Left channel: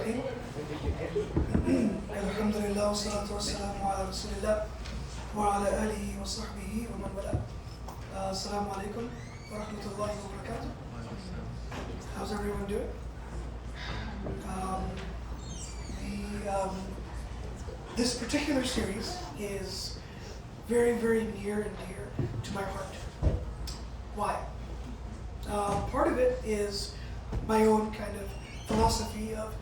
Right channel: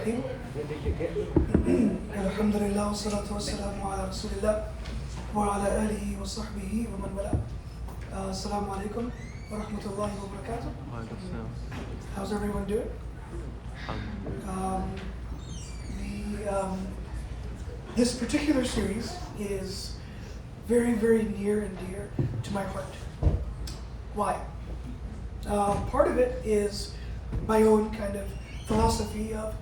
الرحيم الحمد لله والصلاة والسلام على رسول الله وعلى آله وصحبه ومن والاه. Assalamu alaikum wa rahmatullahi wa barakatuh. How's everyone doing? This particular series is very, very near and dear to my heart. Why? Part of it is my own kind of philosophy of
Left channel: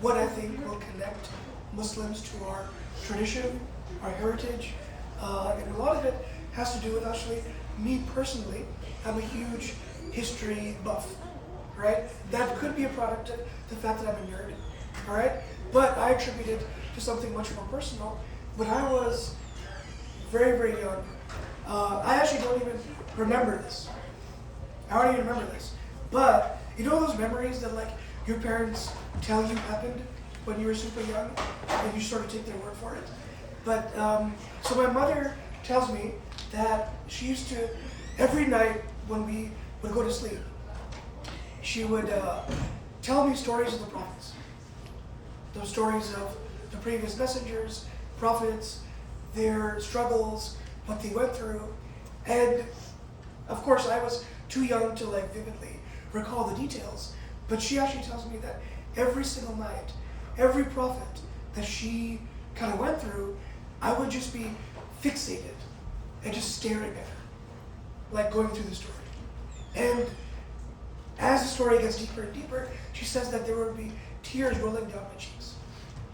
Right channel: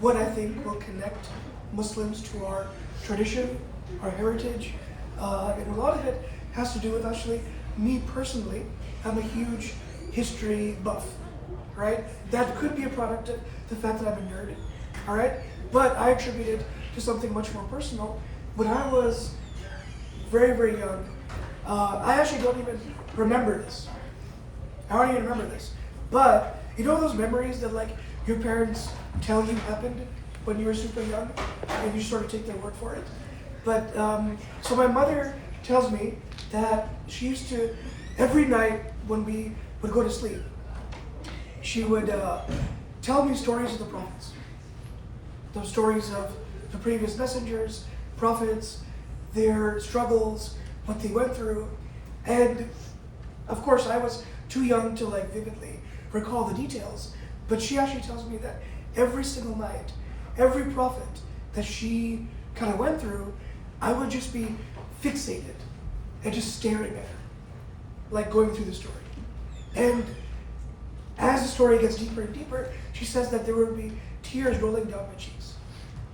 what I think will connect Muslims to our tradition, our heritage, and a lot of it has to do with actually me personally. I'm a huge history buff, right? That could be a product of the fact that I'm a nerd, all right? But I attribute it to something much more personal. When I was very, very young, I actually don't even remember this. I don't even remember this. But you know those memories that like your parents tell you happened when you were super young and you sort of take their word for it? But so my mother tells me that she used to, every night when we would go to sleep, she would tell me stories of the prophets. Those stories of the previous messengers, prophets, their struggles, what they went through. And of course I was too young to like vividly recall the details, but she actually tells me that every single night, every prophet that she kind of went through, I would just be fixated and just staring at her, like going through the story. And as the story gets deeper and deeper, she says that there would be tears rolling down my cheeks.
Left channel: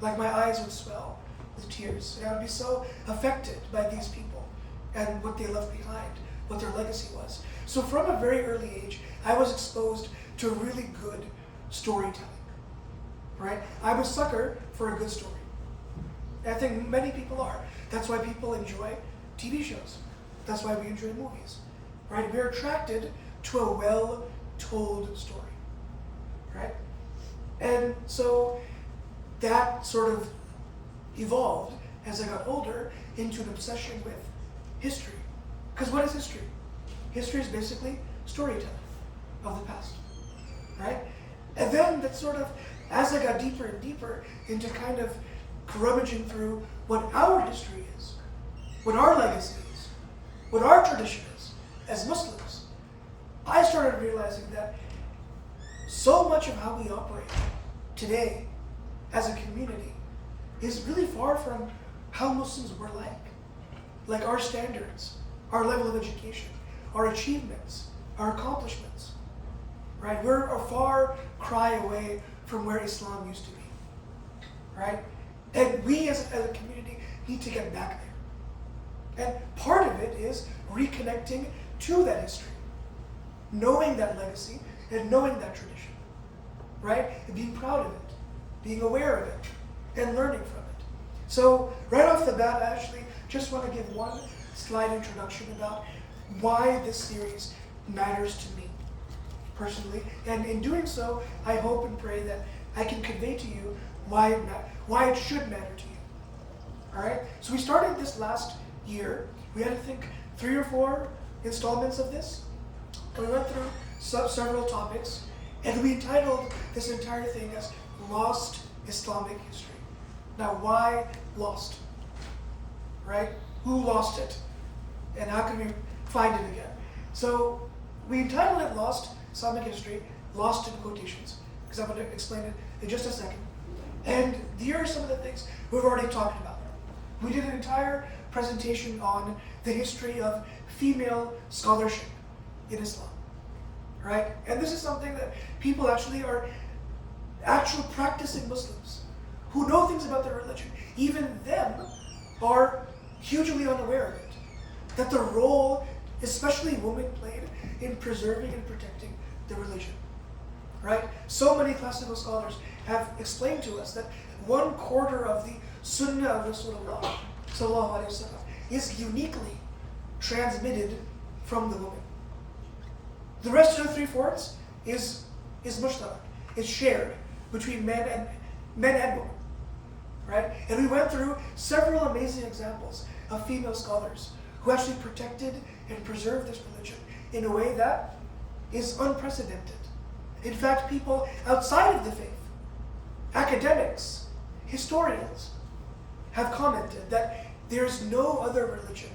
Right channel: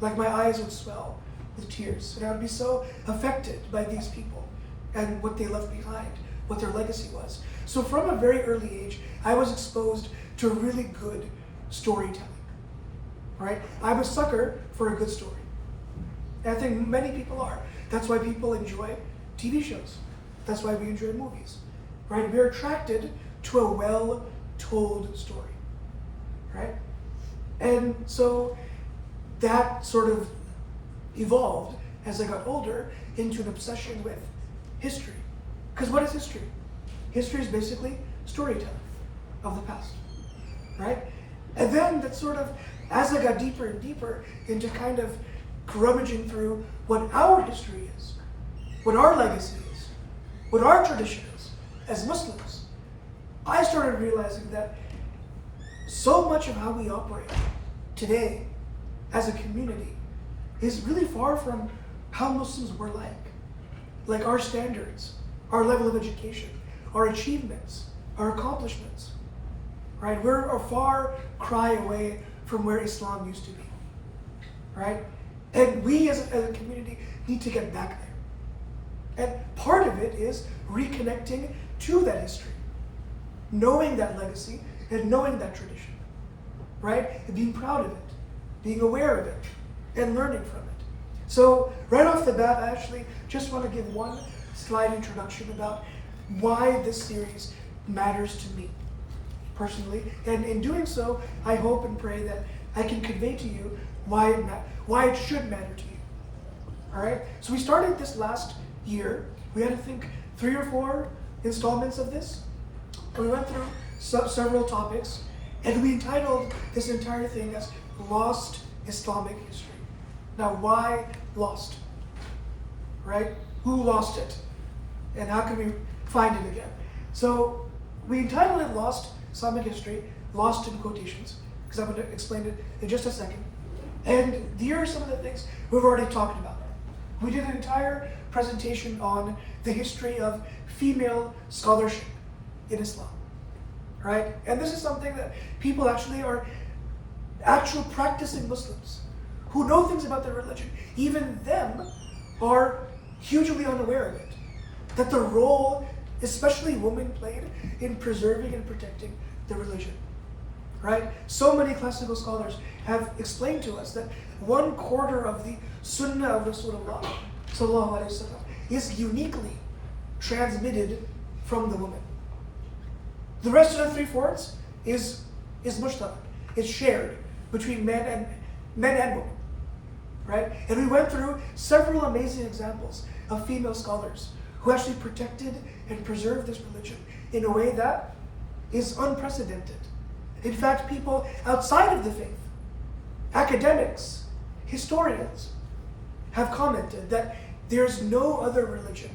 Like my eyes would swell with tears, and I would be so affected by these people and what they left behind, what their legacy was. So from a very early age, I was exposed to really good storytelling, right? I'm a sucker for a good story. And I think many people are. That's why people enjoy TV shows. That's why we enjoy movies, right? We're attracted to a well-told story, right? And so that sort of evolved as I got older into an obsession with history. Because what is history? History is basically storytelling of the past, right? And then that sort of, as I got deeper and deeper into kind of rummaging through what our history is, what our legacy is, what our tradition is as Muslims, I started realizing that so much of how we operate today as a community is really far from how Muslims were like our standards, our level of education, our achievements, our accomplishments, right? We're a far cry away from where Islam used to be, right? And we as a community need to get back there. And part of it is reconnecting to that history, knowing that legacy and knowing that tradition, right? And being proud of it, being aware of it, and learning from it. So right off the bat, I actually just want to give one slide introduction about why this series matters to me personally. And in doing so, I hope and pray that I can convey to you why it should matter to you. All right? So we started this last year. We had, I think, 3 or 4 installments of this. And we went through several topics. And we entitled this entire thing as Lost Islamic History. Now, why lost? Right? Who lost it? And how can we find it again? So we entitled it Lost Islamic History, lost in quotations, because I'm going to explain it in just a second. And here are some of the things we've already talked about. We did an entire presentation on the history of female scholarship in Islam, right? And this is something that people actually are actual practicing Muslims who know things about their religion. Even them are hugely unaware of it. That the role, especially women, played in preserving and protecting the religion, right? So many classical scholars have explained to us that 1/4 of the Sunnah of Rasulullah sallallahu alaihi wasallam is uniquely transmitted from the woman. The rest of the 3/4 is mushtarak, is shared between men and women, right? And we went through several amazing examples of female scholars who actually protected and preserved this religion in a way that is unprecedented. In fact, people outside of the faith academics, historians have commented that there's no other religion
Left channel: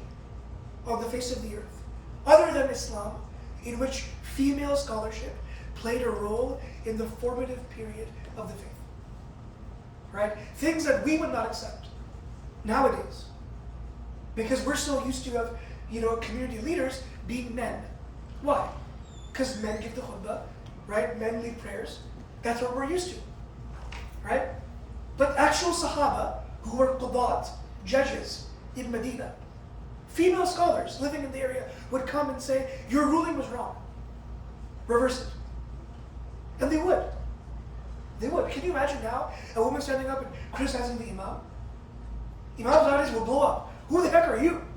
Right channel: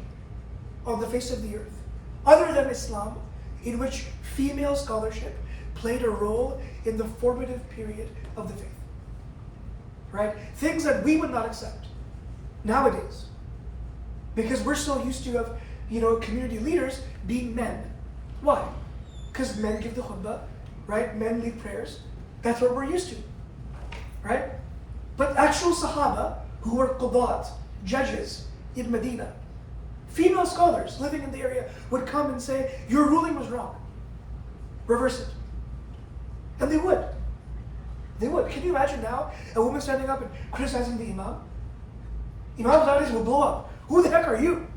on the face of the earth other than Islam in which female scholarship played a role in the formative period of the faith. Right? Things that we would not accept nowadays because we're so used to community leaders being men. Why? Because men give the khutbah, right? Men lead prayers. That's what we're used to, right? But actual Sahaba who were qudat, judges in Medina, female scholars living in the area would come and say, your ruling was wrong. Reverse it. And they would. They would. Can you imagine now a woman standing up and criticizing the Imam? Imam's nowadays will blow up. Who the heck are you?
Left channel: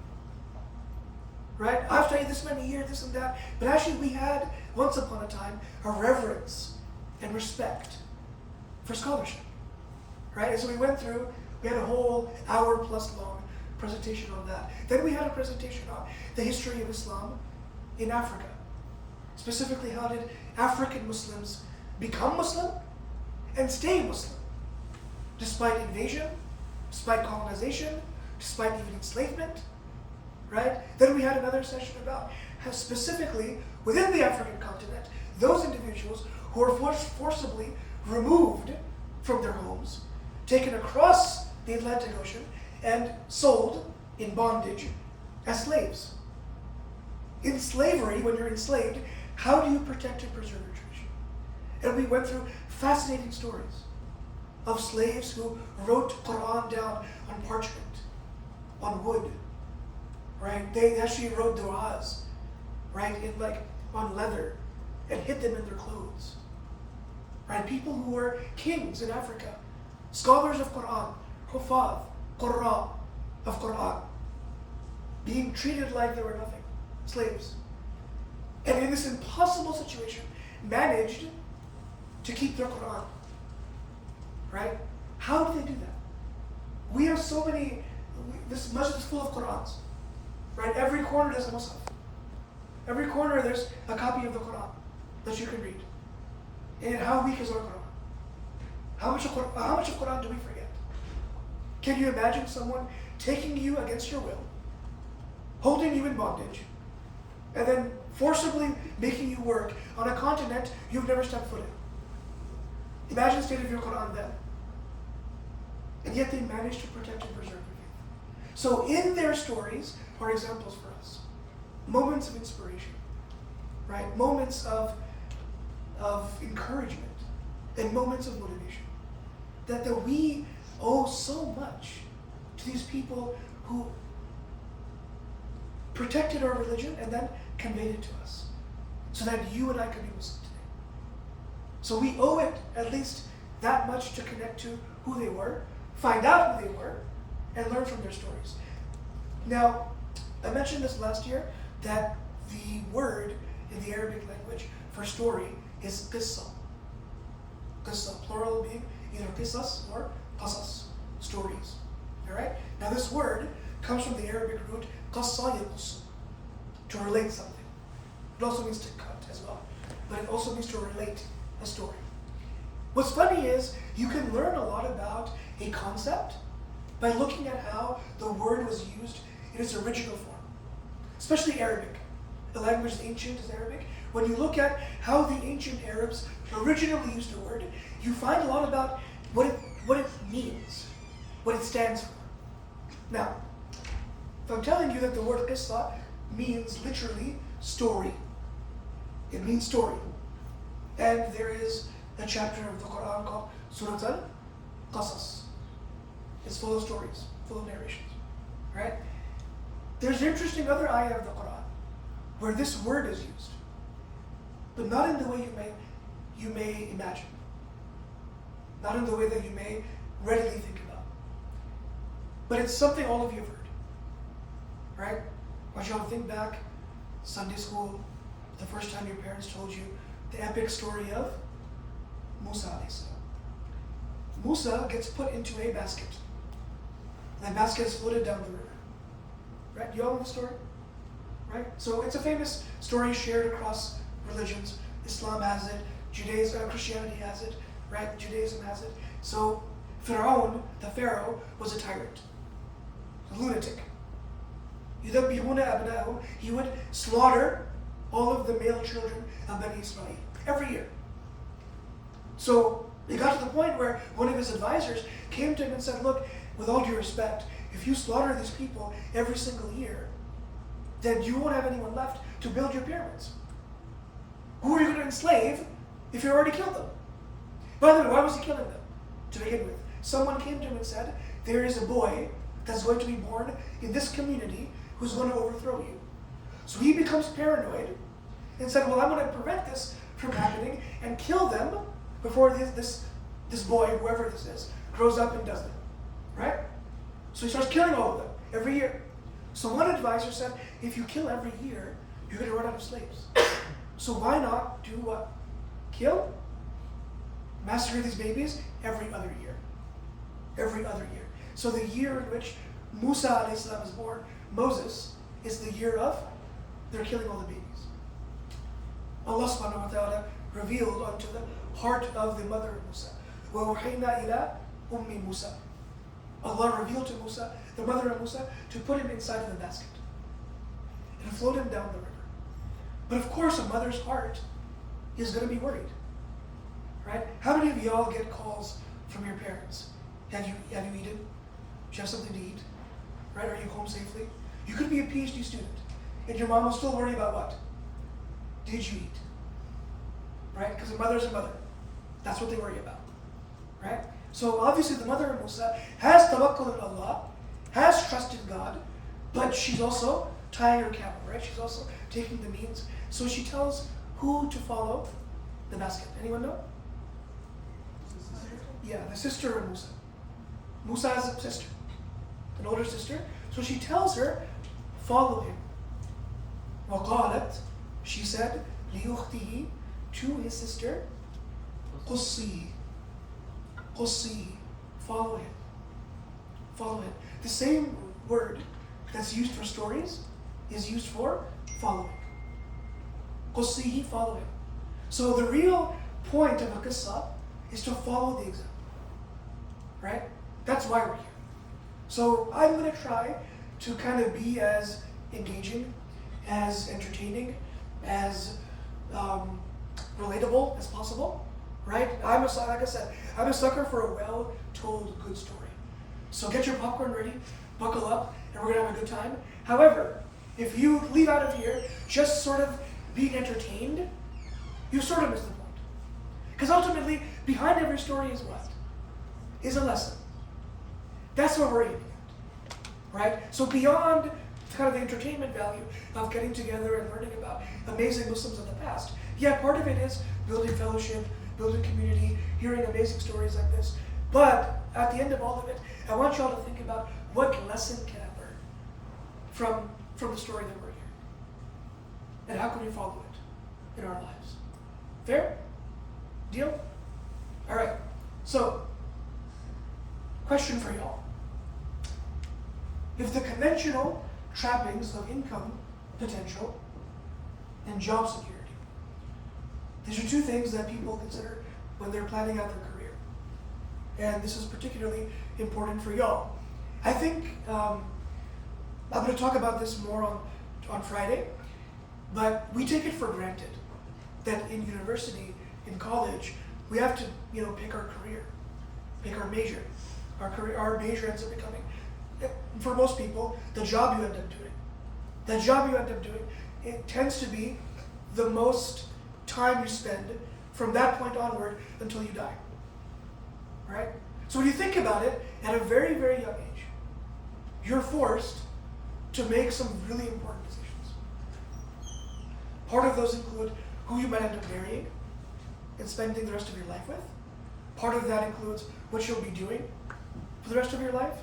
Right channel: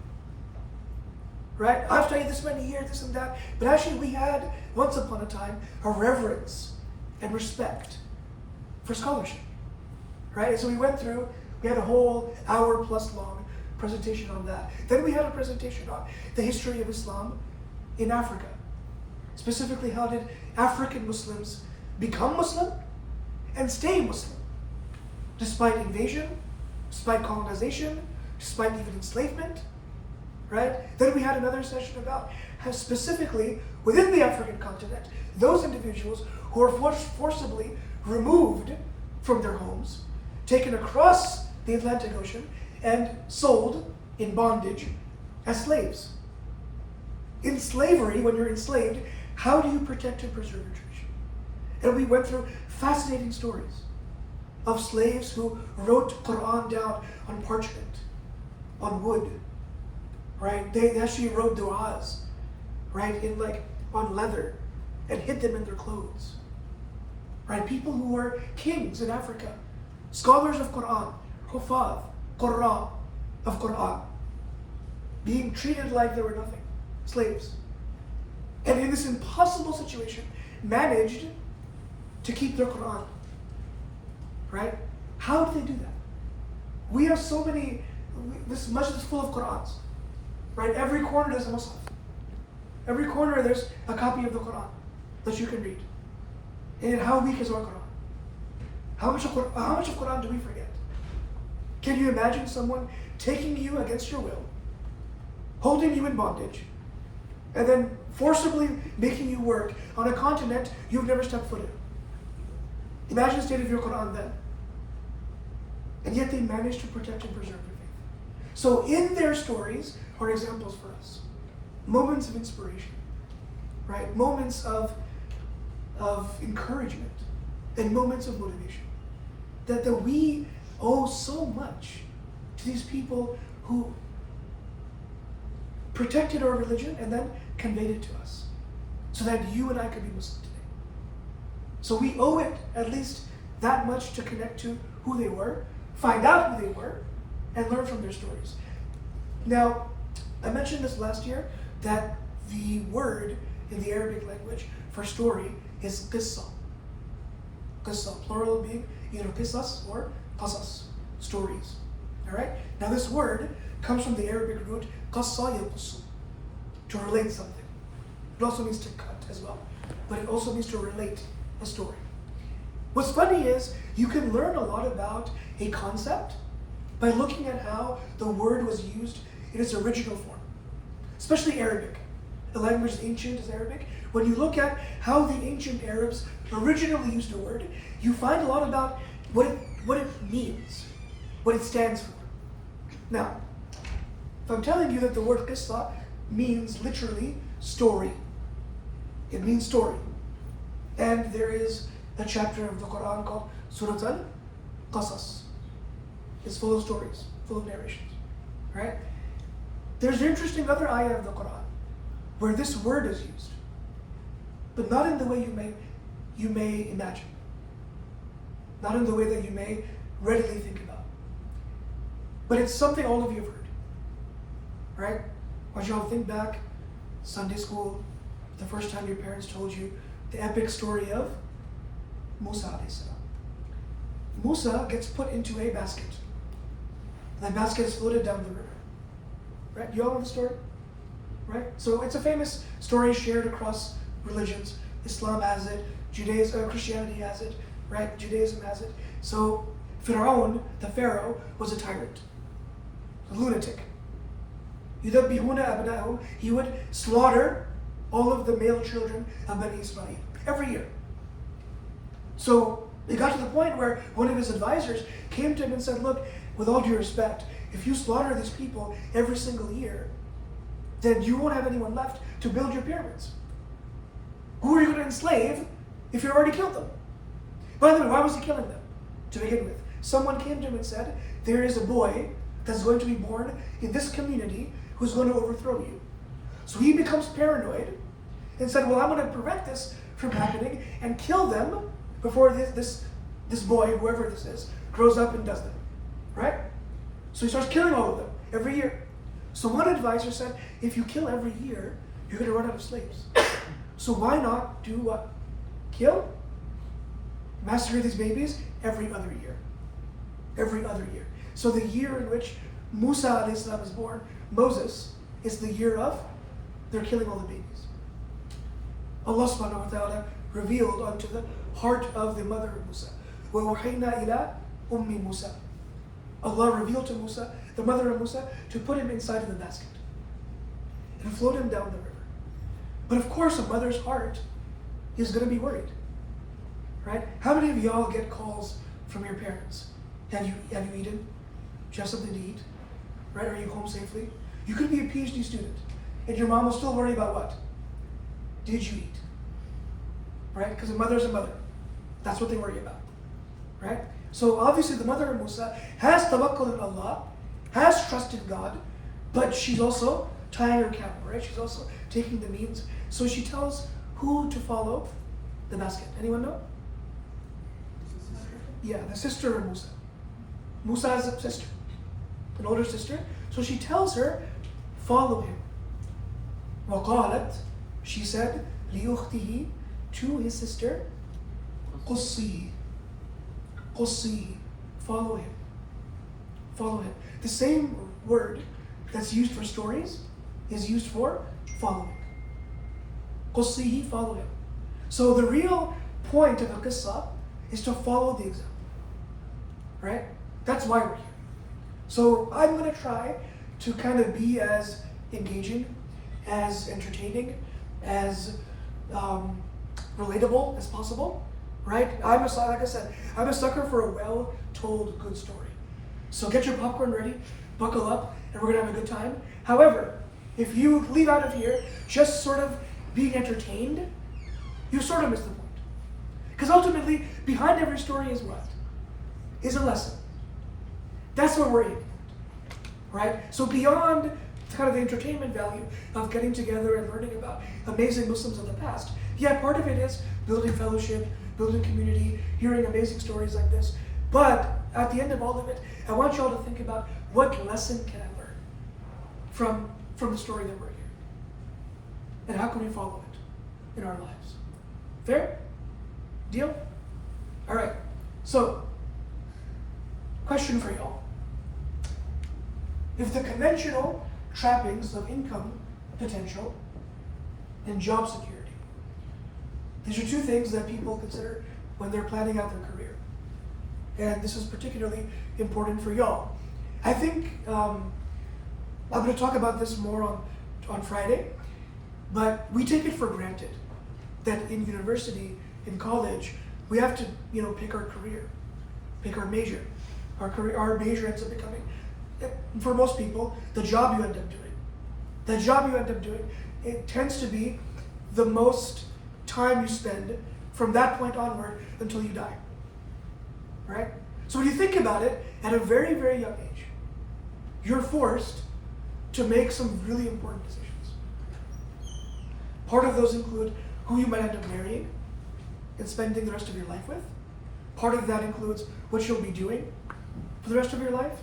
Right? I've studied this many years, this and that. But actually we had, once upon a time, a reverence and respect for scholarship. Right? And so we had a whole hour plus long presentation on that. Then we had a presentation on the history of Islam in Africa. Specifically, how did African Muslims become Muslim and stay Muslim? Despite invasion, despite colonization, despite even enslavement, right? Then we had another session about how specifically within the African continent, those individuals who were forcibly removed from their homes, taken across the Atlantic Ocean, and sold in bondage as slaves. In slavery, when you're enslaved, how do you protect and preserve your tradition? And we went through fascinating stories of slaves who wrote Quran down on parchment, on wood, right? They actually wrote du'as, right, on leather, and hid them in their clothes, right? People who were kings in Africa, scholars of Quran, hufaz, qurra of Quran, being treated like they were nothing, slaves. And in this impossible situation, managed to keep their Quran, right? How do they do that? We have so many, this masjid is full of Qurans, right? Every corner there's a Muslim. Every corner there's a copy of the Quran that you can read. And how weak is our Quran? How much of Quran do we forget? Can you imagine someone taking you against your will, holding you in bondage, and then forcibly making you work on a continent you've never stepped foot in? Imagine the state of your Quran then. And yet they managed to protect and preserve your faith. So in their stories are examples for us. Moments of inspiration, right? Moments of encouragement and moments of motivation. That we owe so much to these people who protected our religion and then conveyed it to us so that you and I could be Muslim today. So we owe it at least that much to connect to who they were, find out who they were, and learn from their stories. Now, I mentioned this last year that the word in the Arabic language for story is qissa. Qissa, plural being either qissas or qasas, stories. All right? Now this word comes from the Arabic root qassa yaqussu, to relate something. It also means to cut as well, but it also means to relate a story. What's funny is you can learn a lot about a concept by looking at how the word was used in its original form, especially Arabic. The language is ancient as Arabic. When you look at how the ancient Arabs originally used a word, you find a lot about what it means, what it stands for. Now, if I'm telling you that the word qissa means literally story, it means story. And there is a chapter of the Quran called Surat al-Qasas. It's full of stories, full of narrations, right? There's an interesting other ayah of the Quran where this word is used, but not in the way you may imagine, not in the way that you may readily think about. But it's something all of you have heard, right? When you think back, Sunday school, the first time your parents told you the epic story of Musa alayhi salam. Musa gets put into a basket. That basket is floated down the river. Right? You all know the story? Right? So it's a famous story shared across religions. Islam has it, Judaism, Christianity has it, right? Judaism has it. So Pharaoh, the Pharaoh, was a tyrant, a lunatic. يُذَبِّحُونَ أَبْنَاءَهُمْ. He would slaughter all of the male children of Bani Israel every year. So it got to the point where one of his advisors came to him and said, look, with all due respect, if you slaughter these people every single year, then you won't have anyone left to build your pyramids. Who are you going to enslave if you already killed them? By the way, why was he killing them to begin with? Someone came to him and said, there is a boy that's going to be born in this community who's going to overthrow you. So he becomes paranoid and said, well, I'm going to prevent this from happening and kill them before this boy, whoever this is, grows up and does them. Right? So he starts killing all of them every year. So one advisor said, if you kill every year, you're going to run out of slaves. So why not do what? Kill? Massacre these babies every other year. Every other year. So the year in which Musa alayhi salam is born, Moses, is the year of they're killing all the babies. Allah subhanahu wa ta'ala revealed unto the heart of the mother of Musa. وَأُوحَيْنَا إِلَىٰ أُمِّ Musa. Allah revealed to Musa, the mother of Musa, to put him inside of the basket and float him down the river. But of course, a mother's heart is going to be worried, right? How many of y'all get calls from your parents? Have you eaten? Do you have something to eat? Right? Are you home safely? You could be a PhD student, and your mom will still worry about what? Did you eat? Right? Because a mother's a mother. That's what they worry about, right? So obviously the mother of Musa has tawakkul in Allah, has trusted God, but she's also tying her camel, right? She's also taking the means. So she tells who to follow the basket. Anyone know? Yeah, the sister of Musa. Musa has a sister, an older sister. So she tells her, follow him. وَقَالَتْ, she said, لِيُخْتِهِ, to his sister, قُصِّي, قُصِّي, follow him. Follow him. The same word that's used for stories is used for following. قُصِّي, follow him. So the real point of a qissa is to follow the example. Right? That's why we're here. So I'm going to try to kind of be as engaging, as entertaining, as relatable as possible. Right? Like I said, I'm a sucker for a well-told good story. So get your popcorn ready, buckle up, and we're going to have a good time. However, if you leave out of here just sort of being entertained, you sort of miss the point. Because ultimately, behind every story is what? Is a lesson. That's what we're aiming at, right? So beyond kind of the entertainment value of getting together and learning about amazing Muslims of the past, yeah, part of it is building fellowship, building community, hearing amazing stories like this. But at the end of all of it, I want y'all to think about what lesson can I learn from the story that we're hearing? And how can we follow it in our lives? Fair? Deal? All right. So, question for y'all. If the conventional trappings of income potential and job security, these are two things that people consider when they're planning out their career. And this is particularly important for y'all. I think I'm going to talk about this more on Friday, but we take it for granted that in university, in college, we have to, pick our career, pick our major. Our major ends up becoming, for most people, the job you end up doing. The job you end up doing, it tends to be the most time you spend from that point onward until you die. Right? So when you think about it, at a very, very young age, you're forced to make some really important decisions. Part of those include who you might end up marrying and spending the rest of your life with. Part of that includes what you'll be doing for the rest of your life,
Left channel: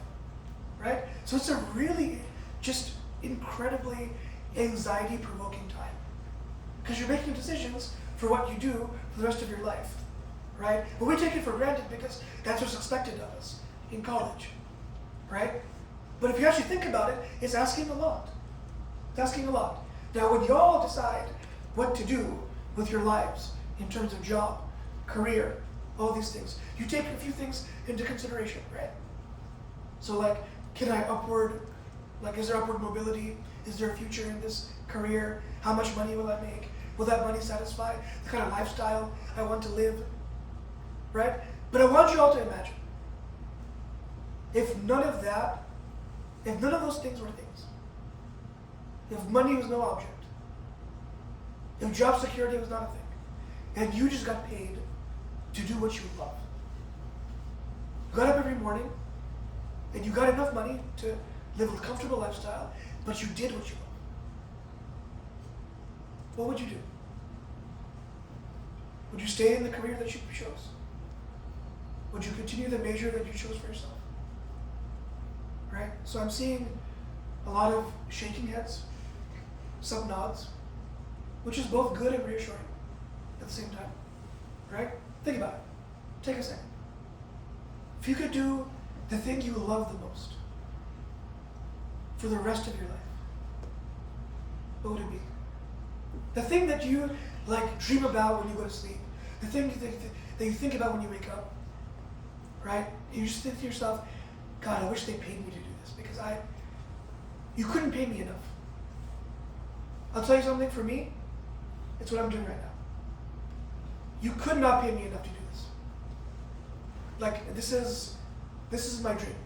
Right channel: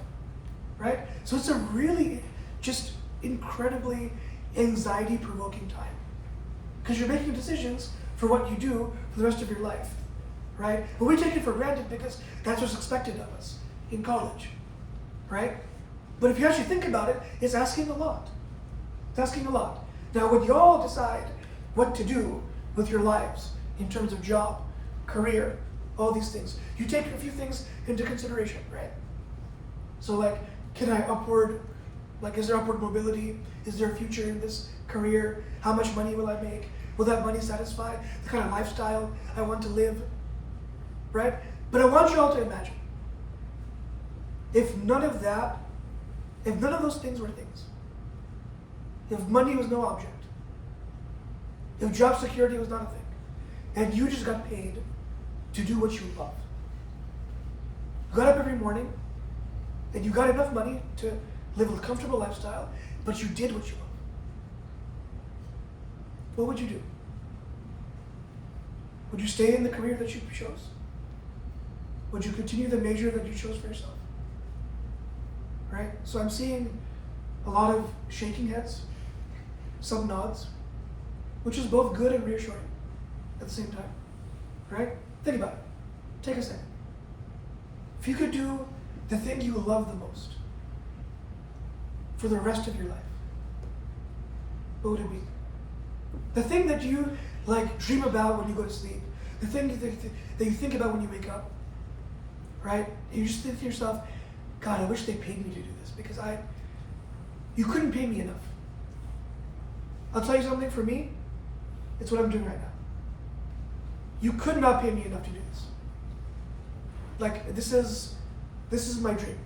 right? So it's a really just incredibly anxiety-provoking time because you're making decisions for what you do for the rest of your life, right? But we take it for granted because that's what's expected of us in college, right? But if you actually think about it, it's asking a lot. It's asking a lot. Now, when y'all decide what to do with your lives in terms of job, career, all these things. You take a few things into consideration, right? So like, can I upward, like is there upward mobility? Is there a future in this career? How much money will I make? Will that money satisfy the kind of lifestyle I want to live? Right? But I want you all to imagine, if none of those things were things, if money was no object, if job security was not a thing, and you just got paid to do what you love, you got up every morning and you got enough money to live a comfortable lifestyle, but you did what you love, what would you do? Would you stay in the career that you chose? Would you continue the major that you chose for yourself? Right? So I'm seeing a lot of shaking heads, some nods, which is both good and reassuring at the same time. Right? Think about it. Take a second. If you could do the thing you love the most for the rest of your life, what would it be? The thing that you like dream about when you go to sleep, the thing that you think about when you wake up, right? And you just think to yourself, God, I wish they paid me to do this because you couldn't pay me enough. I'll tell you something, for me, it's what I'm doing right now. You could not pay me enough to do this. Like, this is my dream.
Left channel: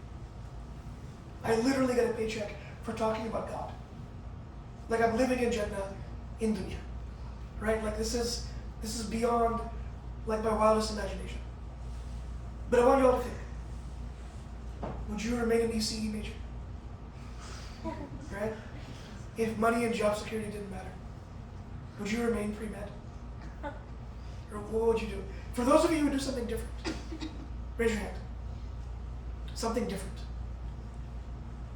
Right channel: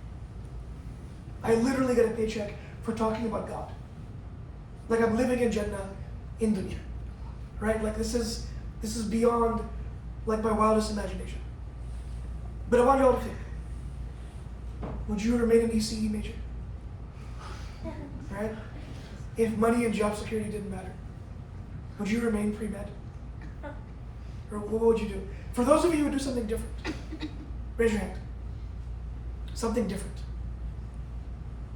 I literally get a paycheck for talking about God. Like, I'm living in Jannah in dunya, right? Like, this is beyond like my wildest imagination. But I want you all to think, would you remain an ECE major? Right? If money and job security didn't matter, would you remain pre-med? Or what would you do? For those of you who would do something different, raise your hand. Something different.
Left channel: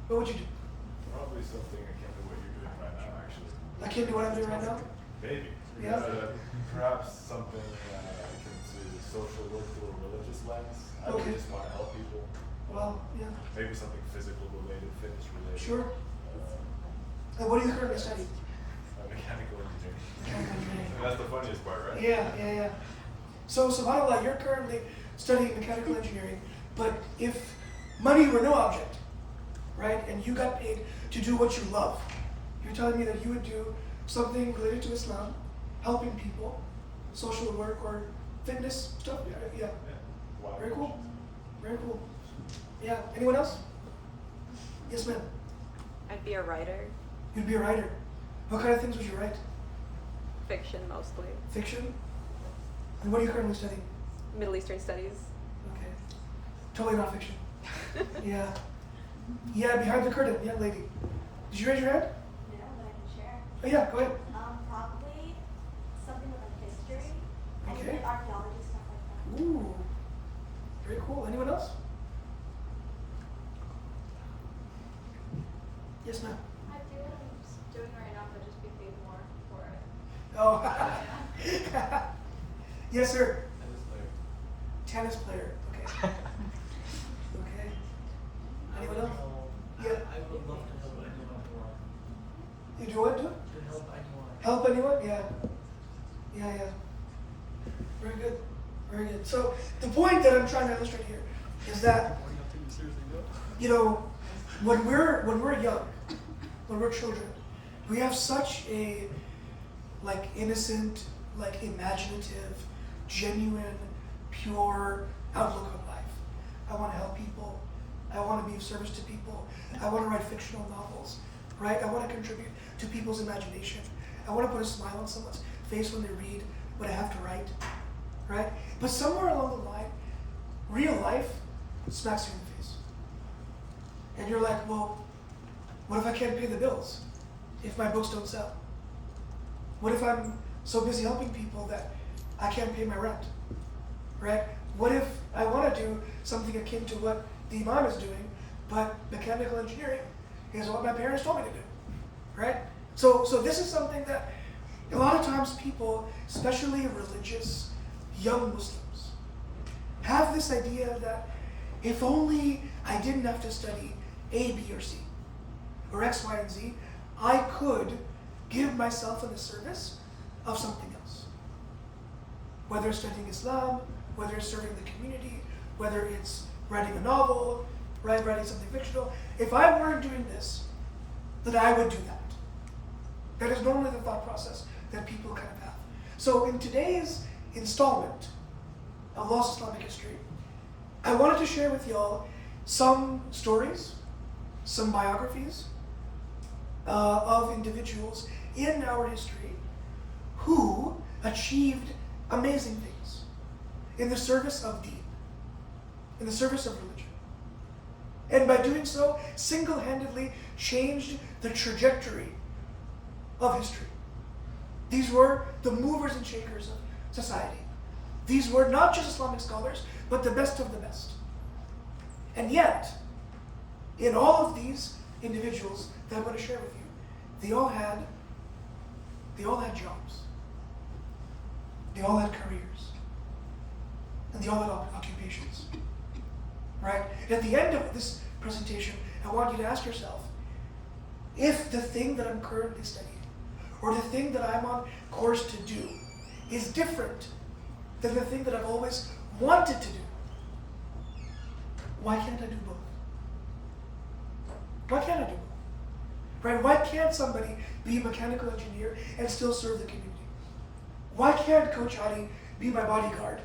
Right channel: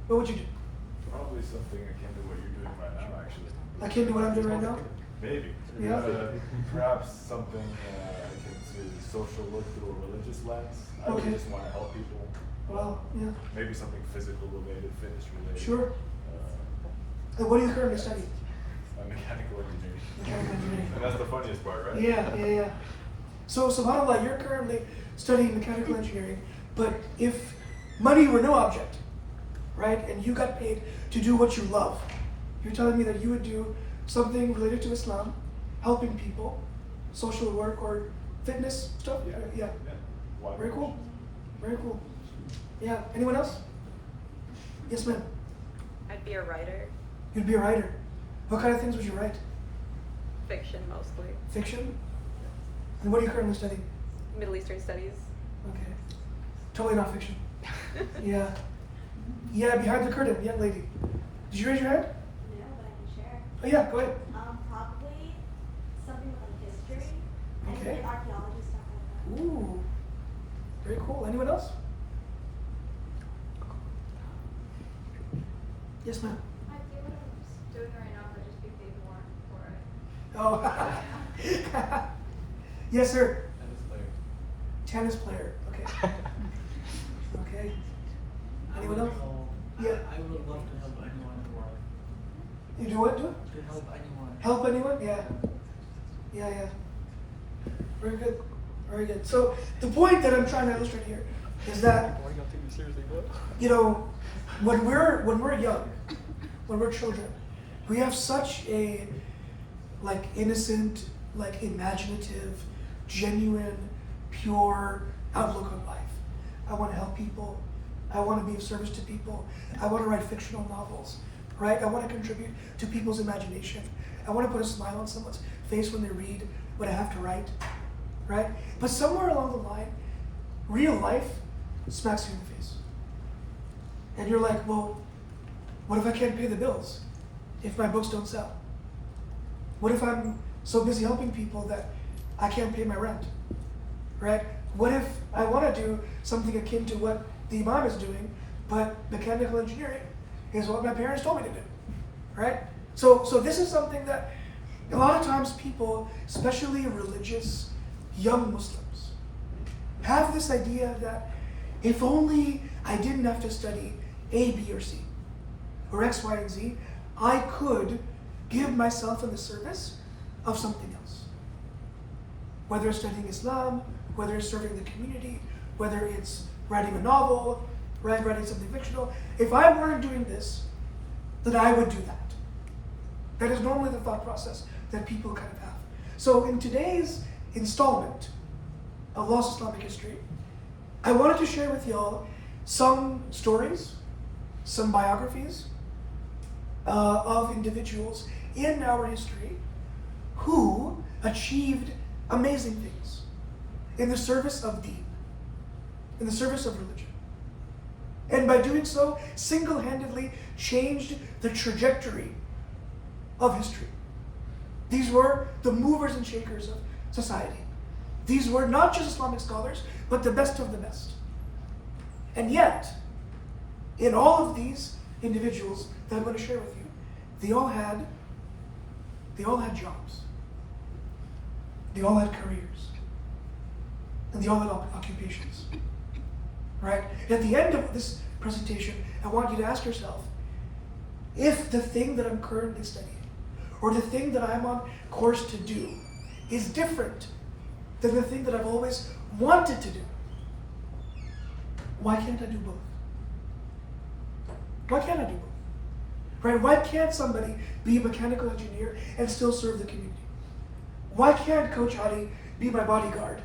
What would you do? Probably something akin to what you're doing right now, actually. Akin to what I'm doing right now? Maybe. Yeah. Perhaps something akin to the social work through a religious lens. I Okay. just want to help people. Well, yeah. Maybe something physical related, fitness related. Sure. And what do you currently study? Mechanical engineering. Mechanical engineering. And that's the funniest part, right? Yeah. So subhanAllah, you're currently studying mechanical engineering, but if money were no object, right, and you got paid to do what you love, you're telling me that you would do something related to Islam, helping people, social work or fitness stuff? Yeah. Very cool. Very cool. Yeah. Anyone else? Yes, ma'am. I'd be a writer. You'd be a writer. What kind of things would you write? Fiction mostly. Fiction? And what are you currently studying? Middle Eastern studies. Okay. Totally not fiction. Yeah. Yeah, behind the curtain, young lady. Did you raise your hand? No, but I can share. Oh yeah, go ahead. Probably something with like history. Okay. Like archaeology, stuff like that. Ooh. Very cool. Anyone else? Yes, ma'am. I do what I'm doing right now, but just be paid more for it. Oh. Yes, sir. Tennis player. Okay. Okay. Anyone else? Yeah. I would love to help anyone in the world. You do what? Do? To help anyone. Help anyone? Yeah. Yeah. Very good. Very good. So the point that I'm trying to illustrate here is that, you know, when we're young, when we're children, we have such a like innocent, like imaginative, genuine, pure outlook on life. I want to help people. I want to be of service to people. I want to write fictional novels, right? I want to contribute to people's imagination. I want to put a smile on someone's face when they read what I have to write, right? But somewhere along the line, real life smacks you in the face. And you're like, well, what if I can't pay the bills? If my books don't sell? What if I'm so busy helping people that I can't pay my rent, right? What if I want to do something akin to what the Imam is doing, but mechanical engineering is what my parents told me to do, right? So this is something that a lot of times people, especially religious young Muslims, have this idea that if only I didn't have to study A, B, or C, or X, Y, and Z, I could give myself in the service of something else. Whether it's studying Islam, whether it's serving the community, whether it's writing a novel, right, writing something fictional. If I weren't doing this, then I would do that. That is normally the thought process that people kind of have. So in today's installment of Lost Islamic History, I wanted to share with y'all some stories, some biographies of individuals in our history who achieved amazing things in the service of deen, in the service of religion. And by doing so, single-handedly changed the trajectory of history. These were the movers and shakers of society. These were not just Islamic scholars, but the best of the best. And yet, in all of these individuals that I'm going to share with you, they all had jobs. They all had careers. And they all had occupations. Right? At the end of this presentation, I want you to ask yourself, if the thing that I'm currently studying, or the thing that I'm on course to do, is different than the thing that I've always wanted to do, why can't I do both? Why can't I do both? Right? Why can't somebody be a mechanical engineer and still serve the community? Why can't Coach Hadi be my bodyguard,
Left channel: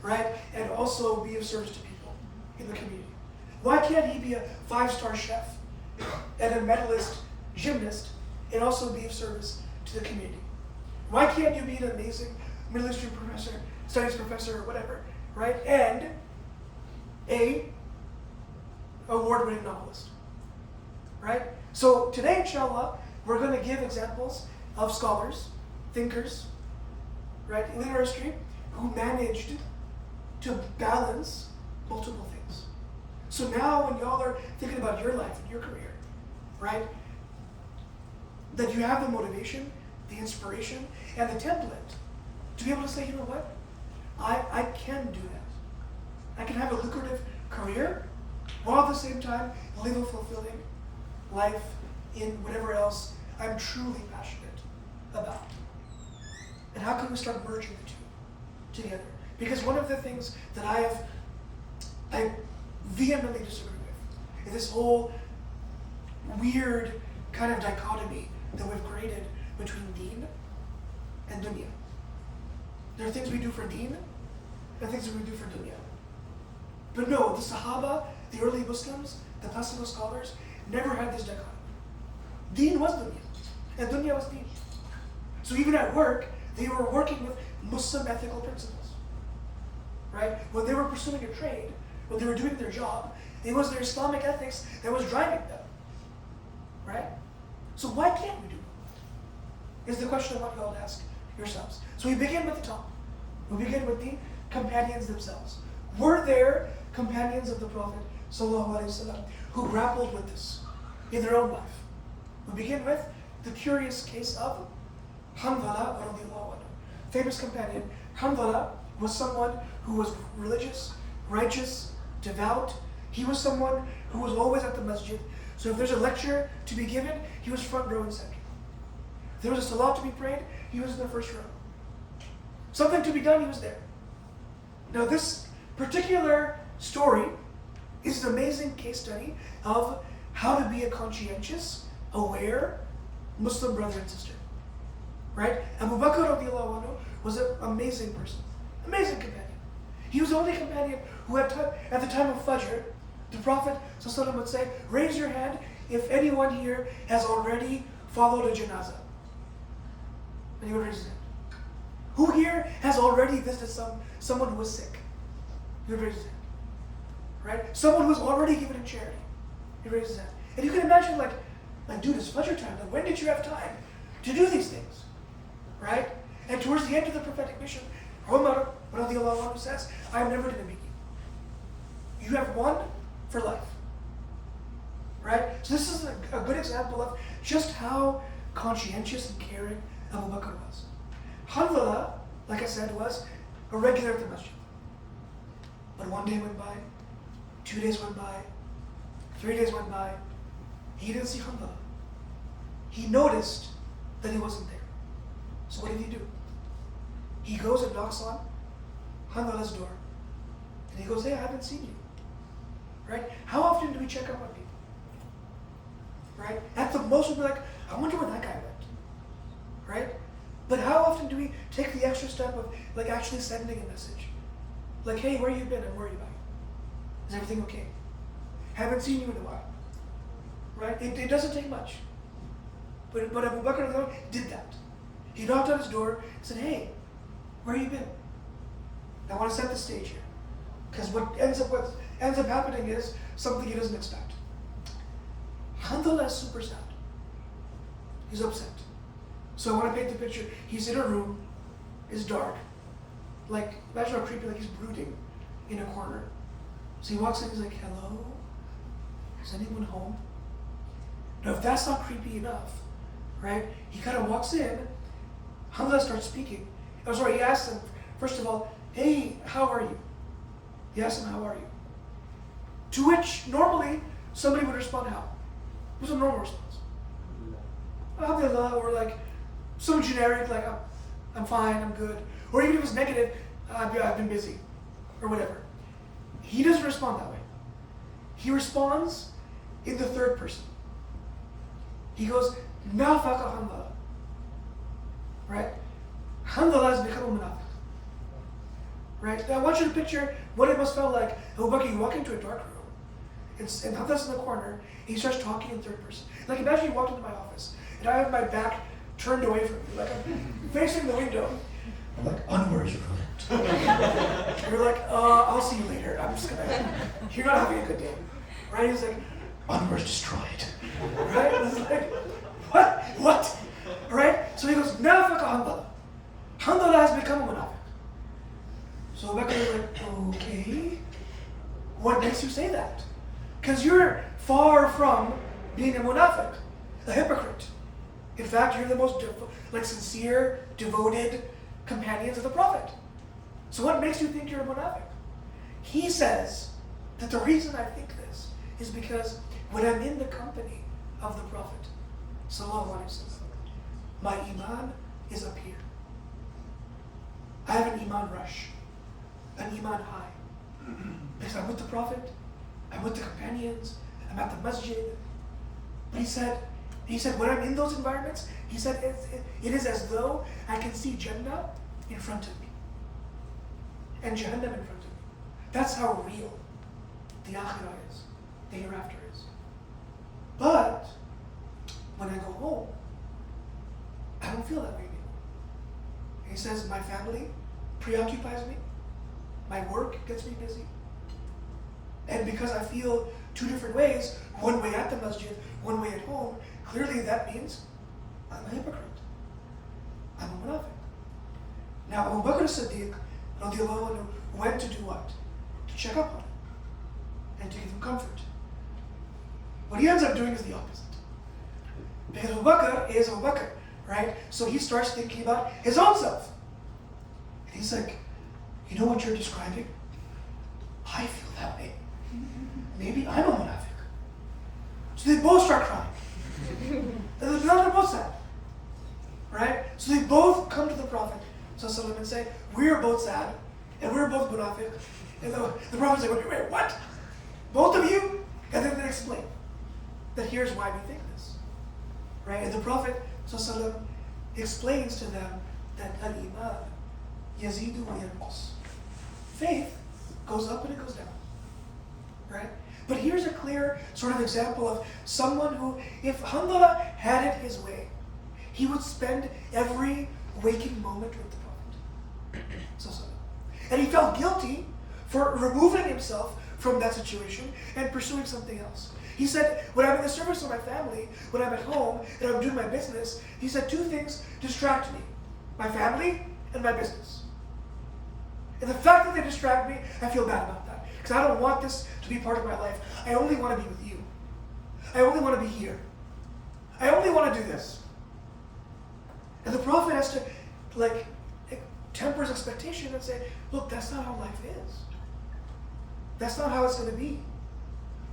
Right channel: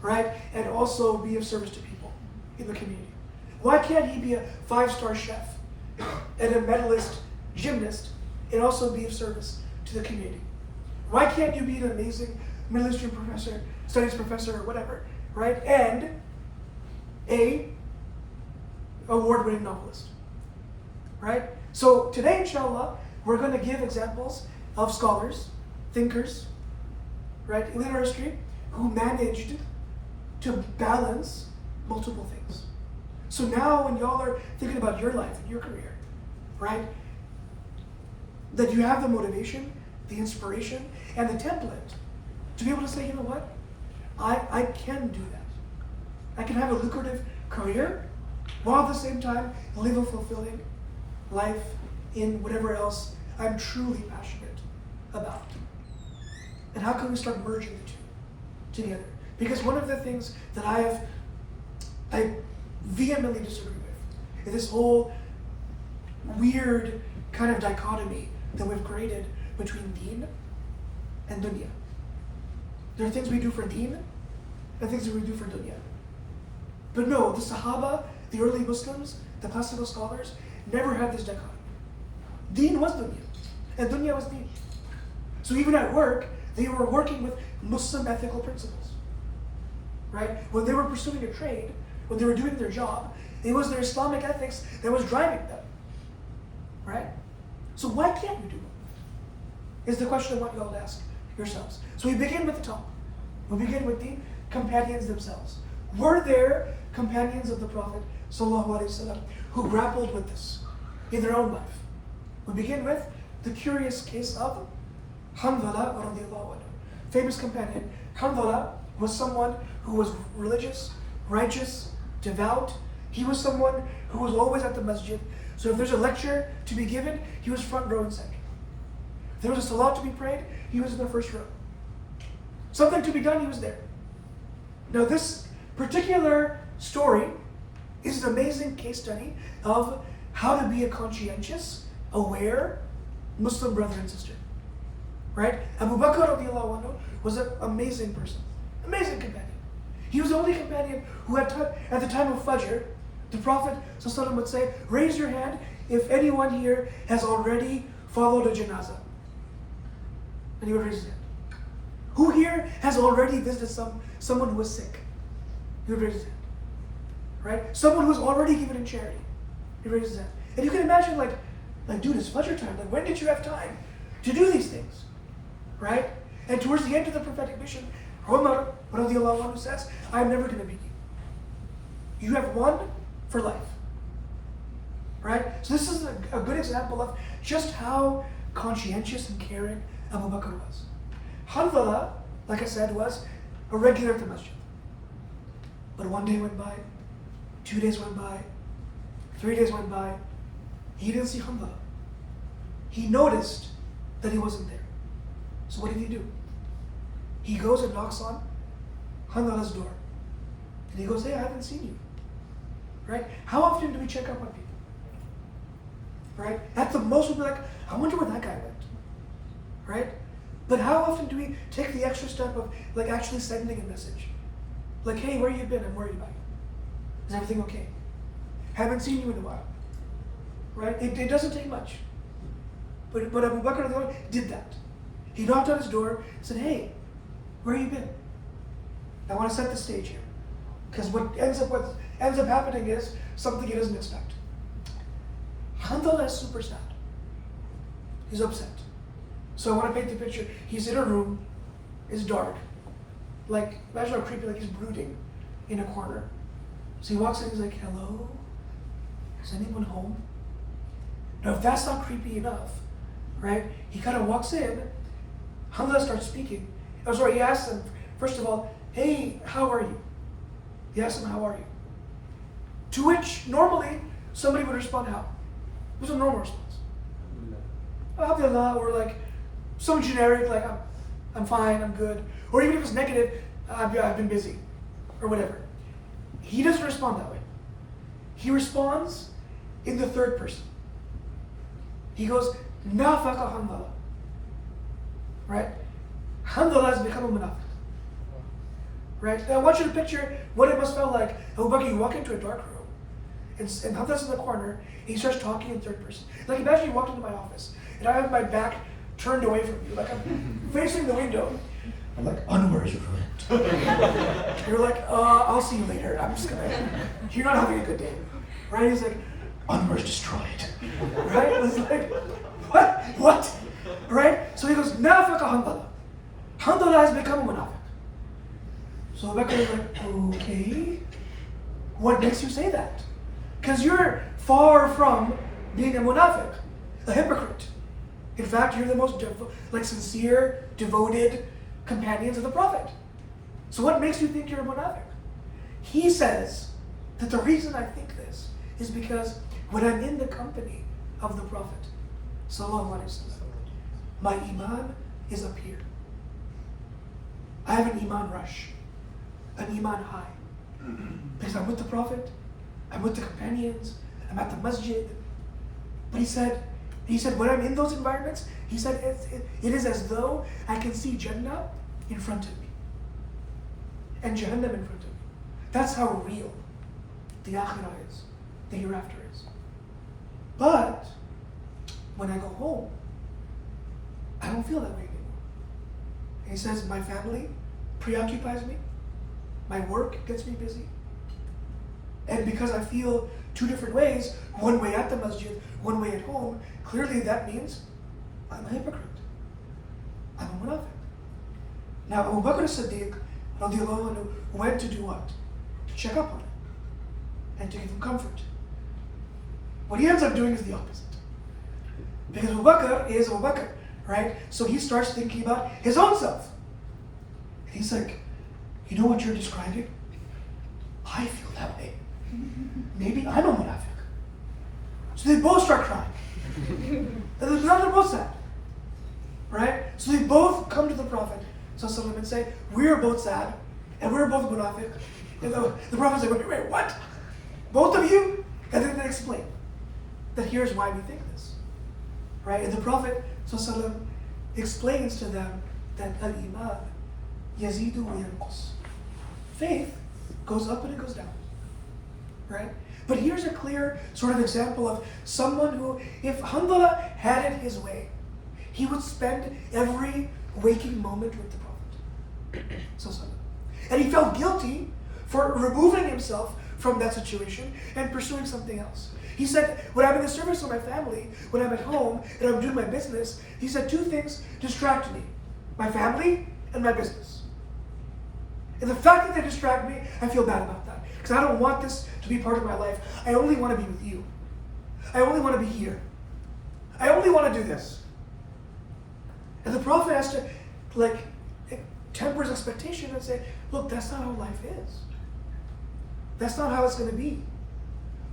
right, and also be of service to people in the community? Why can't he be a 5-star chef and a medalist gymnast and also be of service to the community? Why can't you be an amazing Middle Eastern professor, studies professor, or whatever, right, and a award-winning novelist, right? So today, inshallah, we're going to give examples of scholars, thinkers, right, in our history, who managed to balance multiple things. So now when y'all are thinking about your life and your career, right, that you have the motivation, the inspiration, and the template to be able to say, you know what, I can do that. I can have a lucrative career while at the same time live a fulfilling life in whatever else I'm truly passionate about. And how can we start merging the two together? Because one of the things that I vehemently disagree with is this whole weird kind of dichotomy that we've created between deen and dunya. There are things we do for deen and things that we do for dunya. But no, the Sahaba, the early Muslims, the classical scholars, never had this dichotomy. Deen was dunya, and dunya was deen. So even at work, they were working with Muslim ethical principles. Right? When they were pursuing a trade, when they were doing their job, it was their Islamic ethics that was driving them. Right? So why can't we do it? Is the question I want you all to ask yourselves. So we begin with the top. We begin with the companions themselves. Were there companions of the Prophet ﷺ who grappled with this in their own life? We begin with the curious case of Hanzala radiallahu anhu. Famous companion. Hanzala was someone who was religious, righteous, devout. He was someone who was always at the masjid. So if there's a lecture to be given, he was front row and center. If there was a salat to be prayed, he was in the first row. Something to be done, he was there. Now this particular story is an amazing case study of how to be a conscientious, aware Muslim brother and sister. Right? Abu Bakr radiallahu anhu was an amazing person, amazing companion. He was the only companion who at the time of Fajr, the Prophet ﷺ would say, raise your hand if anyone here has already followed a janazah. And he would raise his hand. Who here has already visited someone who was sick? He would raise his hand. Right? Someone who was already given in charity. He raised his hand. And you can imagine like dude, it's Fajr time. Like, when did you have time to do these things? Right? And towards the end of the prophetic mission, Umar radiallahu anhu says, I'm never going to beat you. You have one for life. Right? So this is a good example of just how conscientious and caring Abu Bakr was. Hanzala, like I said, was a regular at the masjid. But one day went by, 2 days went by, 3 days went by, he didn't see Hanzala. He noticed that he wasn't there. So what did he do? He goes and knocks on Hanzala's door. And he goes, hey, I haven't seen you. Right? How often do we check up on people? Right? At the most, we'll be like, I wonder where that guy went. Right? But how often do we take the extra step of like actually sending a message? Like, hey, where you been? I'm worried about you. Is everything okay? Haven't seen you in a while. Right? It doesn't take much. But Abu Bakr did that. He knocked on his door and said, hey, where you been? I want to set the stage here. Because what ends up happening is something he doesn't expect. Handala is super sad. He's upset. So I want to paint the picture. He's in a room, it's dark. Like, imagine how creepy, like he's brooding in a corner. So he walks in, he's like, hello? Is anyone home? Now if that's not creepy enough, right? He kind of walks in, Hamza starts speaking. Oh, sorry, he asks him, first of all, hey, how are you? He asks him, how are you? To which, normally, somebody would respond, how? What's a normal response? Alhamdulillah, or like, some generic, like, I'm fine, I'm good. Or even if it's negative, I've been busy, or whatever. He doesn't respond that way. He responds in the third person. He goes, Nafaqa Handala. Right? Handala has become a munafiq. Right? Now I want you to picture what it must feel like. Abu Bakr, you walk into a dark room, and Handala's in the corner, and he starts talking in third person. Like imagine you walked into my office, and I have my back turned away from you, like I'm facing the window. I'm like, Anwar is ruined. You're like, I'll see you later. I'm just gonna, you're not having a good day. Right? He's like, Anwar's destroyed. Right? It's like, what? Right? So he goes, Nafaqa Handala. Handala has become a munafiq. So Bakr is like, okay, what makes you say that? Because you're far from being a munafiq, a hypocrite. In fact, you're the most sincere, devoted companions of the Prophet. So what makes you think you're a munafiq? He says that the reason I think this is because when I'm in the company of the Prophet, sallallahu alaihi wasallam, my iman is up here. I have an iman rush, an iman high. Because I'm with the Prophet, I'm with the companions, I'm at the masjid. But he said, when I'm in those environments, he said, it is as though I can see Jannah in front of me. And Jahannam in front of me. That's how real the akhirah is, the hereafter is. But, when I go home, I don't feel that way anymore. And he says, my family preoccupies me, my work gets me busy. And because I feel two different ways, one way at the masjid, one way at home, clearly that means I'm a hypocrite. I'm a munafiq. Now Abu Bakr as-Siddiq radiallahu anhu went to do what? To check up on him and to give him comfort. What he ends up doing is the opposite. Because Abu Bakr is Abu Bakr, right? So he starts thinking about his own self. And he's like, you know what you're describing? I feel that way. Maybe I'm a munafiq. So they both start crying. And they're both sad. Right? So they both come to the Prophet and say, we're both sad, and we're both munafiq. And the Prophet's like, wait, what? Both of you? And then they explain that here's why we think this. Right? And the Prophet explains to them that al-iman yazidu wa yanqus. Faith goes up and it goes down. Right? But here's a clear sort of example of someone who, if Handala had it his way, he would spend every waking moment with the Prophet. And he felt guilty for removing himself from that situation and pursuing something else. He said, when I'm in the service of my family, when I'm at home and I'm doing my business, he said two things distract me. My family and my business. And the fact that they distract me, I feel bad about that. Because I don't want this to be part of my life. I only want to be with you. I only want to be here. I only want to do this. And the Prophet has to temper his expectation and say, look, that's not how life is. That's not how it's going to be.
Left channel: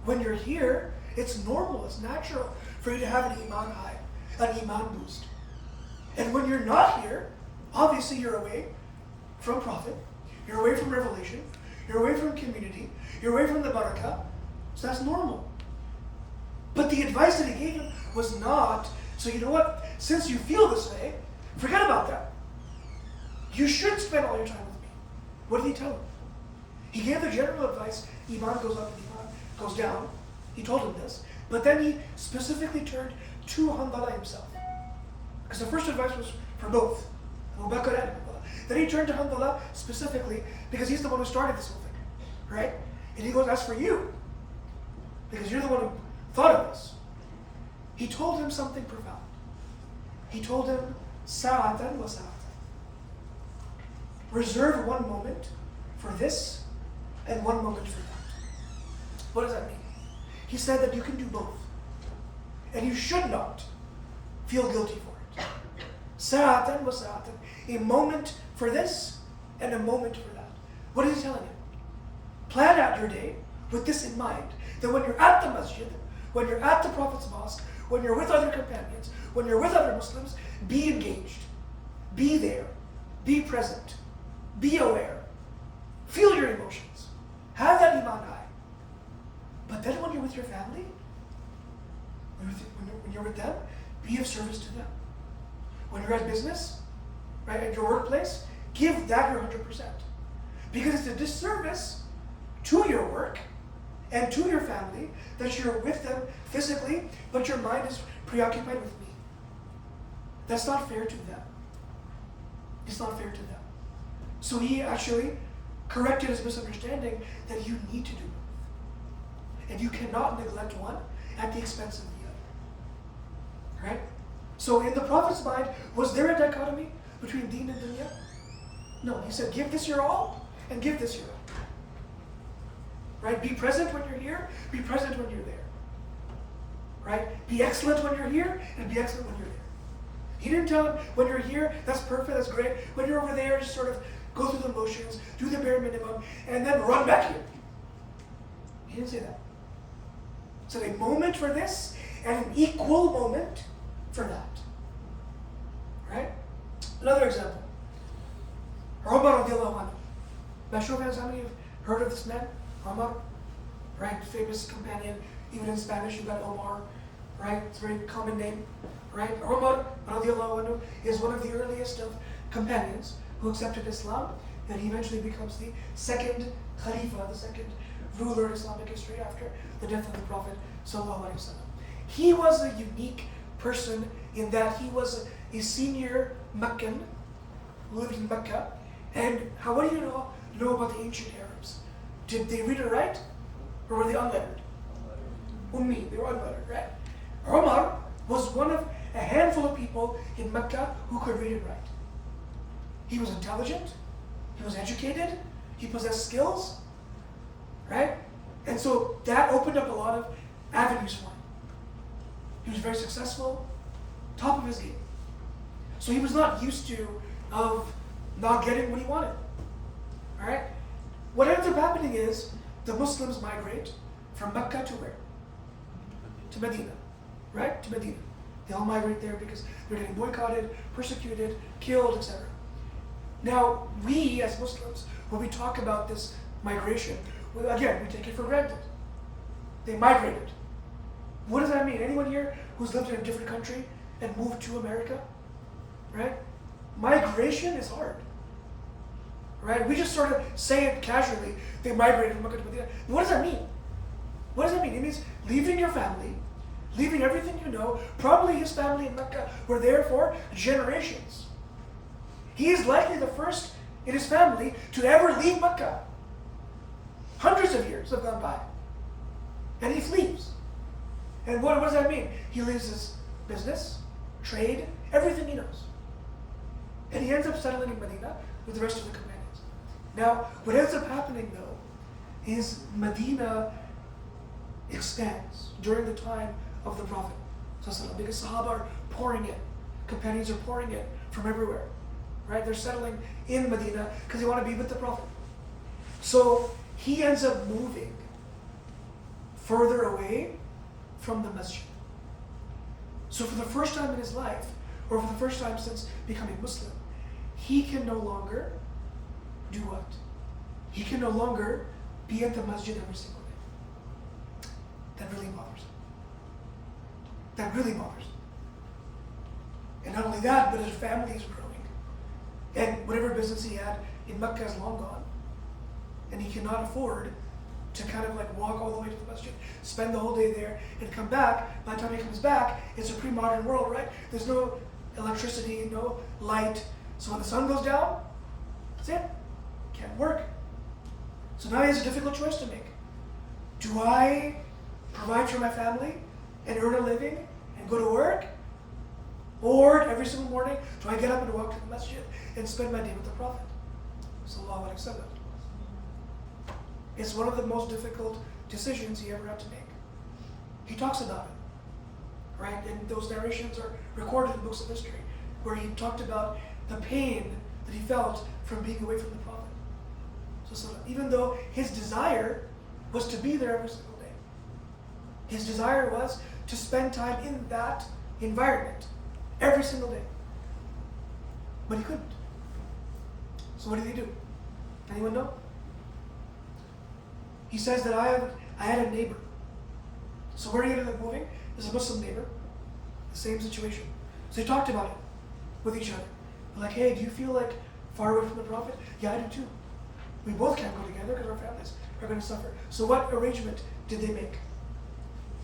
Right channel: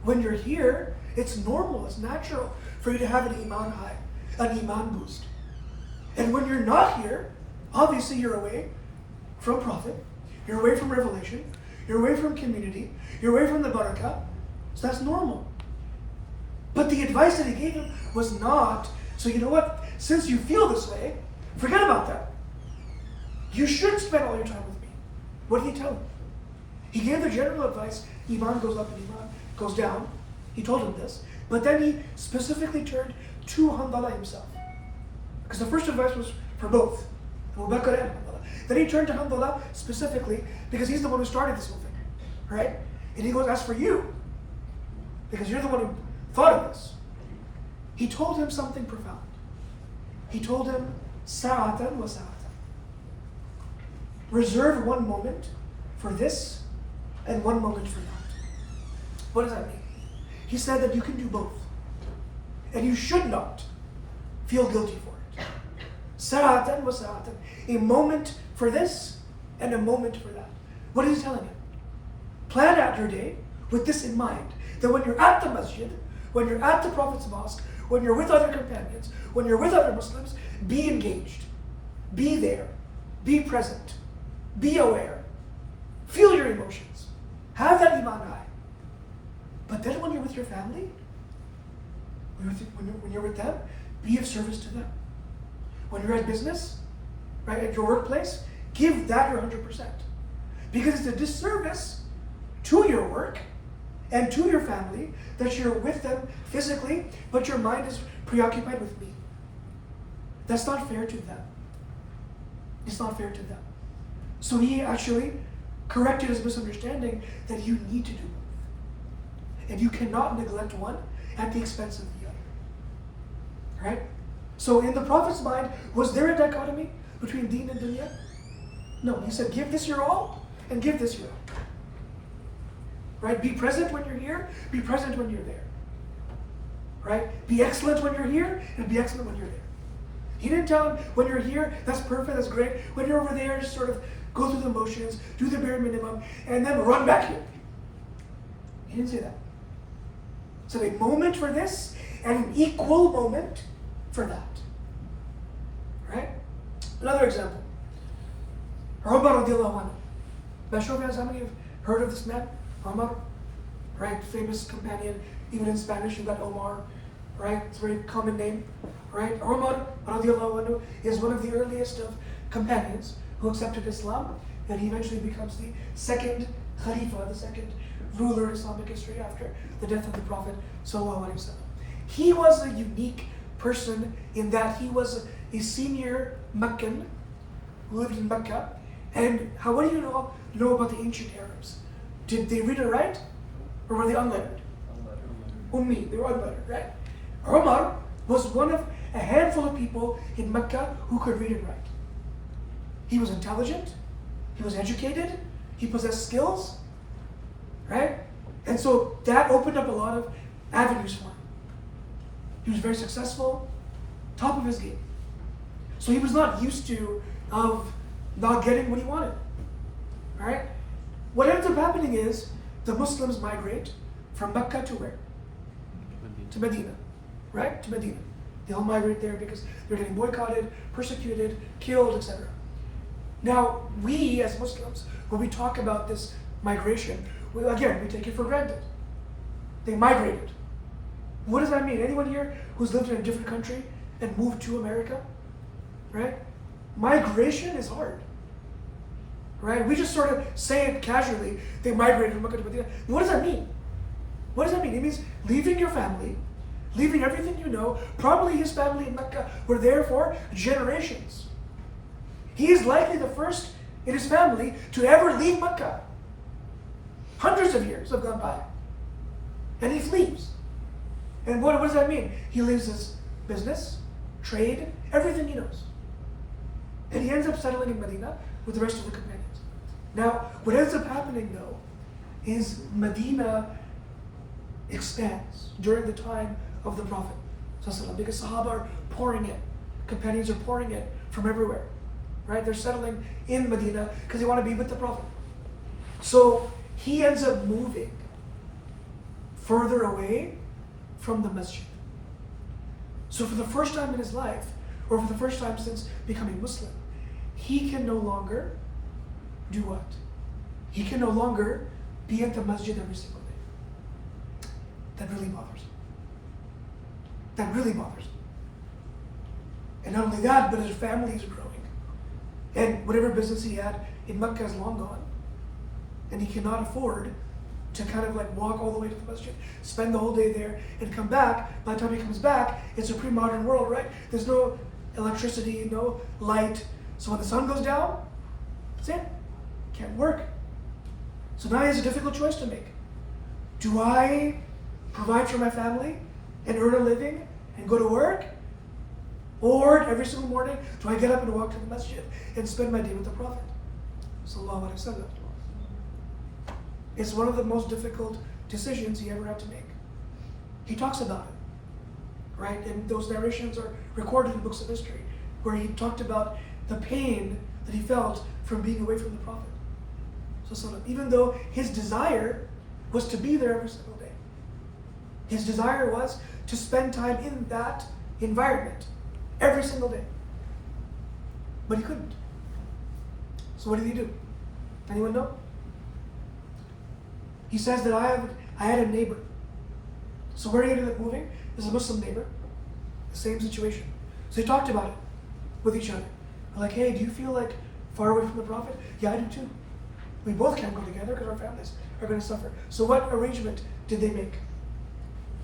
When you're here, it's normal, it's natural for you to have an iman high, an iman boost. And when you're not here, obviously you're away from Prophet, you're away from revelation, you're away from community, you're away from the barakah, so that's normal. But the advice that he gave him was not, so you know what, since you feel this way, forget about that. You should spend all your time with me. What did he tell him? He gave the general advice, Iman goes up and Iman goes down. He told him this. But then he specifically turned to Hanbala himself. Because the first advice was for both, Abu Bakr and Hanbala. Then he turned to Hanbala specifically because he's the one who started this whole thing. Right? And he goes, as for you, because you're the one who thought of this, he told him something profound. He told him, Sa'atan wa sa'atan. Reserve one moment for this and one moment for that. What does that mean? He said that you can do both. And you should not feel guilty for it. Sa'atan wa sa'atan. A moment for this and a moment for that. What is he telling you? Plan out your day with this in mind. That when you're at the masjid, when you're at the Prophet's mosque, when you're with other companions, when you're with other Muslims, be engaged. Be there. Be present. Be aware. Feel your emotions. Have that iman high. But then when you're with your family, when you're with them, be of service to them. When you're at business, right, at your workplace, give that your 100%. Because it's a disservice to your work and to your family that you're with them physically, but your mind is preoccupied with me. That's not fair to them. It's not fair to them. So he actually corrected his misunderstanding that you need to do both. And you cannot neglect one at the expense of the other. Right? So in the Prophet's mind, was there a dichotomy between deen and dunya? No, he said give this your all and give this your all. Right? Be present when you're here, be present when you're there. Right? Be excellent when you're here and be excellent when you're there. He didn't tell him when you're here, that's perfect, that's great. When you're over there, just sort of go through the motions, do the bare minimum, and then run back here. He didn't say that. So a moment for this and an equal moment for that. Right? Another example. Umar radiallahu anhu. By show of hands, how many have heard of this man? Umar, right? Famous companion. Even in Spanish, you've got Omar, right? It's a very common name, right? Umar radiallahu anhu is one of the earliest of companions who accepted Islam, and he eventually becomes the second Khalifa, the second ruler in Islamic history after the death of the Prophet sallallahu alaihi wasallam. He was a unique person in that he was a senior Meccan who lived in Mecca. And what do you know about the ancient Arabs? Did they read or write? Or were they unlettered? Ummi, they were unlettered, right? Umar was one of a handful of people in Mecca who could read and write. He was intelligent, he was educated, he possessed skills, right? And so that opened up a lot of avenues for him. He was very successful, top of his game. So he was not used to of not getting what he wanted. All right? What ends up happening is the Muslims migrate from Mecca to where? To Medina. Right? To Medina. They all migrate there because they're getting boycotted, persecuted, killed, etc. Now, we as Muslims, when we talk about this migration, we take it for granted. They migrated. What does that mean? Anyone here who's lived in a different country and moved to America? Right? Migration is hard. Right? We just sort of say it casually, they migrated from Mecca to Medina. What does that mean? What does that mean? It means leaving your family, leaving everything you know. Probably his family in Mecca were there for generations. He is likely the first in his family to ever leave Mecca. Hundreds of years have gone by. And he flees. And what does that mean? He leaves his business, trade, everything he knows. And he ends up settling in Medina with the rest of the companions. Now, what ends up happening though, is Medina expands during the time of the Prophet. Because Sahaba are pouring in. Companions are pouring in from everywhere. Right? They're settling in Medina because they want to be with the Prophet. So he ends up moving further away from the masjid. So for the first time in his life, or for the first time since becoming Muslim, he can no longer do what? he can no longer be at the masjid every single day. That really bothers him. That really bothers him. And not only that, but his family is growing. And whatever business he had in Mecca is long gone. And he cannot afford to kind of like walk all the way to the masjid, spend the whole day there, and come back. By the time he comes back, it's a pre-modern world, right? There's no electricity, no light. So when the sun goes down, that's it. Can't work. So now he has a difficult choice to make. Do I provide for my family and earn a living and go to work? Or every single morning, do I get up and walk to the masjid and spend my day with the Prophet? Sallallahu Alaihi Wasallam. It's one of the most difficult decisions he ever had to make. He talks about it, right? And those narrations are recorded in books of history, where he talked about the pain that he felt from being away from the Prophet. So even though his desire was to be there every single day, his desire was to spend time in that environment every single day. But he couldn't. So what did he do? Anyone know? He says that I had a neighbor. So where he ended up moving is a Muslim neighbor. The same situation. So they talked about it with each other. They're like, hey, do you feel like far away from the Prophet? Yeah, I do too. We both can't go together because our families are going to suffer. So what arrangement did they make?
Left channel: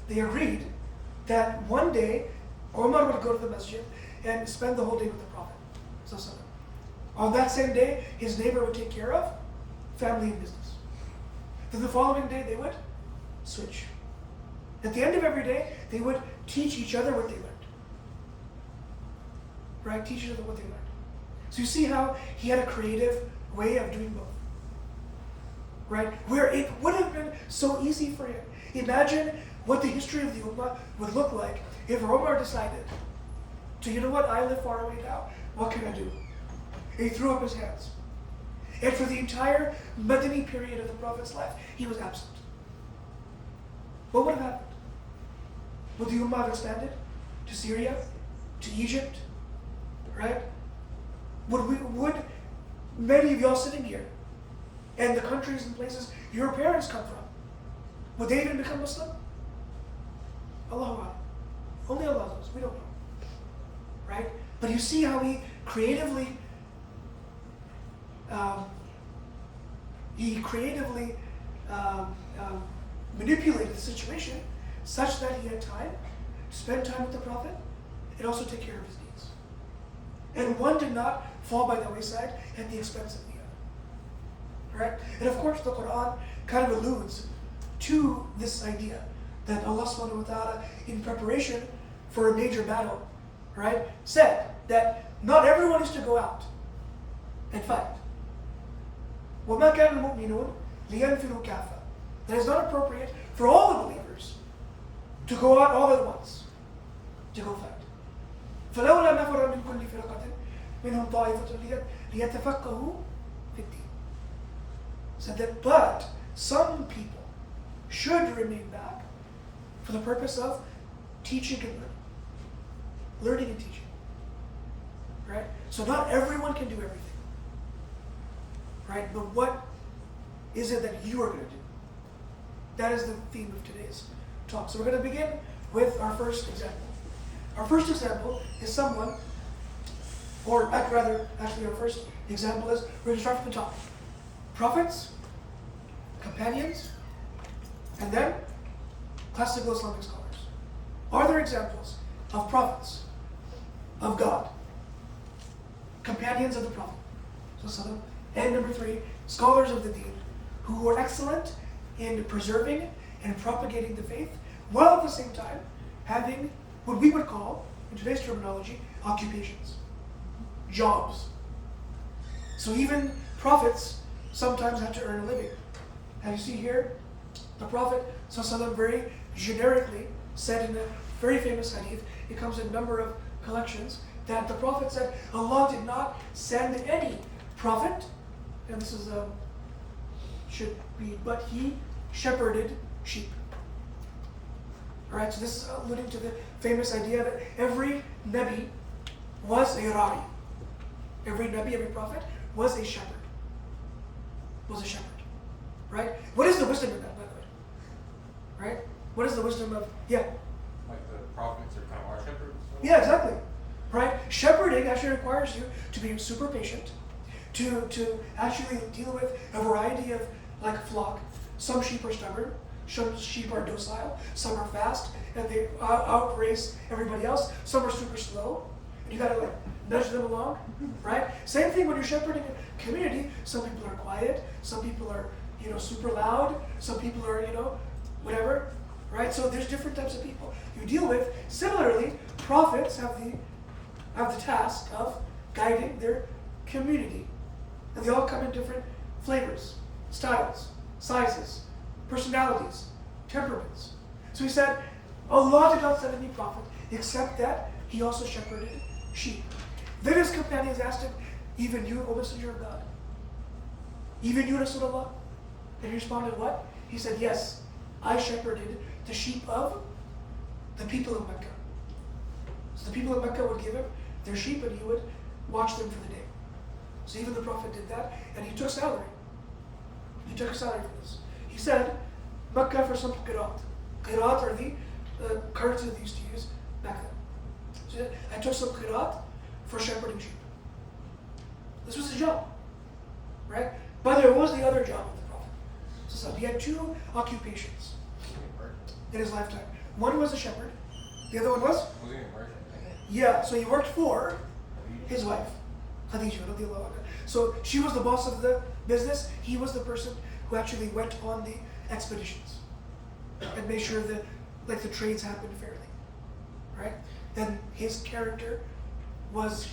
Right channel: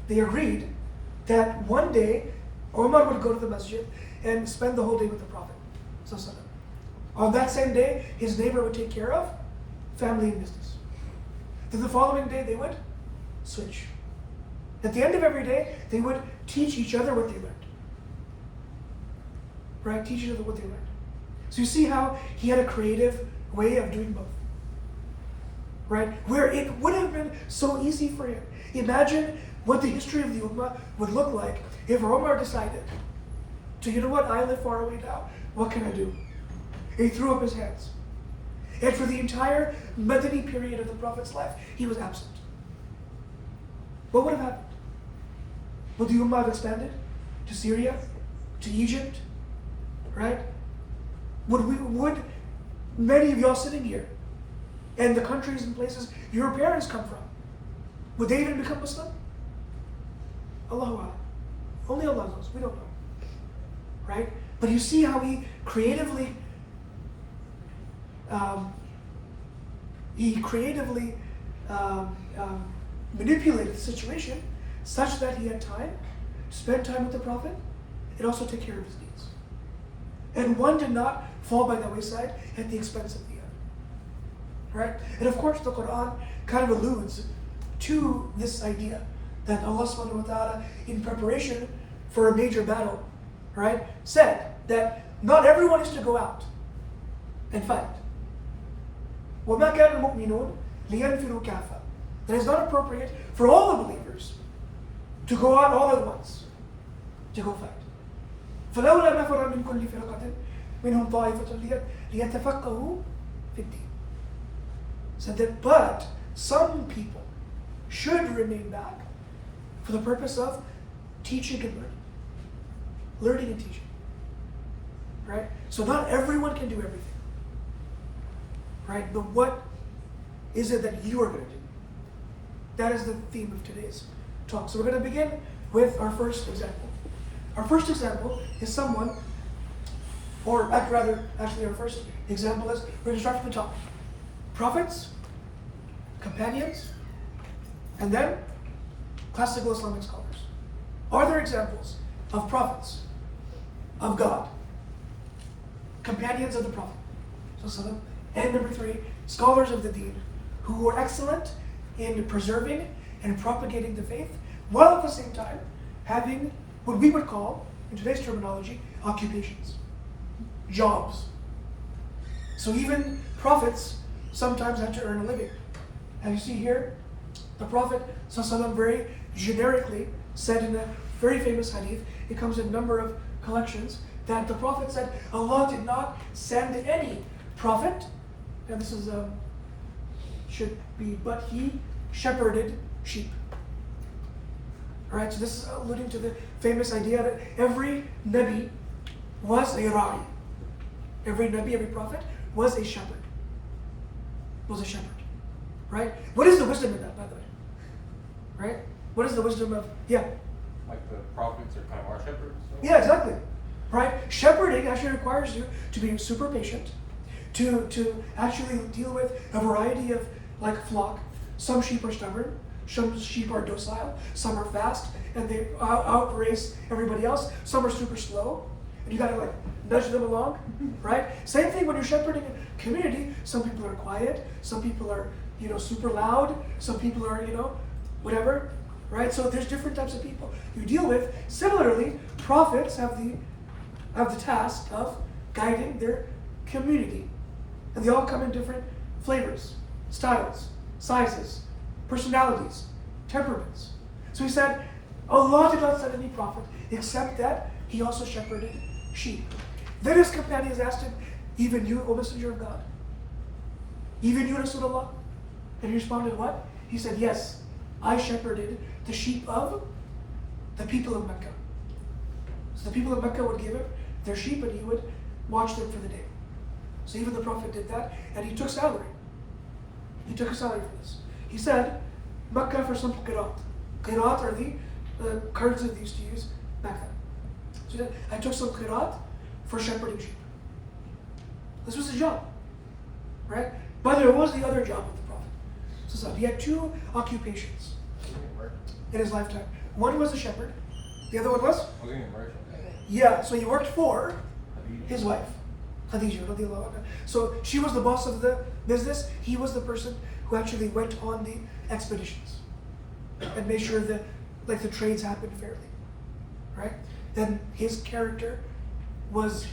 They agreed that one day Omar would go to the masjid and spend the whole day with the Prophet. On that same day, his neighbor would take care of family and business. Then the following day, they would switch. At the end of every day, they would teach each other what they learned. Right? Teach each other what they learned. So you see how he had a creative way of doing both. Right? Where it would have been so easy for him. Imagine what the history of the Ummah would look like if Omar decided to, you know what, I live far away now, what can I do? And he threw up his hands. And for the entire Madani period of the Prophet's life, he was absent. What would have happened? Would the Ummah have expanded to Syria, to Egypt, right? Would many of y'all sitting here, and the countries and places your parents come from, would they even become Muslim? Allahu A'lam. Only Allah knows. We don't know. Right? But you see how he creatively manipulated the situation such that he had time to spend time with the Prophet and also take care of his needs. And one did not fall by the wayside at the expense of the other. Right? And of course the Quran kind of alludes to this idea that Allah subhanahu wa ta'ala, in preparation for a major battle, right, said that not everyone is to go out and fight. وَمَا كَانَ الْمُؤْمِنُونَ لِيَنْفِرُوا كَافَةً. That it's not appropriate for all the believers to go out all at once to go fight. فَلَوْلَا نَفَرَ مِنْ كُلِّ فِرْقَةٍ مِنْهُمْ طَائِفَةٌ لِيَتَفَقَّهُوا فِي الدِّينِ. Said that, but some people should remain back for the purpose of teaching and learning. Learning and teaching. Right? So not everyone can do everything. Right? But what is it that you are going to do? That is the theme of today's talk. So we're going to begin with our first example. Our first example is someone, or rather, actually our first example is, we're going to start from the top. Prophets, companions, and then classical Islamic scholars. Are there examples of prophets, of God, companions of the Prophet, and number 3, scholars of the Deen, who were excellent in preserving and propagating the faith, while at the same time having what we would call, in today's terminology, occupations, jobs. So even prophets sometimes had to earn a living. As you see here, the Prophet ﷺ very generically said in a very famous hadith, it comes in a number of collections, that the Prophet said, Allah did not send any prophet, and this is should be, but he shepherded sheep. Alright, so this is alluding to the famous idea that every Nabi was a Ra'i. Every Nabi, every prophet was a shepherd. Was a shepherd. right? What is the wisdom in that, by the way? Right? What is the wisdom of, yeah? Like the prophets are kind of our shepherds? Yeah, exactly. Right? Shepherding actually requires you to be super patient, to actually deal with a variety of like flock. Some sheep are stubborn, some sheep are docile, some are fast, and they outrace everybody else. Some are super slow, and you gotta like nudge them along, right? Same thing when you're shepherding a community. Some people are quiet, some people are, super loud, some people are, whatever, right? So there's different types of people you deal with. Similarly, prophets have the task of guiding their community. And they all come in different flavors, styles, sizes, personalities, temperaments. So he said, Allah did not send any prophet except that he also shepherded sheep. Then his companions asked him, even you, O Messenger of God? Even you, Rasulullah? And he responded, what? He said, yes, I shepherded the sheep of the people of Mecca. So the people of Mecca would give him their sheep and he would watch them for the day. So even the Prophet did that, and he took salary. He took a salary for this. He said, Mecca for some qirat. Qirat are the currency they used to use back then. So he said, I took some qirat for shepherding sheep. This was his job, right? But there was the other job of the Prophet. So he had two occupations in his lifetime. One was a shepherd. The other one was? Was he a merchant? Yeah, so he worked for his wife, Khadija radiallahu anha. So she was the boss of the business. He was the person who actually went on the expeditions and made sure that the trades happened fairly, right? Then his character was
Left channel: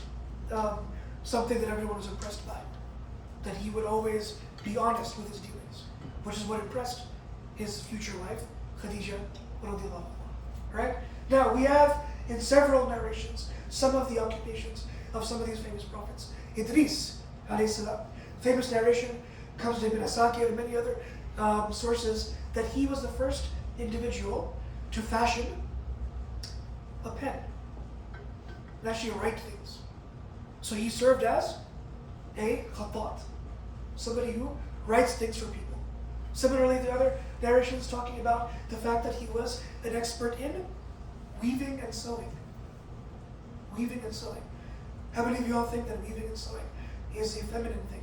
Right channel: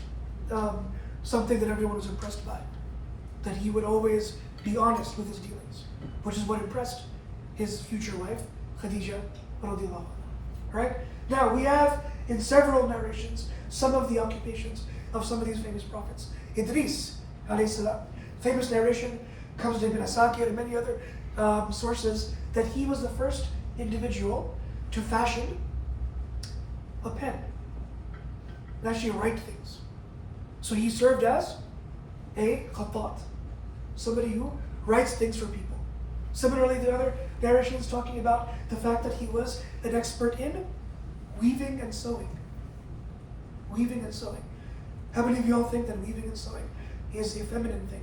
something that everyone was impressed by. That he would always be honest with his dealings, which is what impressed his future wife, Khadija radiallahu anha, right? Now we have in several narrations some of the occupations of some of these famous prophets. Idris alayhi salam. Famous narration comes to Ibn Asakir and many other sources that he was the first individual to fashion a pen and actually write things. So he served as a khattat, somebody who writes things for people. Similarly, the other narrations talking about the fact that he was an expert in weaving and sewing. Weaving and sewing. How many of you all think that weaving and sewing is a feminine thing?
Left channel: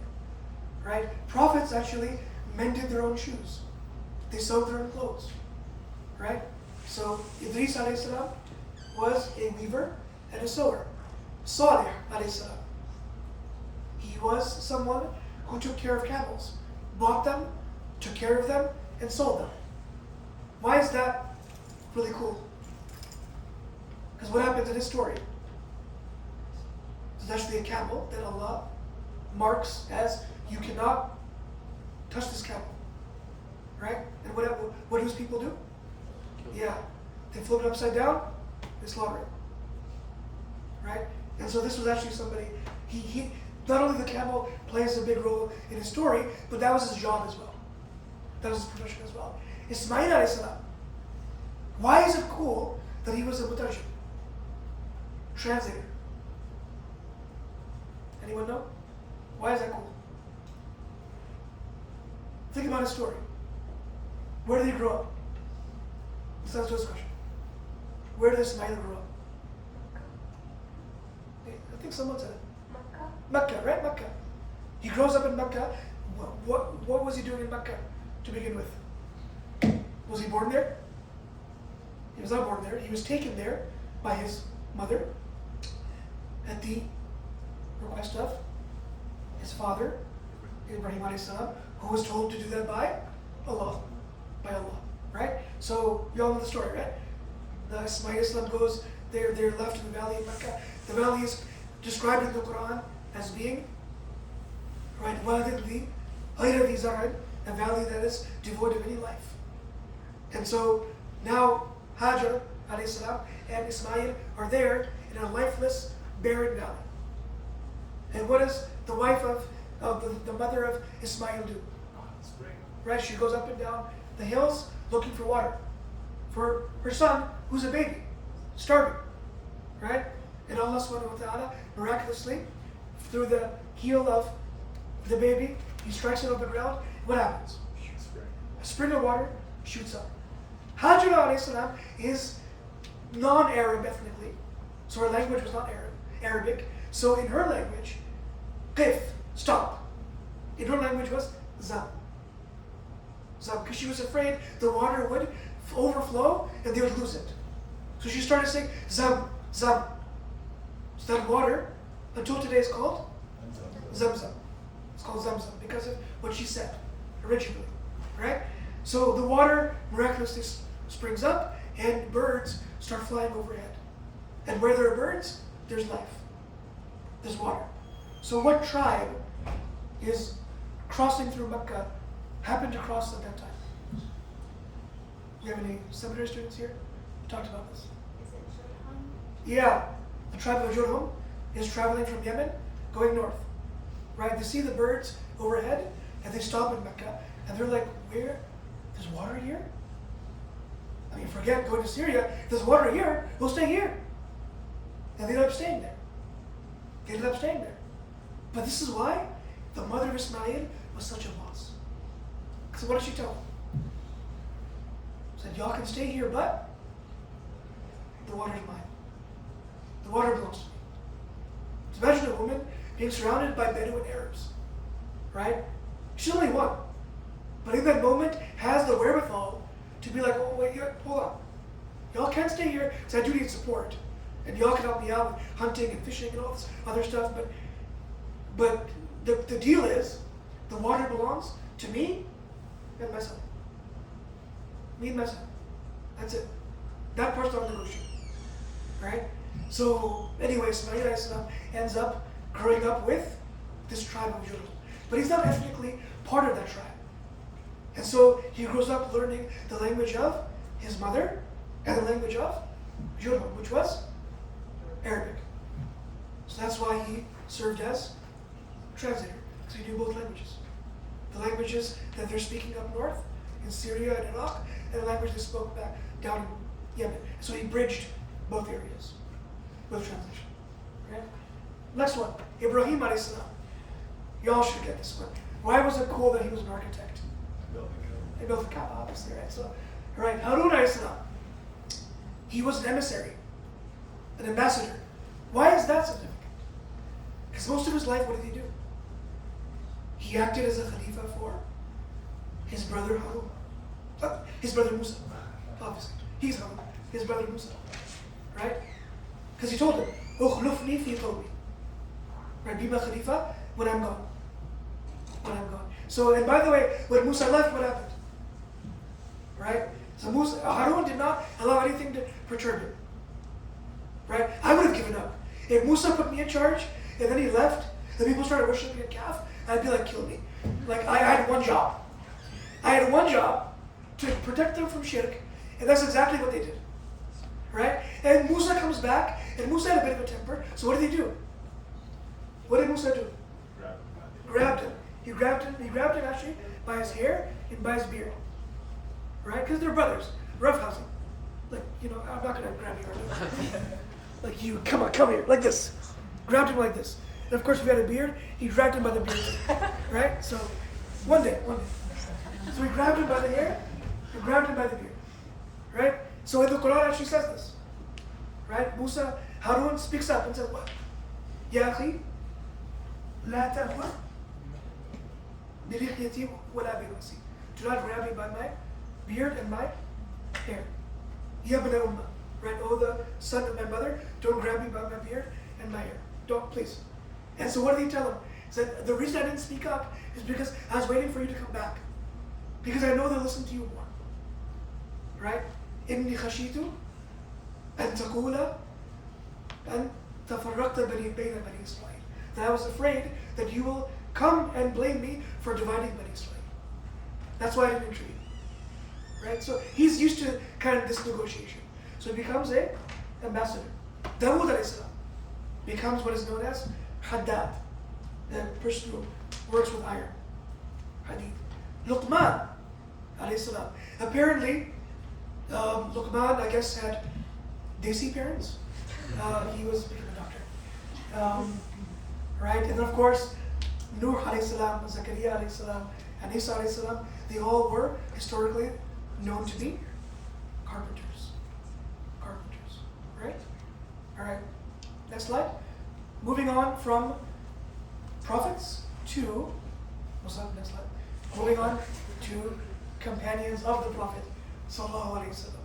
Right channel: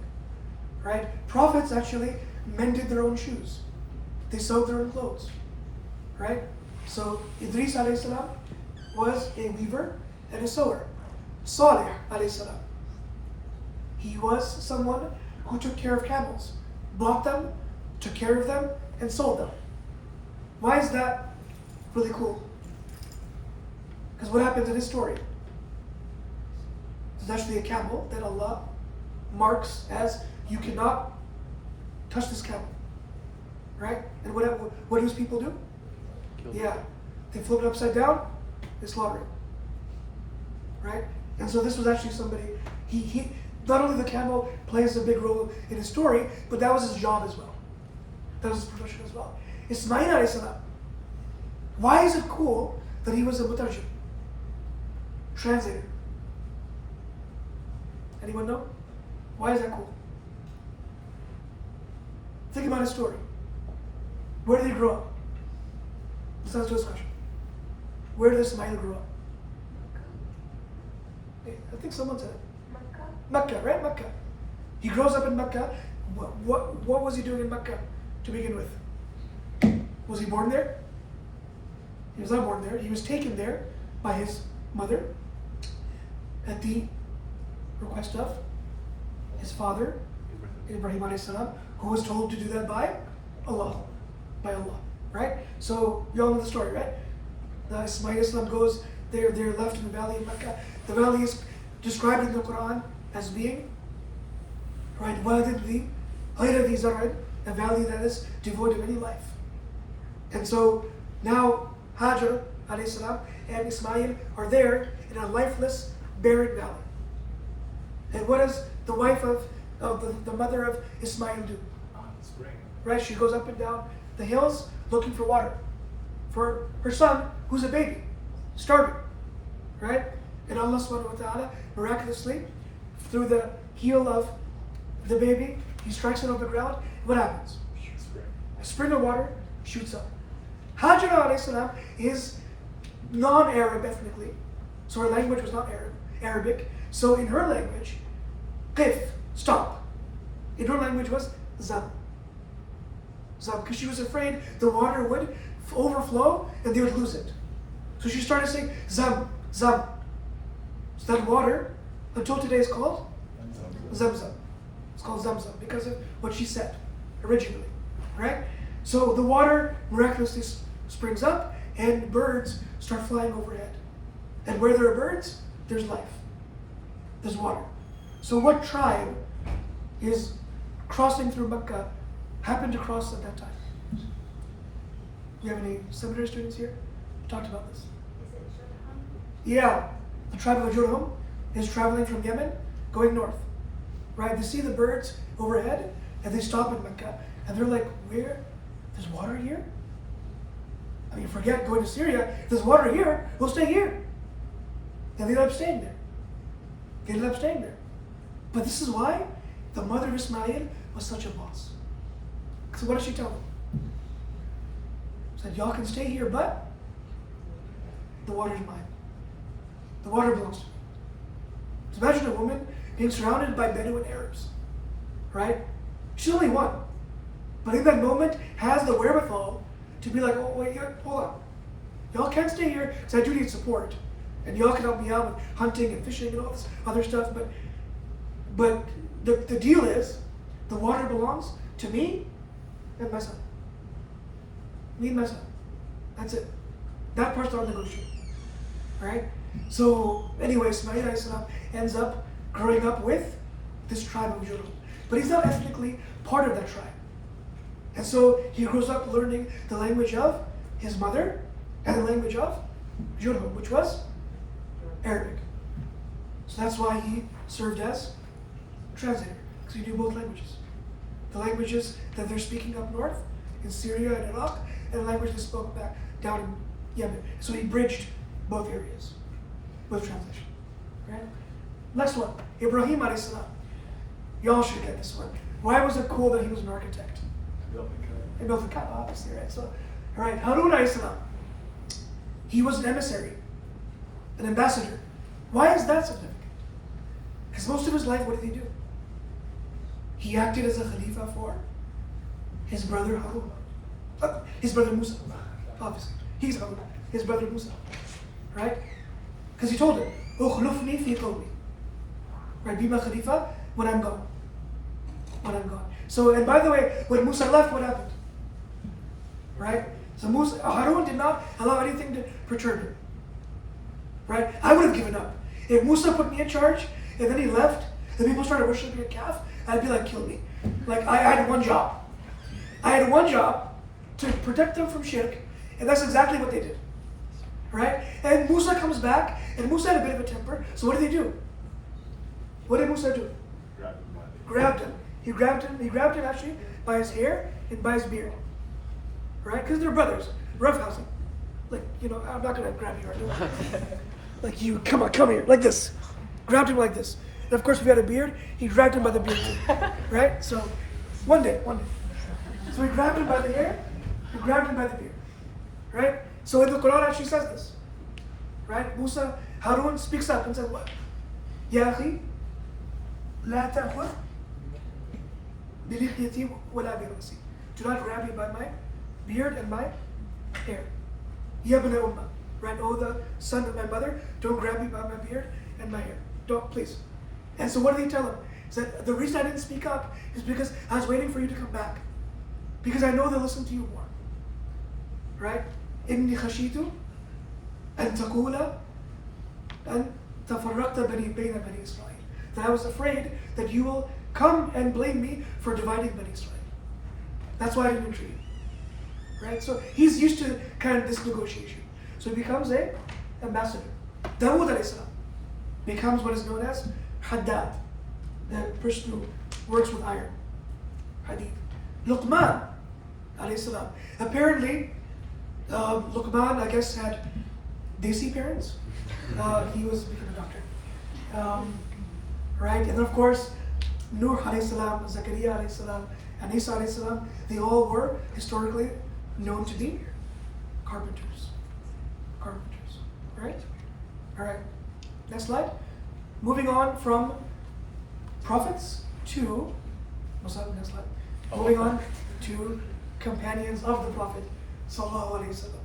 Right? Prophets actually mended their own shoes. They sewed their own clothes. Right? So Idris alayhi salam was a weaver and a sewer. Salih alayhi salam. He was someone who took care of camels, bought them, took care of them, and sold them. Why is that really cool? Because what happens in his story? There's actually a camel that Allah marks as you cannot touch this camel. Right? And what do his people do? Yeah. They flip it upside down, they slaughter it. Right? And so this was actually somebody, he not only the camel plays a big role in his story, but that was his job as well. That was his profession as well. Ismail alayhi salam. Why is it cool that he was a mutarjim? Translator. Anyone know? Why is that cool? Think about his story. Where did he grow up? Let's answer this question. Where did Ismail grow up? I think someone said it. Mecca, right? Mecca. He grows up in Mecca. What was he doing in Mecca to begin with? Was he born there? He was not born there. He was taken there by his mother at the request of his father, Ibrahim alayhi salam, who was told to do that by Allah. By Allah, right? So you all know the story, right? Ismail Islam goes there, they're left in the valley of Mecca. The valley is described in the Quran as being, right, waladin ghayra dhi zar'in, a valley that is devoid of any life. And so now Hajar alayhi salam and Ismail are there in a lifeless, barren valley. And what does the wife of the mother of Ismail do? Right, she goes up and down the hills looking for water for her son, who's a baby, starving, right? And Allah subhanahu wa ta'ala miraculously, through the heel of the baby, he strikes it on the ground. What happens? a spring of water shoots up. Hajar alayhi salam is non-Arab ethnically, so her language was not Arabic. So in her language, qif, stop. In her language was zam. Zam, because she was afraid the water would overflow and they would lose it. So she started saying zam, zam. So that water, until today, is called Zamzam. It's called Zamzam because of what she said originally, right? So the water miraculously springs up and birds start flying overhead. And where there are birds, there's life. There's water. So what tribe is crossing through Mecca happened to cross at that time? Do you have any seminary students here? We talked about this. Is it Shurham? Yeah, the tribe of Jurhum is traveling from Yemen, going north. Right? They see the birds overhead, and they stop in Mecca, and they're like, "Where? There's water here? I mean, forget going to Syria. If there's water here, we'll stay here." And they ended up staying there. They ended up staying there. But this is why the mother of Ismail was such a boss. So what did she tell them? Said, "Y'all can stay here, but the water's mine. The water belongs to me." So imagine a woman being surrounded by Bedouin Arabs, right? She's only one, but in that moment has the wherewithal to be like, "Oh wait, hold on. Y'all can't stay here because I do need support, and y'all can help me out with hunting and fishing and all this other stuff. But the deal is, the water belongs to me and my son. Me and my son. That's it. That part's not negotiable, right? So anyway, Ismail alayhi salam ends up growing up with this tribe of Jurhum. But he's not ethnically part of that tribe. And so he grows up learning the language of his mother and the language of Jurhum, which was Arabic. So that's why he served as translator, because he knew both languages. The languages that they're speaking up north in Syria and Iraq, and the language they spoke back down in Yemen. So he bridged both areas with translation. Right? Next one, Ibrahim alayhi salam. Y'all should get this one. Why was it cool that he was an architect? He built the Kaaba, obviously, right? So, all right, Harun alayhi salam. He was an emissary, an ambassador. Why is that significant? Because most of his life, what did he do? He acted as a Khalifa for his brother Harun. His brother Musa, obviously. He's Harun, his brother Musa. Right? Because he told him, "Ukhlufni fi qawmi." Right? Be my Khalifa when I'm gone. When I'm gone. So, and by the way, when Musa left, what happened? Right? So Harun did not allow anything to perturb him. Right? I would have given up. If Musa put me in charge and then he left, and people started worshiping a calf, I'd be like, kill me. Like, I had one job. I had one job to protect them from shirk, and that's exactly what they did. Right? And Musa comes back, and Musa had a bit of a temper, so what did they do? What did Musa do? Grabbed him. He grabbed him actually by his hair and by his beard. Right? Because they're brothers. Roughhousing. Like, I'm not gonna grab you, are you? Like, you, come here, like this. Grabbed him like this. And of course, if he had a beard, he grabbed him by the beard too. Right? So, one day. So he grabbed him by the hair, he grabbed him by the beard. Right? So in the Quran actually says this. Right? Harun speaks up and says, what? Ya akhi, la ta'khudh bi lihyati wa la bi ra'si. Do not grab me by my beard and my hair. Ya ibn ummah. Right? Oh, the son of my mother, don't grab me by my beard and my hair. Don't, please. And so what did he tell him? He said, the reason I didn't speak up is because I was waiting for you to come back. Because I know they'll listen to you more. Right? إني خشيت أن تقول أن تفرقت بين بني إسرائيل. That I was afraid that you will come and blame me for dividing Bani Israel. That's why I didn't intervene. Right? So he's used to kind of this negotiation. So he becomes an ambassador. Dawood alayhi salam becomes what is known as Haddad, the person who works with iron. Hadid. Luqman alayhi salam. Apparently, Luqman, I guess, had Desi parents. He became a doctor. Right? And then, of course, Nuh alayhi salam, Zakaria alayhi salam, and Isa alayhi salam, they all were historically known to be carpenters. Carpenters, right? All right, next slide. Moving on from prophets to, what's up, next slide? Moving on to companions of the Prophet sallallahu alaihi wasallam.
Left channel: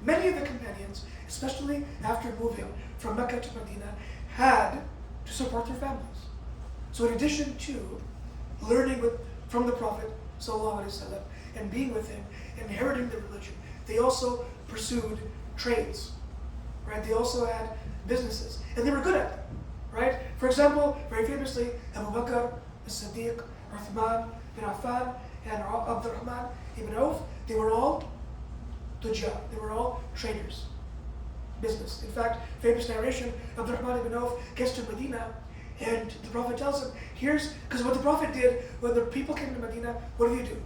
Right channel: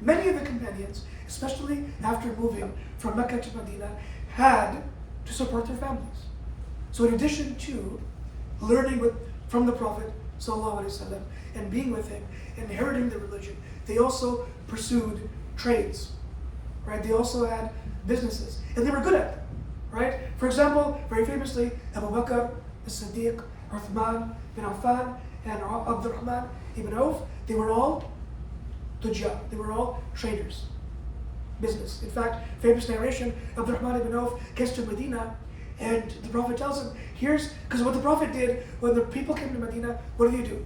Many of the companions, especially after moving from Mecca to Medina, had to support their families. So in addition to learning from the Prophet ﷺ and being with him, inheriting the religion, they also pursued trades, right? They also had businesses, and they were good at them, right? For example, very famously, Abu Bakr, as-Siddiq, Uthman bin Affan, and Abdurrahman ibn Auf, they were all tujjar, they were all traders, business. In fact, famous narration, Abdurrahman ibn Auf gets to Medina, and the Prophet tells him, because what the Prophet did, when the people came to Medina, what do you do?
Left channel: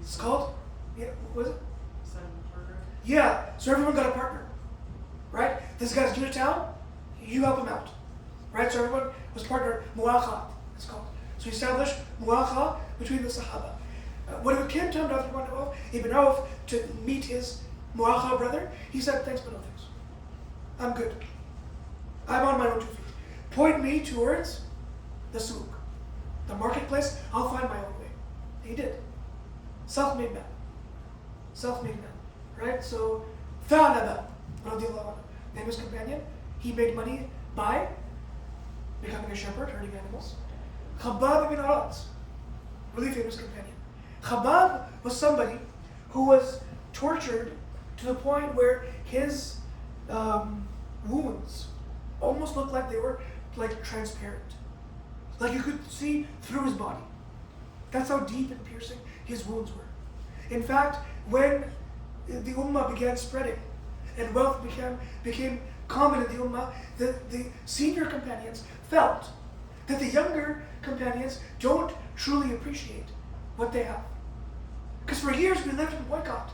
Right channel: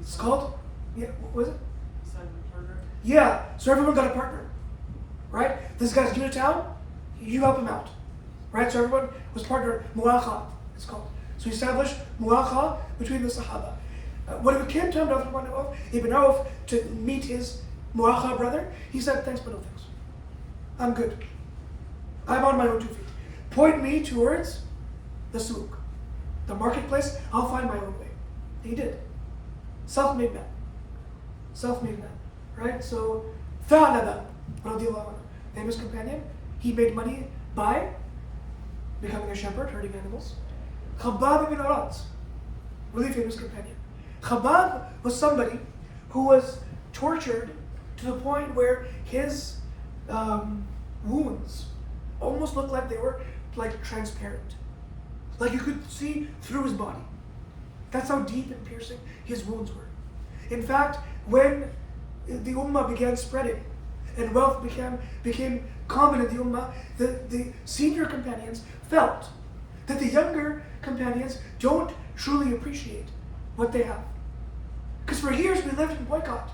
It's called, what was it? Yeah, so everyone got a partner, right? This guy's new to town, you help him out, right? So everyone was partnered, mu'akha, it's called. So he established mu'akha between the Sahaba. When it came time to Abdurrahman ibn Auf to meet his mu'akha brother, he said, thanks but no thanks. I'm good. I'm on my own 2 feet. Point me towards the souk, the marketplace, I'll find my own way. He did. Self-made man. Self-made man, right? So, Thalaba, radiallahu anhu, famous companion, he made money by becoming a shepherd, herding animals. Khabbab ibn Arat, really famous companion. Khabbab was somebody who was tortured to the point where his wounds almost looked like they were like transparent. Like you could see through his body. That's how deep and piercing his wounds were. In fact, when the ummah began spreading and wealth became common in the ummah, the senior companions felt that the younger companions don't truly appreciate what they have. Because for years we lived in boycott,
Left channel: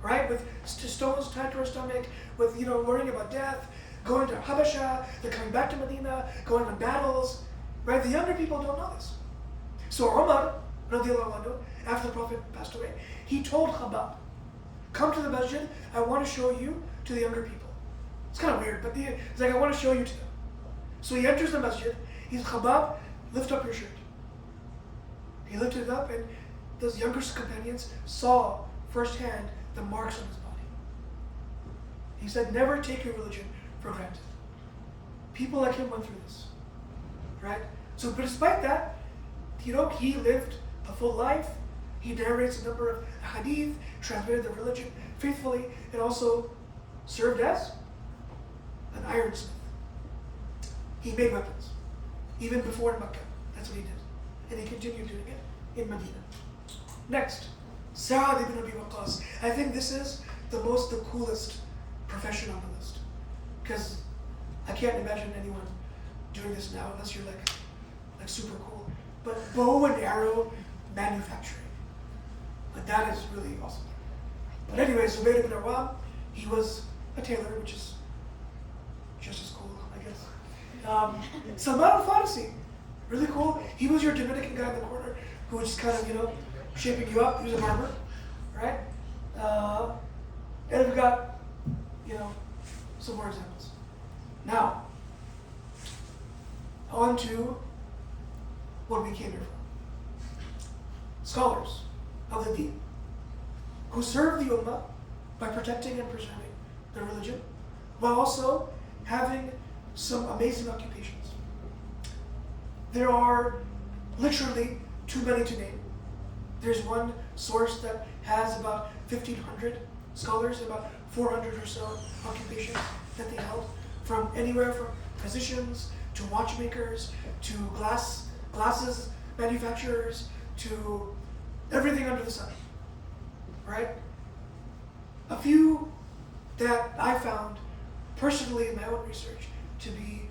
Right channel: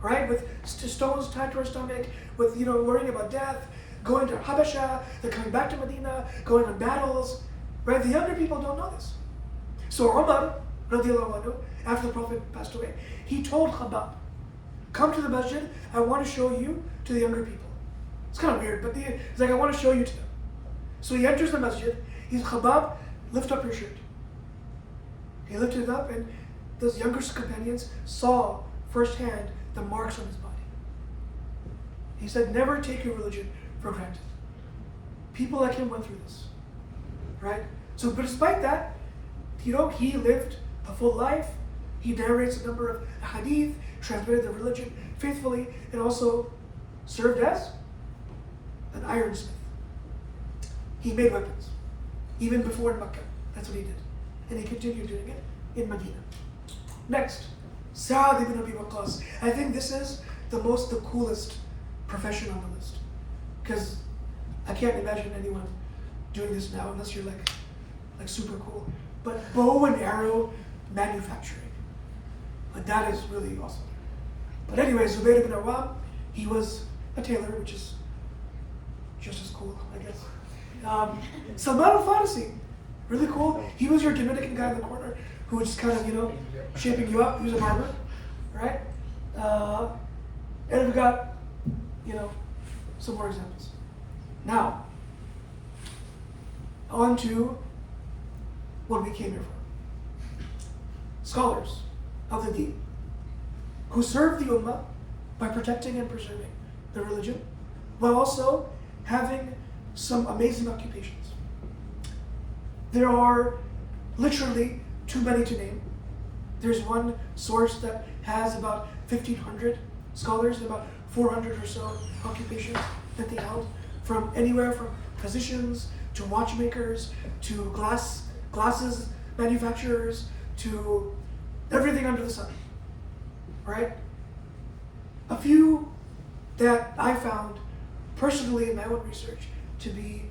right? With stones tied to our stomach, with worrying about death, going to Habasha, then coming back to Medina, going on battles, right? The younger people don't know this. So Umar, radiallahu anhu, after the Prophet passed away, he told Khabbab, come to the masjid, I want to show you to the younger people. It's kind of weird, but he's like, I want to show you to them. So he enters the masjid, he's Khabbab, lift up your shirt. He lifted it up, and those younger companions saw firsthand the marks on his body. He said, never take your religion for granted. People like him went through this, right? So, but despite that, he lived a full life. He narrates a number of hadith, translated the religion faithfully, and also served as an ironsmith. He made weapons, even before in Mecca. That's what he did. And he continued doing it in Medina. Next, Sa'ad ibn Abi Waqqas. I think this is the coolest profession on the list. Because I can't imagine anyone doing this now unless you're like super cool. But bow and arrow manufacturing. Like that is really awesome. But anyway, Zubayr ibn Awam, he was a tailor, which is just as cool, I guess. Salman al-Farisi, really cool. He was your Dominican guy in the corner who was just kind of, shaping you up. He was a barber, right? And we've got, some more examples. Now, on to what we came here for. Scholars of the Deen, who serve the Ummah by protecting and preserving the religion, while also having some amazing occupations. There are literally too many to name. There's one source that has about 1,500 scholars, about 400 or so occupations that they held, from anywhere from physicians to watchmakers to glasses manufacturers to everything under the sun, right? A few that I found personally in my own research to be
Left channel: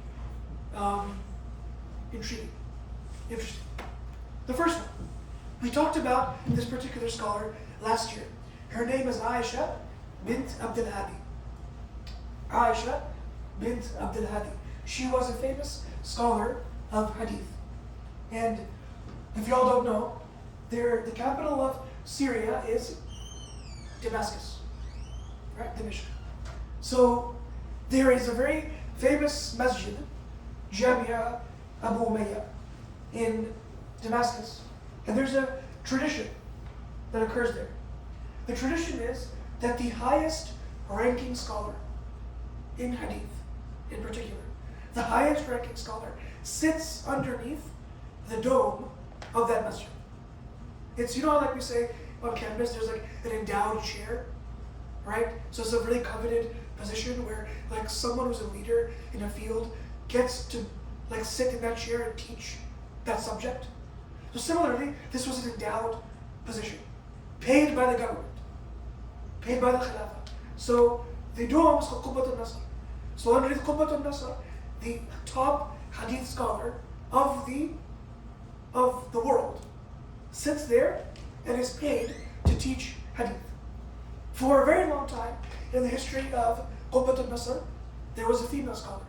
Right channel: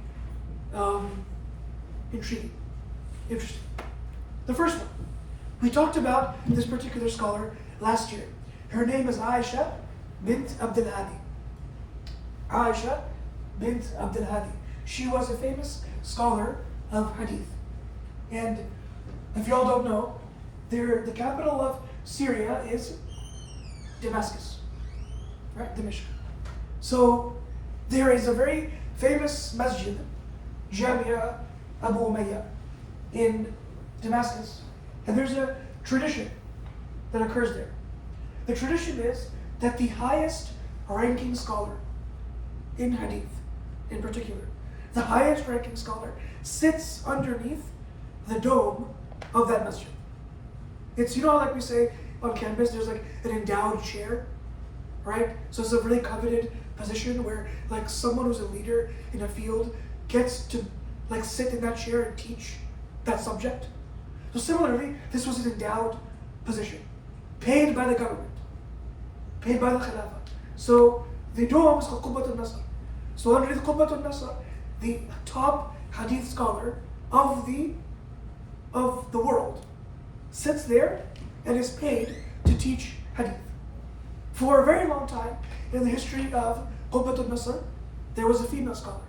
intriguing, interesting. The first one, we talked about this particular scholar last year. Her name is Aisha bint Abdul Hadi. Aisha bint Abdul Hadi. She was a famous scholar of hadith. And if y'all don't know, the capital of Syria is Damascus, right? Dimashq. So there is a very famous masjid, Jamia Abu Umayyah, in Damascus, and there's a tradition that occurs there. The tradition is that the highest ranking scholar in hadith, in particular, the highest ranking scholar sits underneath the dome of that masjid. It's, you know, like we say on campus, there's like an endowed chair, right? So it's a really coveted position where like someone who's a leader in a field gets to like sit in that chair and teach that subject. So similarly, this was an endowed position, paid by the government, paid by the Khilafah. So the dome is called Qubbat al-Nasr. So underneath Qubbat al-Nasr, the top hadith scholar of the world sits there and is paid to teach hadith. For a very long time in the history of Qubbat al-Nasr, there was a female scholar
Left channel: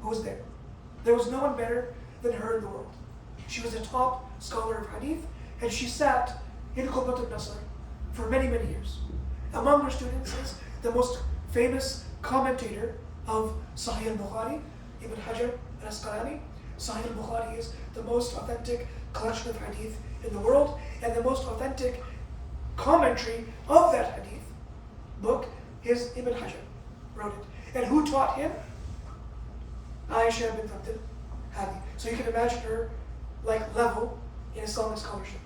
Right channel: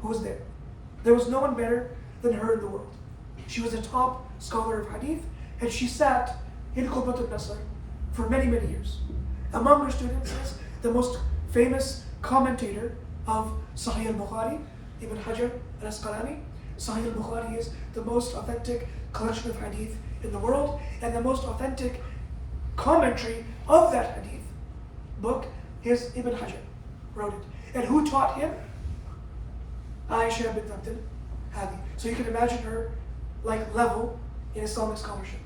who was there. There was no one better than her in the world. She was a top scholar of hadith, and she sat in Qubbat al-Nasr for many, many years. Among her students is the most famous commentator of Sahih al-Bukhari, Ibn Hajar al-Asqalani. Sahih al-Bukhari is the most authentic collection of hadith in the world, and the most authentic commentary of that hadith book is Ibn Hajar wrote it. And who taught him? Aisha bint Abdul Hadi. So you can imagine her like level in Islamic scholarship,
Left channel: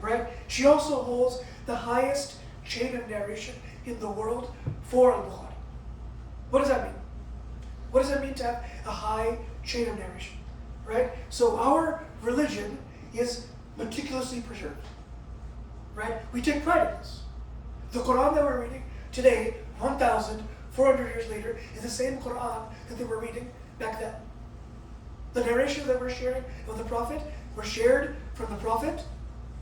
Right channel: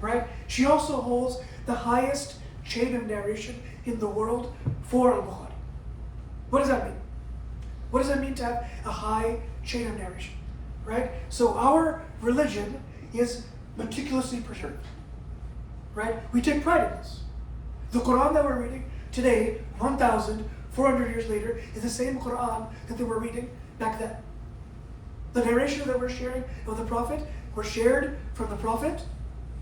right? She also holds the highest chain of narration in the world for al-Bukhari. What does that mean? What does it mean to have a high chain of narration, right? So our religion is meticulously preserved, right? We take pride in this. The Quran that we're reading today, 1,400 years later, is the same Quran that they were reading back then. The narration that we're sharing of the Prophet were shared from the Prophet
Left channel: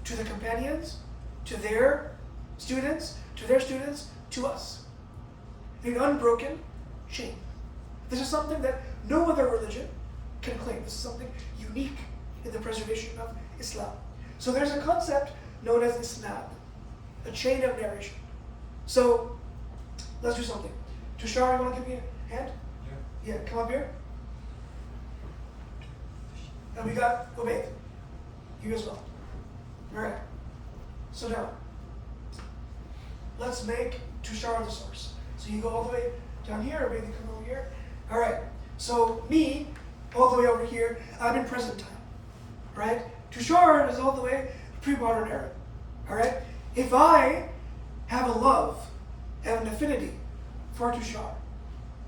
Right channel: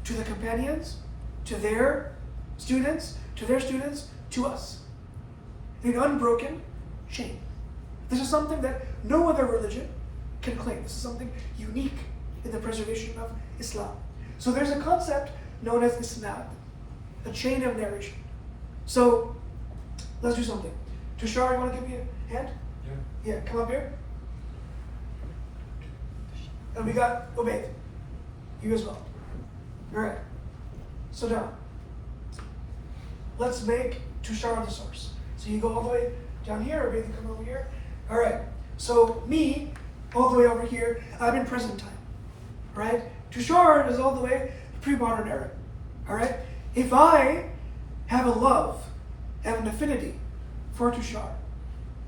to the companions, to their students, to us. In an unbroken chain. This is something that no other religion can claim. This is something unique in the preservation of Islam. So there's a concept known as isnad, a chain of narration. So let's do something. Tushar, you want to give me a hand? Yeah, come up here. And we got Ubayd. You as well. Alright. So now, let's make Tushar the source. So you go all the way down here, Ubayd, you come over here. Alright. So me, all the way over here, I'm in present time. Alright? Tushar is all the way pre-modern era. Alright? If I have a love and an affinity for Tushar,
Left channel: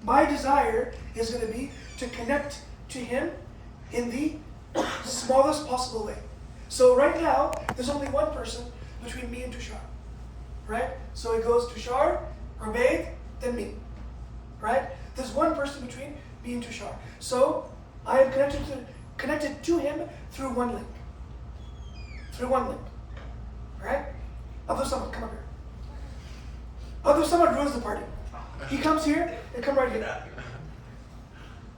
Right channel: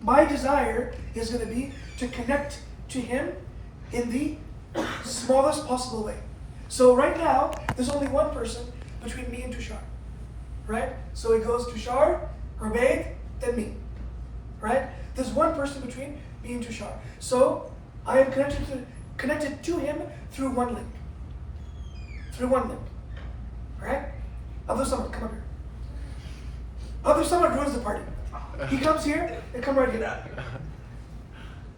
my desire is going to be to connect to him in the smallest possible way. So right now, there's only one person between me and Tushar. Right? So it goes Tushar, Ubayd, then me. Right? There's one person between me and Tushar. So I am connected to him through one link. Through one link. Right? Abdul Samad, come up here. Abdul Samad ruins the party. He comes here and come right here.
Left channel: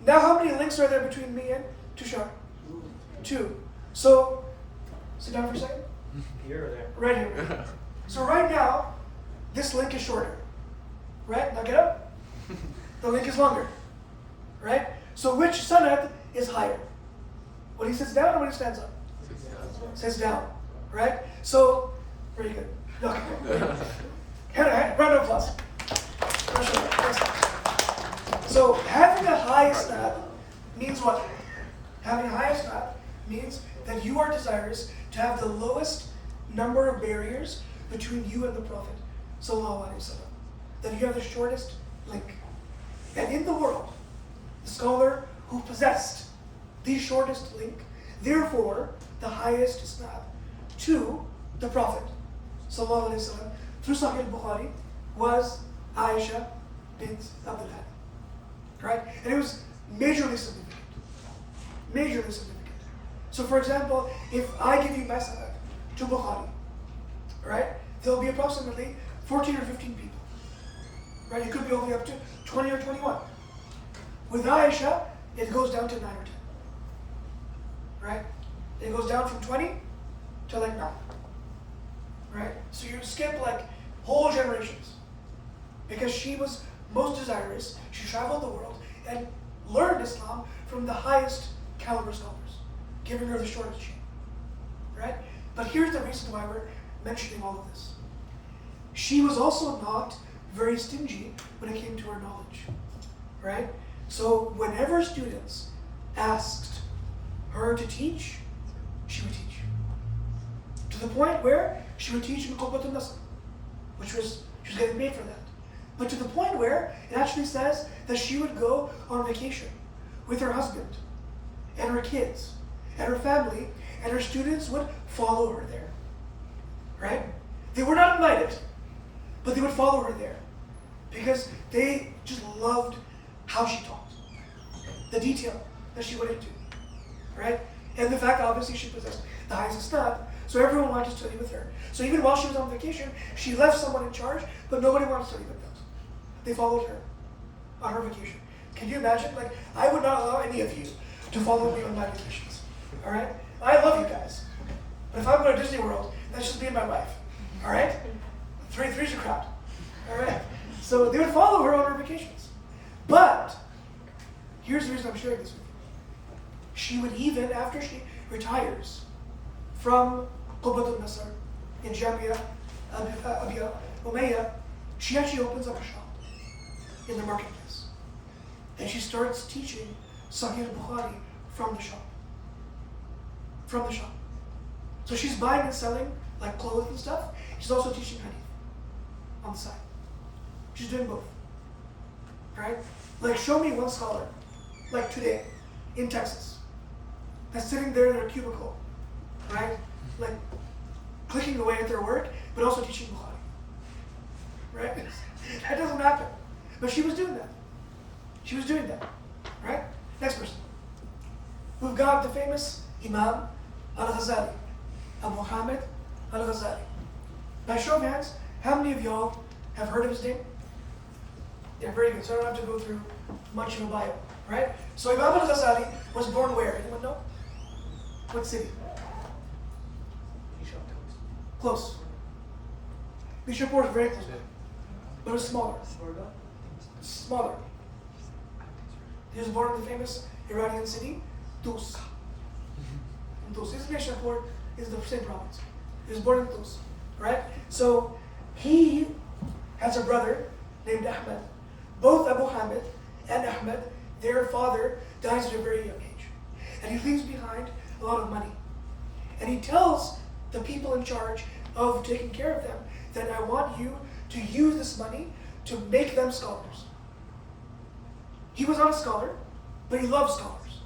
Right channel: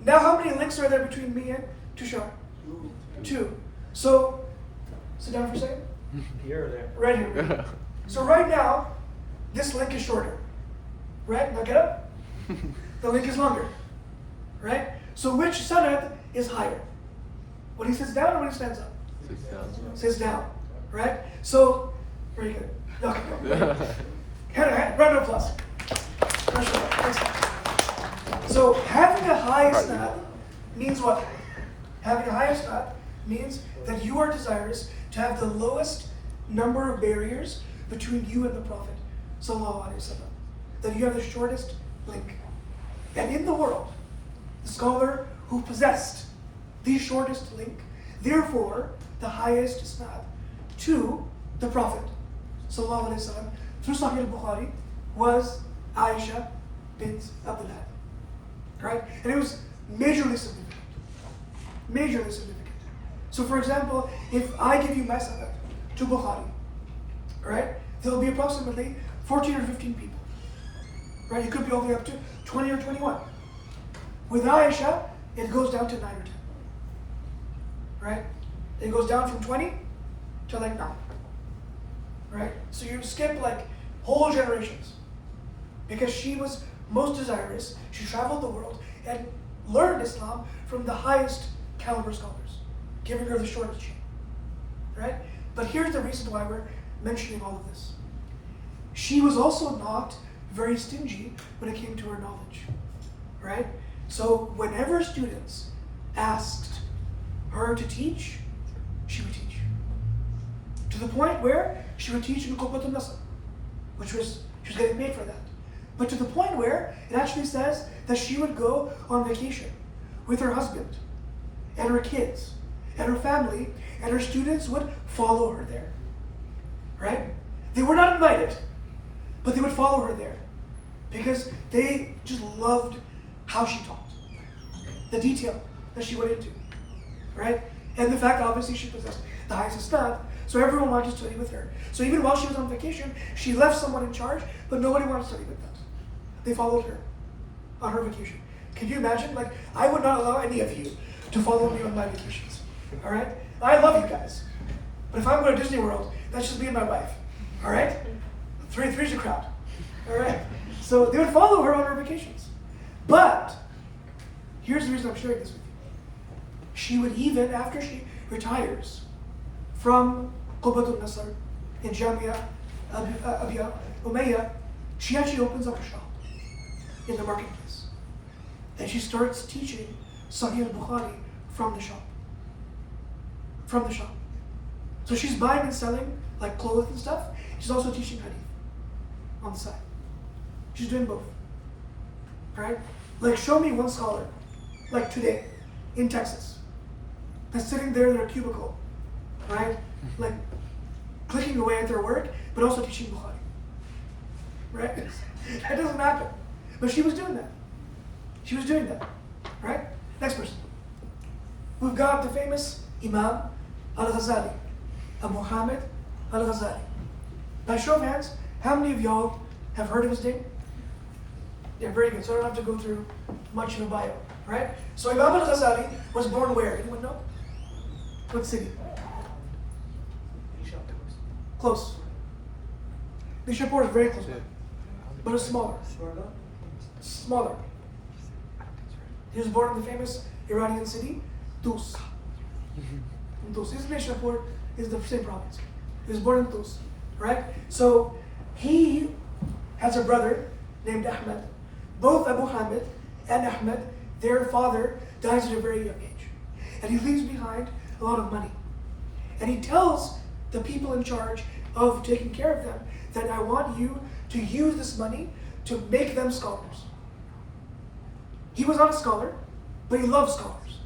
Now how many links are there between me and Tushar? 2. So, sit down for a second. Here or there? Right here. Right here. So right now, this link is shorter. Right? Now get up. The link is longer. Right? So which sanad is higher? When he sits down or when he stands up? Sits down. Right? So, very good. Okay, bro. Round of applause. So having a high isnad means what? Having a high isnad means that you are desirous to have the lowest number of barriers between you and the Prophet Sallallahu Alaihi Wasallam. That you have the shortest link. And in the world, the scholar who possessed the shortest link, therefore the highest isnad to the Prophet Sallallahu Alaihi Wasallam through Sahih al-Bukhari was Aisha bint Abdul Hadi. Right? And it was majorly significant. Majorly significant. So for example, if I give you my sanad to Bukhari, right, there'll be approximately 14 or 15 people. Right? It could be all the way up to 20 or 21. With Aisha, it goes down to 9 or 10. Right? It goes down from 20 to like 9. Right? So you skip like whole generations. Because she was most desirous, she traveled the world and learned Islam from the highest caliber scholars, giving her the shortest chain. Right? But here's the reason why we're mentioning all of this. She was also not very stingy when it came to her knowledge. Right? So whenever students asked her to teach, she would teach. To the point where she would teach in Qubbat al-Nasr, she was getting paid for that. But to the point where it actually says that she would go on vacation with her husband and her kids and her family, and her students would follow her there. Right? They were not invited, but they would follow her there because they just loved how she taught, the detail that she went into, right? And the fact, obviously, she possessed the highest isnad, so everyone wanted to study with her. So even while she was on vacation, she left someone in charge, but nobody wanted to study with us. They followed her on her vacation. Can you imagine? Like, I would not allow any of you to follow me on my vacations, all right? I love you guys, but if I'm going to Disney World, that's just me and my wife, all right? Three's a crowd, all right? So they would follow her on her vacations. But here's the reason I'm sharing this with you. She would even, after she retires from Qubbat al-Nasr in Jamia Abiya Umayyah, she actually opens up a shop in the marketplace. And she starts teaching Sahih al-Bukhari from the shop. From the shop. So she's buying and selling like clothes and stuff. She's also teaching hadith on the side. She's doing both. Right? Like, show me one scholar, like today, in Texas, that's sitting there in their cubicle, right? Like, clicking away at their work, but also teaching Bukhari. Right? That doesn't happen. But she was doing that. She was doing that. Right? Next person. We've got the famous Imam al-Ghazali, Abu Hamid al-Ghazali. By show of hands, how many of y'all have heard of his name? Yeah, very good. So I don't have to go through much of a bio, right? So Imam al-Ghazali was born where? Anyone know? What city? Close. Nishapur is very close by, but it's smaller. Smaller. He was born in the famous Iranian city, Tus. Tus. Nishapur is the same province. He was born in Tus, right? So he has a brother named Ahmed. Both Abu Hamid and Ahmed, their father dies at a very young age. And he leaves behind a lot of money. And he tells the people in charge of taking care of them that I want you to use this money to make them scholars. He was not a scholar, but he loved scholars.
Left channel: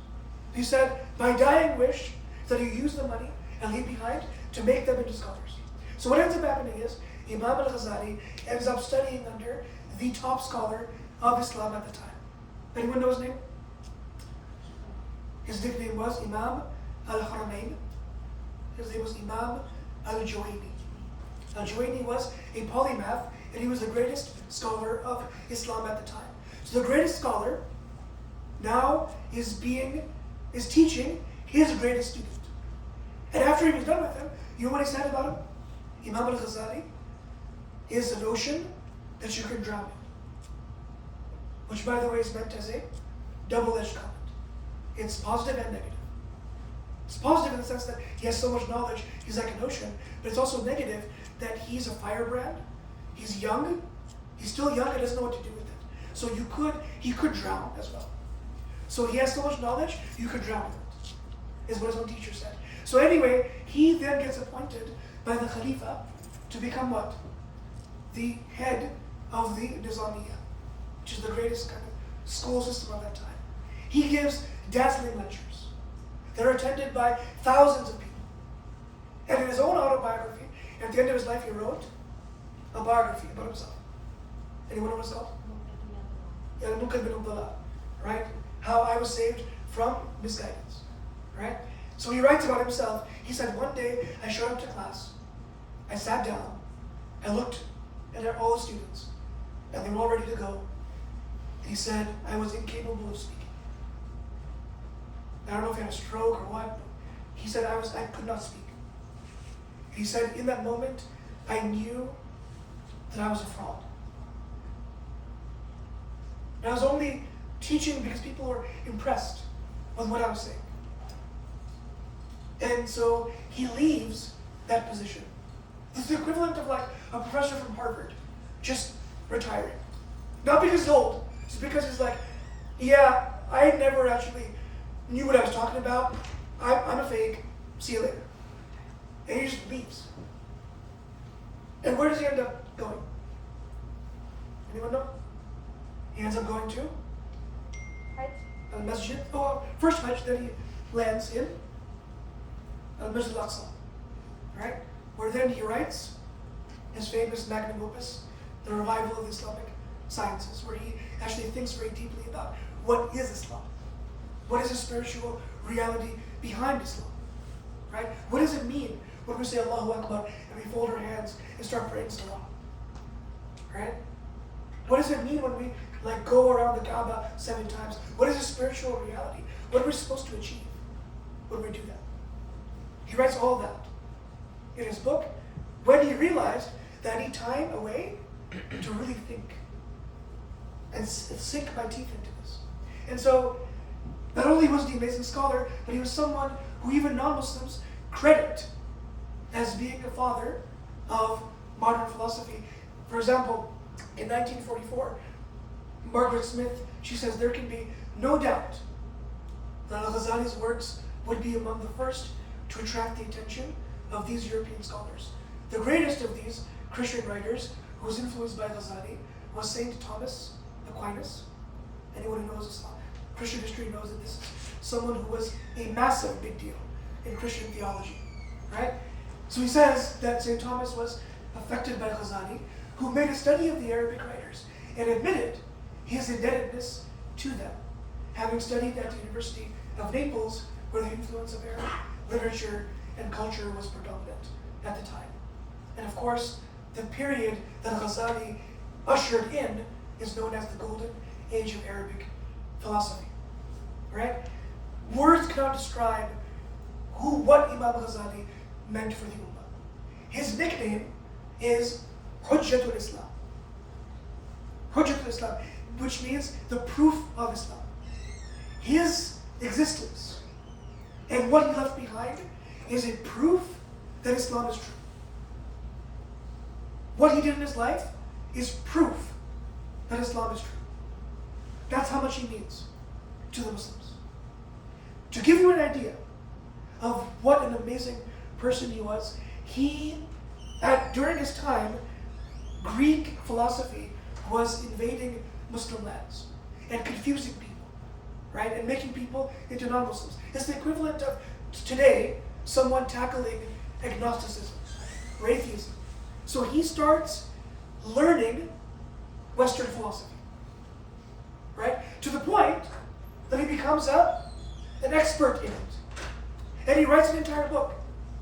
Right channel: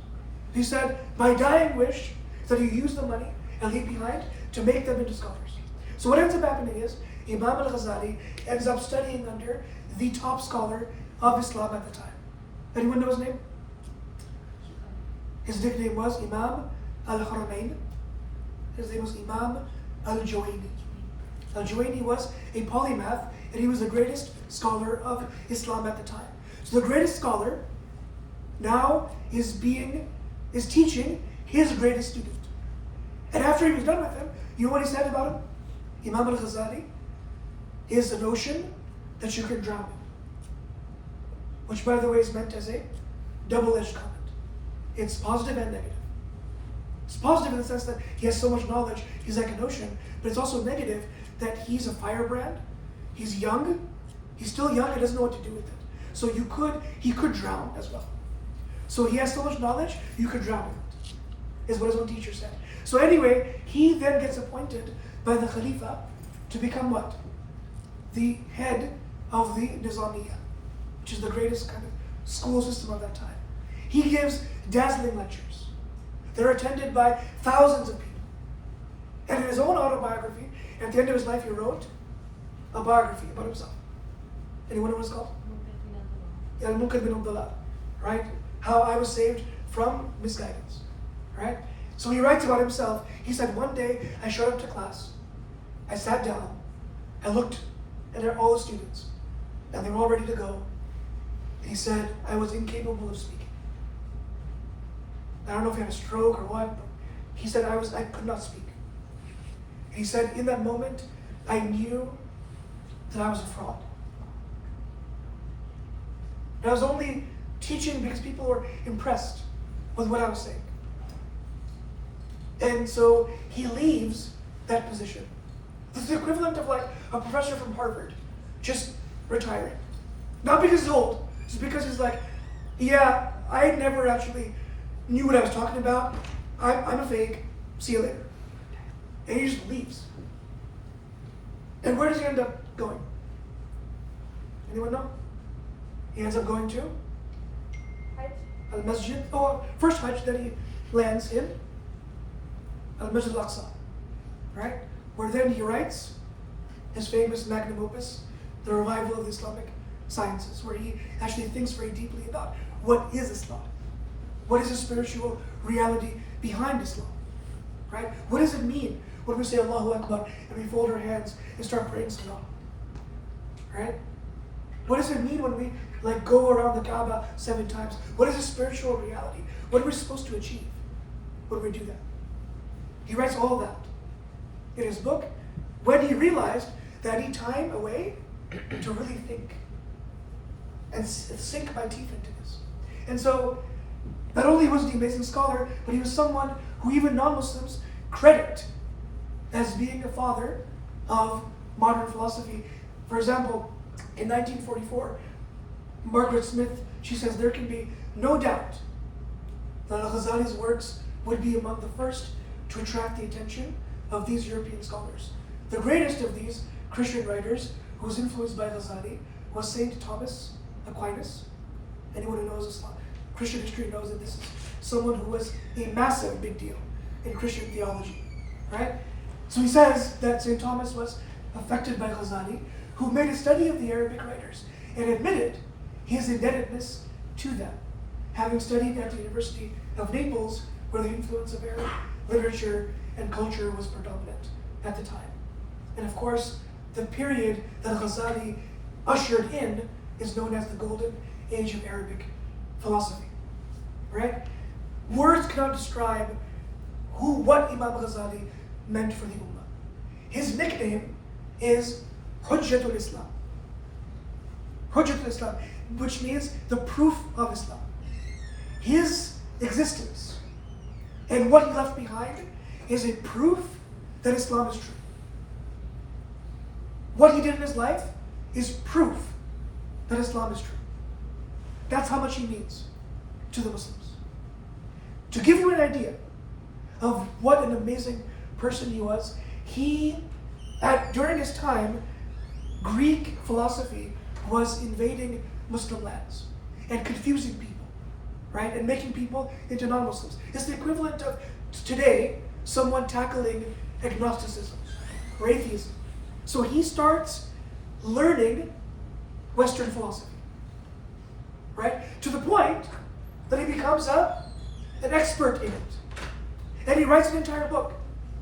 He said, my dying wish is that you use the money and leave behind to make them into scholars. So what ends up happening is Imam al-Ghazali ends up studying under the top scholar of Islam at the time. Anyone know his name? His nickname was Imam al-Haramain. His name was Imam al-Juwayni. Al-Juwayni was a polymath, and he was the greatest scholar of Islam at the time. So the greatest scholar now is teaching his greatest student. And after he was done with him, you know what he said about him? Imam al-Ghazali is the notion that you can drown in. Which, by the way, is meant as a double-edged comment. It's positive and negative. It's positive in the sense that he has so much knowledge, he's like an ocean, but it's also negative that he's a firebrand, he's young, he's still young and doesn't know what to do with it. So he could drown as well. So he has so much knowledge, you could drown him, is what his own teacher said. So anyway, he then gets appointed by the Khalifa to become what? The head of the Nizamiya, which is the greatest kind of school system of that time. He gives dazzling lectures that are attended by thousands of people. And in his own autobiography, at the end of his life, he wrote a biography about himself. Anyone know what it's called? Al-Munqidh bin Abdullah, right? How I was saved from misguidance, right? So he writes about himself. He said, one day I showed up to class. I sat down. I looked at all the students, and they were all ready to go. And he said, I was incapable of speaking. I don't know if he had a stroke or what, but he said I could not speak. And he said, in that moment, I knew that I was a fraud. And I was only teaching because people were impressed with what I was saying. And so he leaves that position. This is the equivalent of like a professor from Harvard just retiring. Not because he's old, it's because he's like, yeah, I never actually knew what I was talking about. I'm a fake. See you later. And he just leaves. And where does he end up going? Anyone know? He ends up going to Hajj. Al-Masjid. Oh, first Hajj, then he lands in Al-Masjid Al-Aqsa. Right? Where then he writes his famous magnum opus, The Revival of the Islamic Sciences, where he actually thinks very deeply about what is Islam? What is the spiritual reality behind Islam? Right? What does it mean when we say Allahu Akbar and we fold our hands and start praying Salah? Right? What does it mean when we like go around the Kaaba 7 times? What is the spiritual reality? What are we supposed to achieve when we do that? He writes all that in his book when he realized that I need time away to really think and sink my teeth into this. And so, not only was he an amazing scholar, but he was someone who even non-Muslims credit as being the father of modern philosophy. For example, in 1944, Margaret Smith, she says there can be no doubt that Al-Ghazali's works would be among the first to attract the attention of these European scholars. The greatest of these Christian writers who was influenced by Ghazali was Saint Thomas Aquinas. Anyone who knows Islam, Christian history knows that this is someone who was a massive big deal in Christian theology, right? So he says that Saint Thomas was affected by Ghazali, who made a study of the Arabic writers and admitted his indebtedness to them, having studied at the University of Naples, where the influence of Arab literature and culture was predominant at the time. And of course, the period that Ghazali ushered in is known as the Golden Age of Arabic philosophy, right? Words cannot describe what Imam Ghazali meant for the Ummah. His nickname is Hujjatul Islam. Hujjatul Islam, which means the proof of Islam. His existence and what he left behind is a proof that Islam is true. What he did in his life is proof that Islam is true. That's how much he means to the Muslims. To give you an idea of what an amazing person he was, during his time, Greek philosophy was invading Muslim lands and confusing people, right? And making people into non-Muslims. It's the equivalent of today, someone tackling agnosticism or atheism. So he starts learning Western philosophy, right? To the point that he becomes an expert in it. And he writes an entire book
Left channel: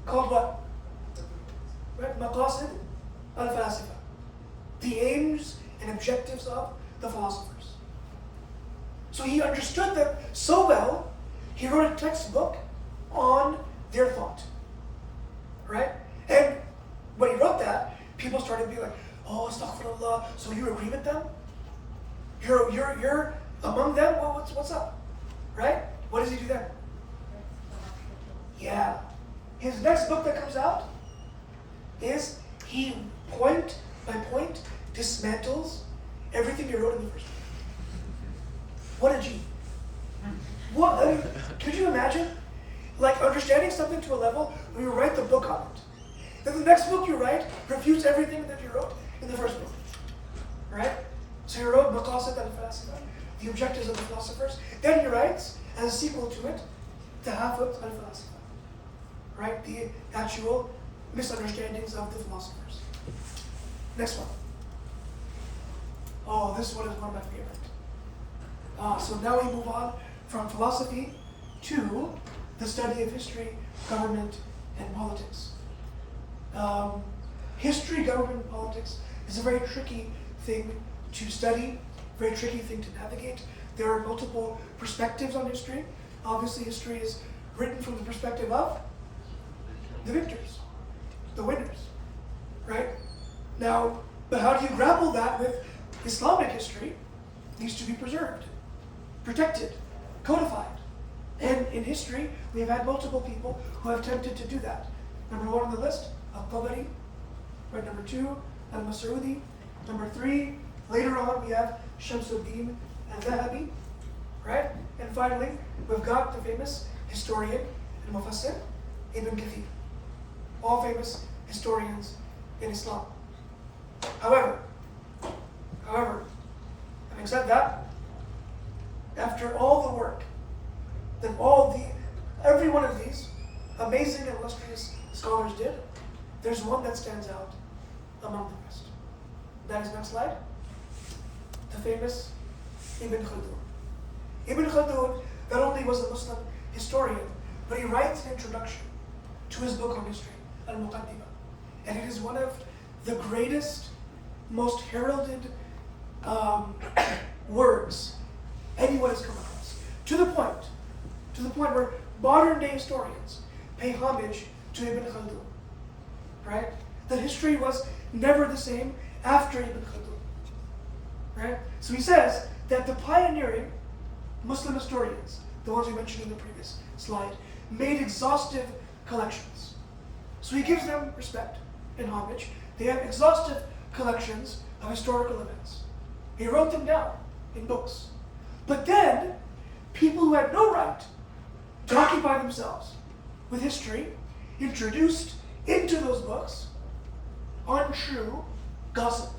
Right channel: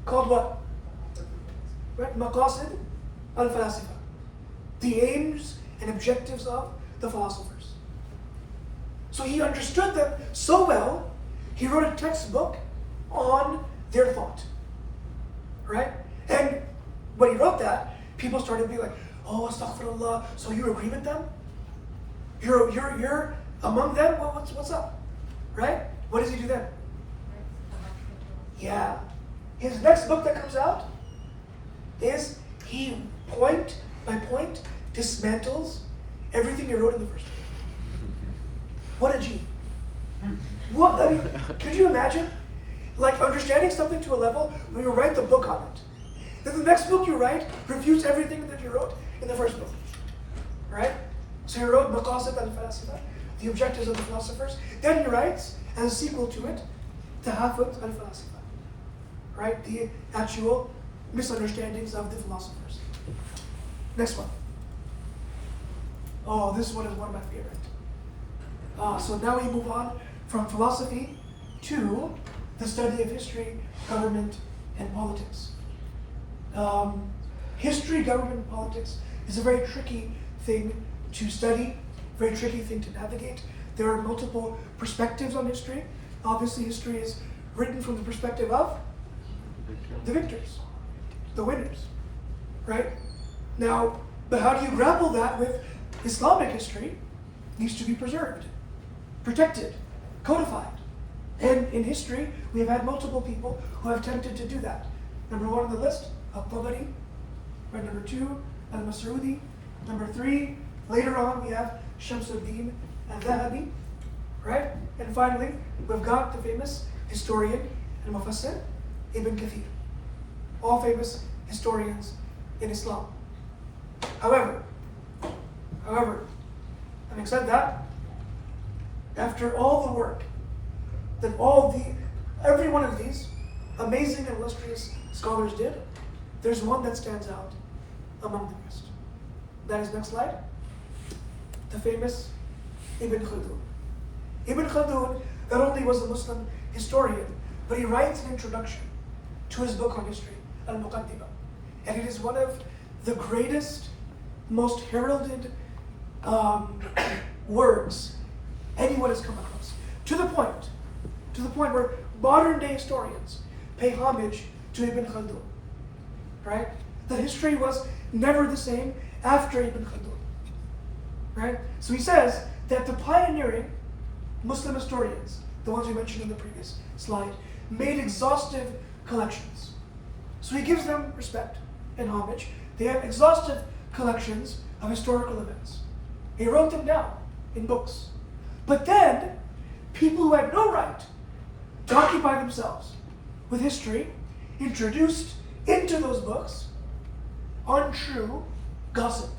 called what? Right? Maqasid al-Falasifa. The aims and objectives of the philosophers. So he understood them so well, he wrote a textbook on their thought. Right? And when he wrote that, people started being like, oh, astaghfirullah, so you agree with them? You're among them? What's up? Right? What does he do then? Yeah. His next book that comes out is he point by point dismantles everything he wrote in the first book. What a G. What, I mean, could you imagine? Like understanding something to a level where you write the book on it. Then the next book you write refutes everything that you wrote in the first book. Right? So he wrote Maqasid al-Falasifa, the objectives of the philosophers. Then he writes, as a sequel to it, Tahafut al-Falasifa. Right? The actual misunderstandings of the philosophers. Next one. Oh, this one is one of my favorite. So now we move on from philosophy to the study of history, government, and politics. History, government, and politics is a very tricky thing to study, very tricky thing to navigate. There are multiple perspectives on history. Obviously, history is written from the perspective of the victors. the winners, right? Now, but how do you grapple that with Islamic history? It needs to be preserved, protected, codified. And in history, we have had multiple people who have attempted to do that. Number 1 on the list, Al-Tabari. Right, number 2, Al-Mas'udi. Number 3, later on we have Shamsuddin al-Dhahabi. Right? And finally, we've got the famous historian and Mufassir, Ibn Kathir. All famous historians in Islam. However, having said that, after all the work that every one of these amazing and illustrious scholars did, there's one that stands out among the rest. That is, next slide, the famous Ibn Khaldun. Ibn Khaldun not only was a Muslim historian, but he writes an introduction to his book on history, Al-Muqaddimah. And it is one of the greatest, most heralded works anyone has come across. To the point where modern day historians pay homage to Ibn Khaldun. Right? That history was never the same after Ibn Khaldun. Right? So he says that the pioneering Muslim historians, the ones we mentioned in the previous slide, made exhaustive collections. So he gives them respect and homage. They have exhaustive collections of historical events. He wrote them down in books. But then, people who had no right to occupy themselves with history introduced into those books untrue gossip,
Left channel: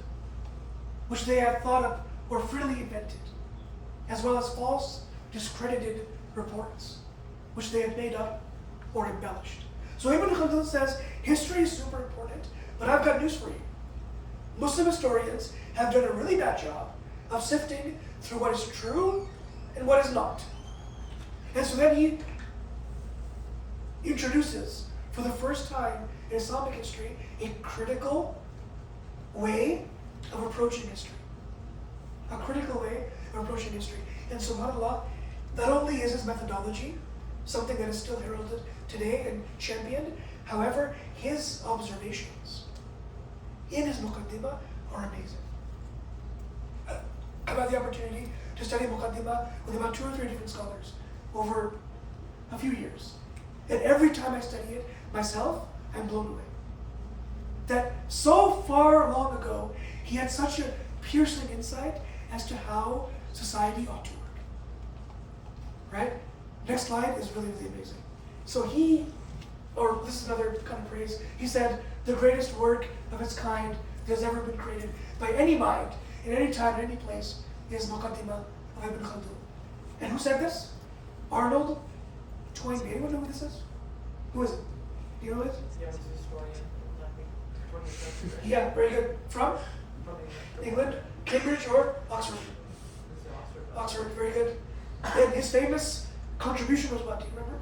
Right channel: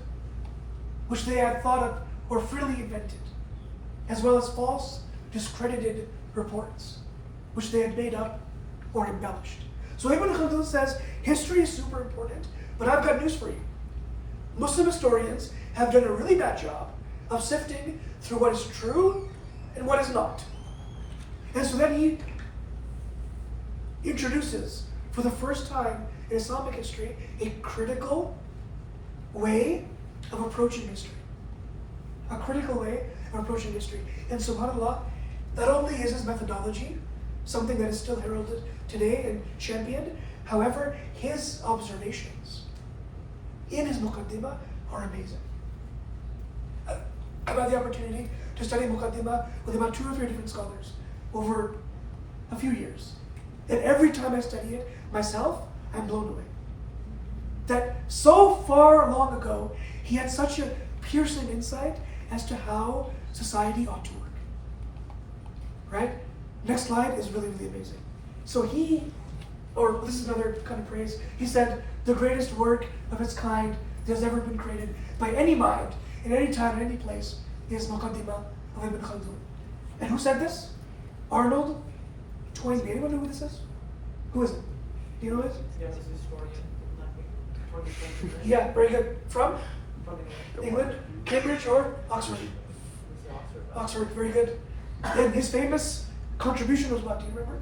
which they had thought up or freely invented, as well as false, discredited reports, which they had made up or embellished. So Ibn Khaldun says, history is super important, but I've got news for you. Muslim historians have done a really bad job of sifting through what is true and what is not. And so then he introduces, for the first time in Islamic history, a critical way of approaching history. A critical way of approaching history. And subhanAllah, not only is his methodology something that is still heralded today and championed, however, his observations in his Muqaddimah are amazing. I've had the opportunity to study Muqaddimah with about 2 or 3 different scholars over a few years. And every time I study it myself, I'm blown away. That so far long ago, he had such a piercing insight as to how society ought to work. Right? Next slide is really, really amazing. So this is another kind of praise. He said, the greatest work of its kind that has ever been created by any mind, in any time, in any place, is Muqaddimah of Ibn Khaldun. And who said this? Arnold Toynbee. Anyone know who this is? Who is it? Do you know who it is? Yeah, this is historian, I think, 20th century. Yeah, very good. From England, Cambridge, or Oxford? Oxford, very good. And his famous contribution was what? Do you remember?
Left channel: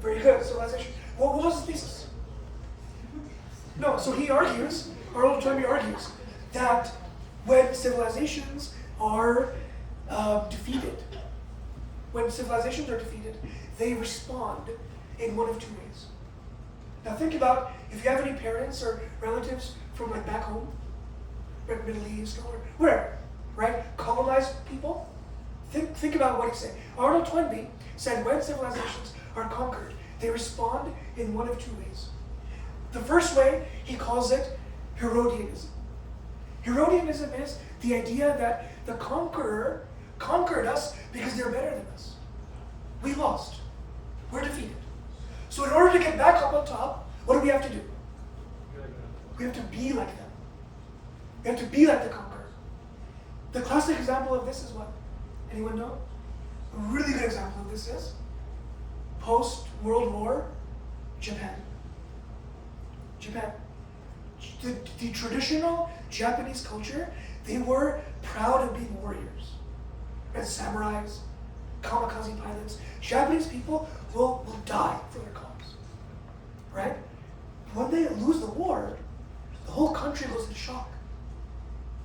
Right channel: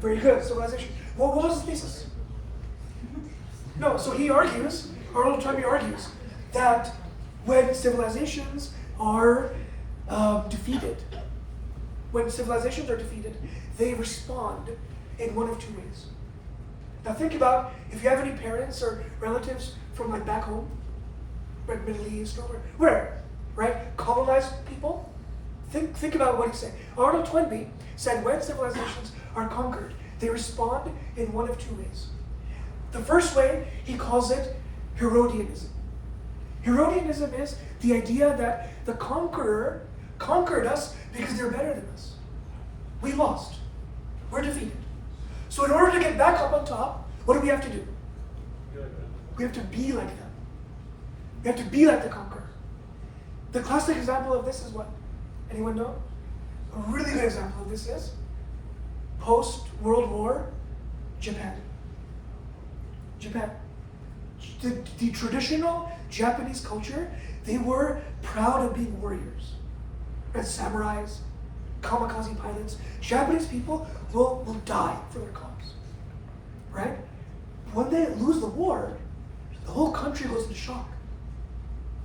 Very good, civilization. What was his thesis? No, so he argues, Arnold Toynbee argues, that when civilizations are defeated, they respond in one of 2 ways. Now think about if you have any parents or relatives from like back home, like Middle East or wherever, right? Colonized people. Think about what he said. Arnold Toynbee said when civilizations are conquered, they respond in one of 2 ways. The first way, he calls it Herodianism. Herodianism is the idea that the conqueror conquered us because they're better than us. We lost. We're defeated. So in order to get back up on top, what do we have to do? We have to be like them. We have to be like the conqueror. The classic example of this is what? Anyone know? A really good example of this is post-World War Japan. The traditional Japanese culture, they were proud of being warriors. As samurais, kamikaze pilots. Japanese people will die for their cause. Right? When they lose the war, the whole country goes into shock.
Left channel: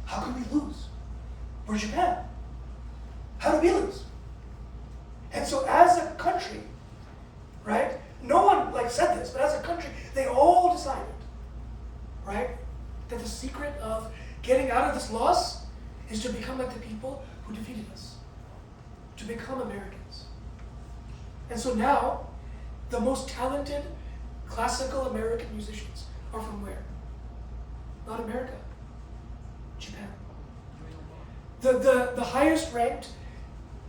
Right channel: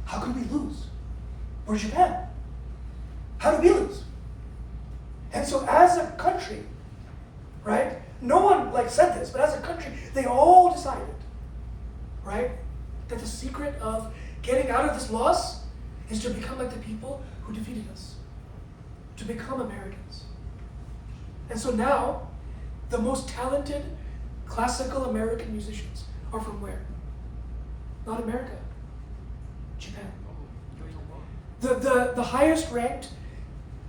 How could we lose? We're Japan. How do we lose? And so as a country, right, no one like said this, but as a country, they all decided, right, that the secret of getting out of this loss is to become like the people who defeated us, to become Americans. And so now, the most talented classical American musicians are from where? Not America, Japan. The highest ranked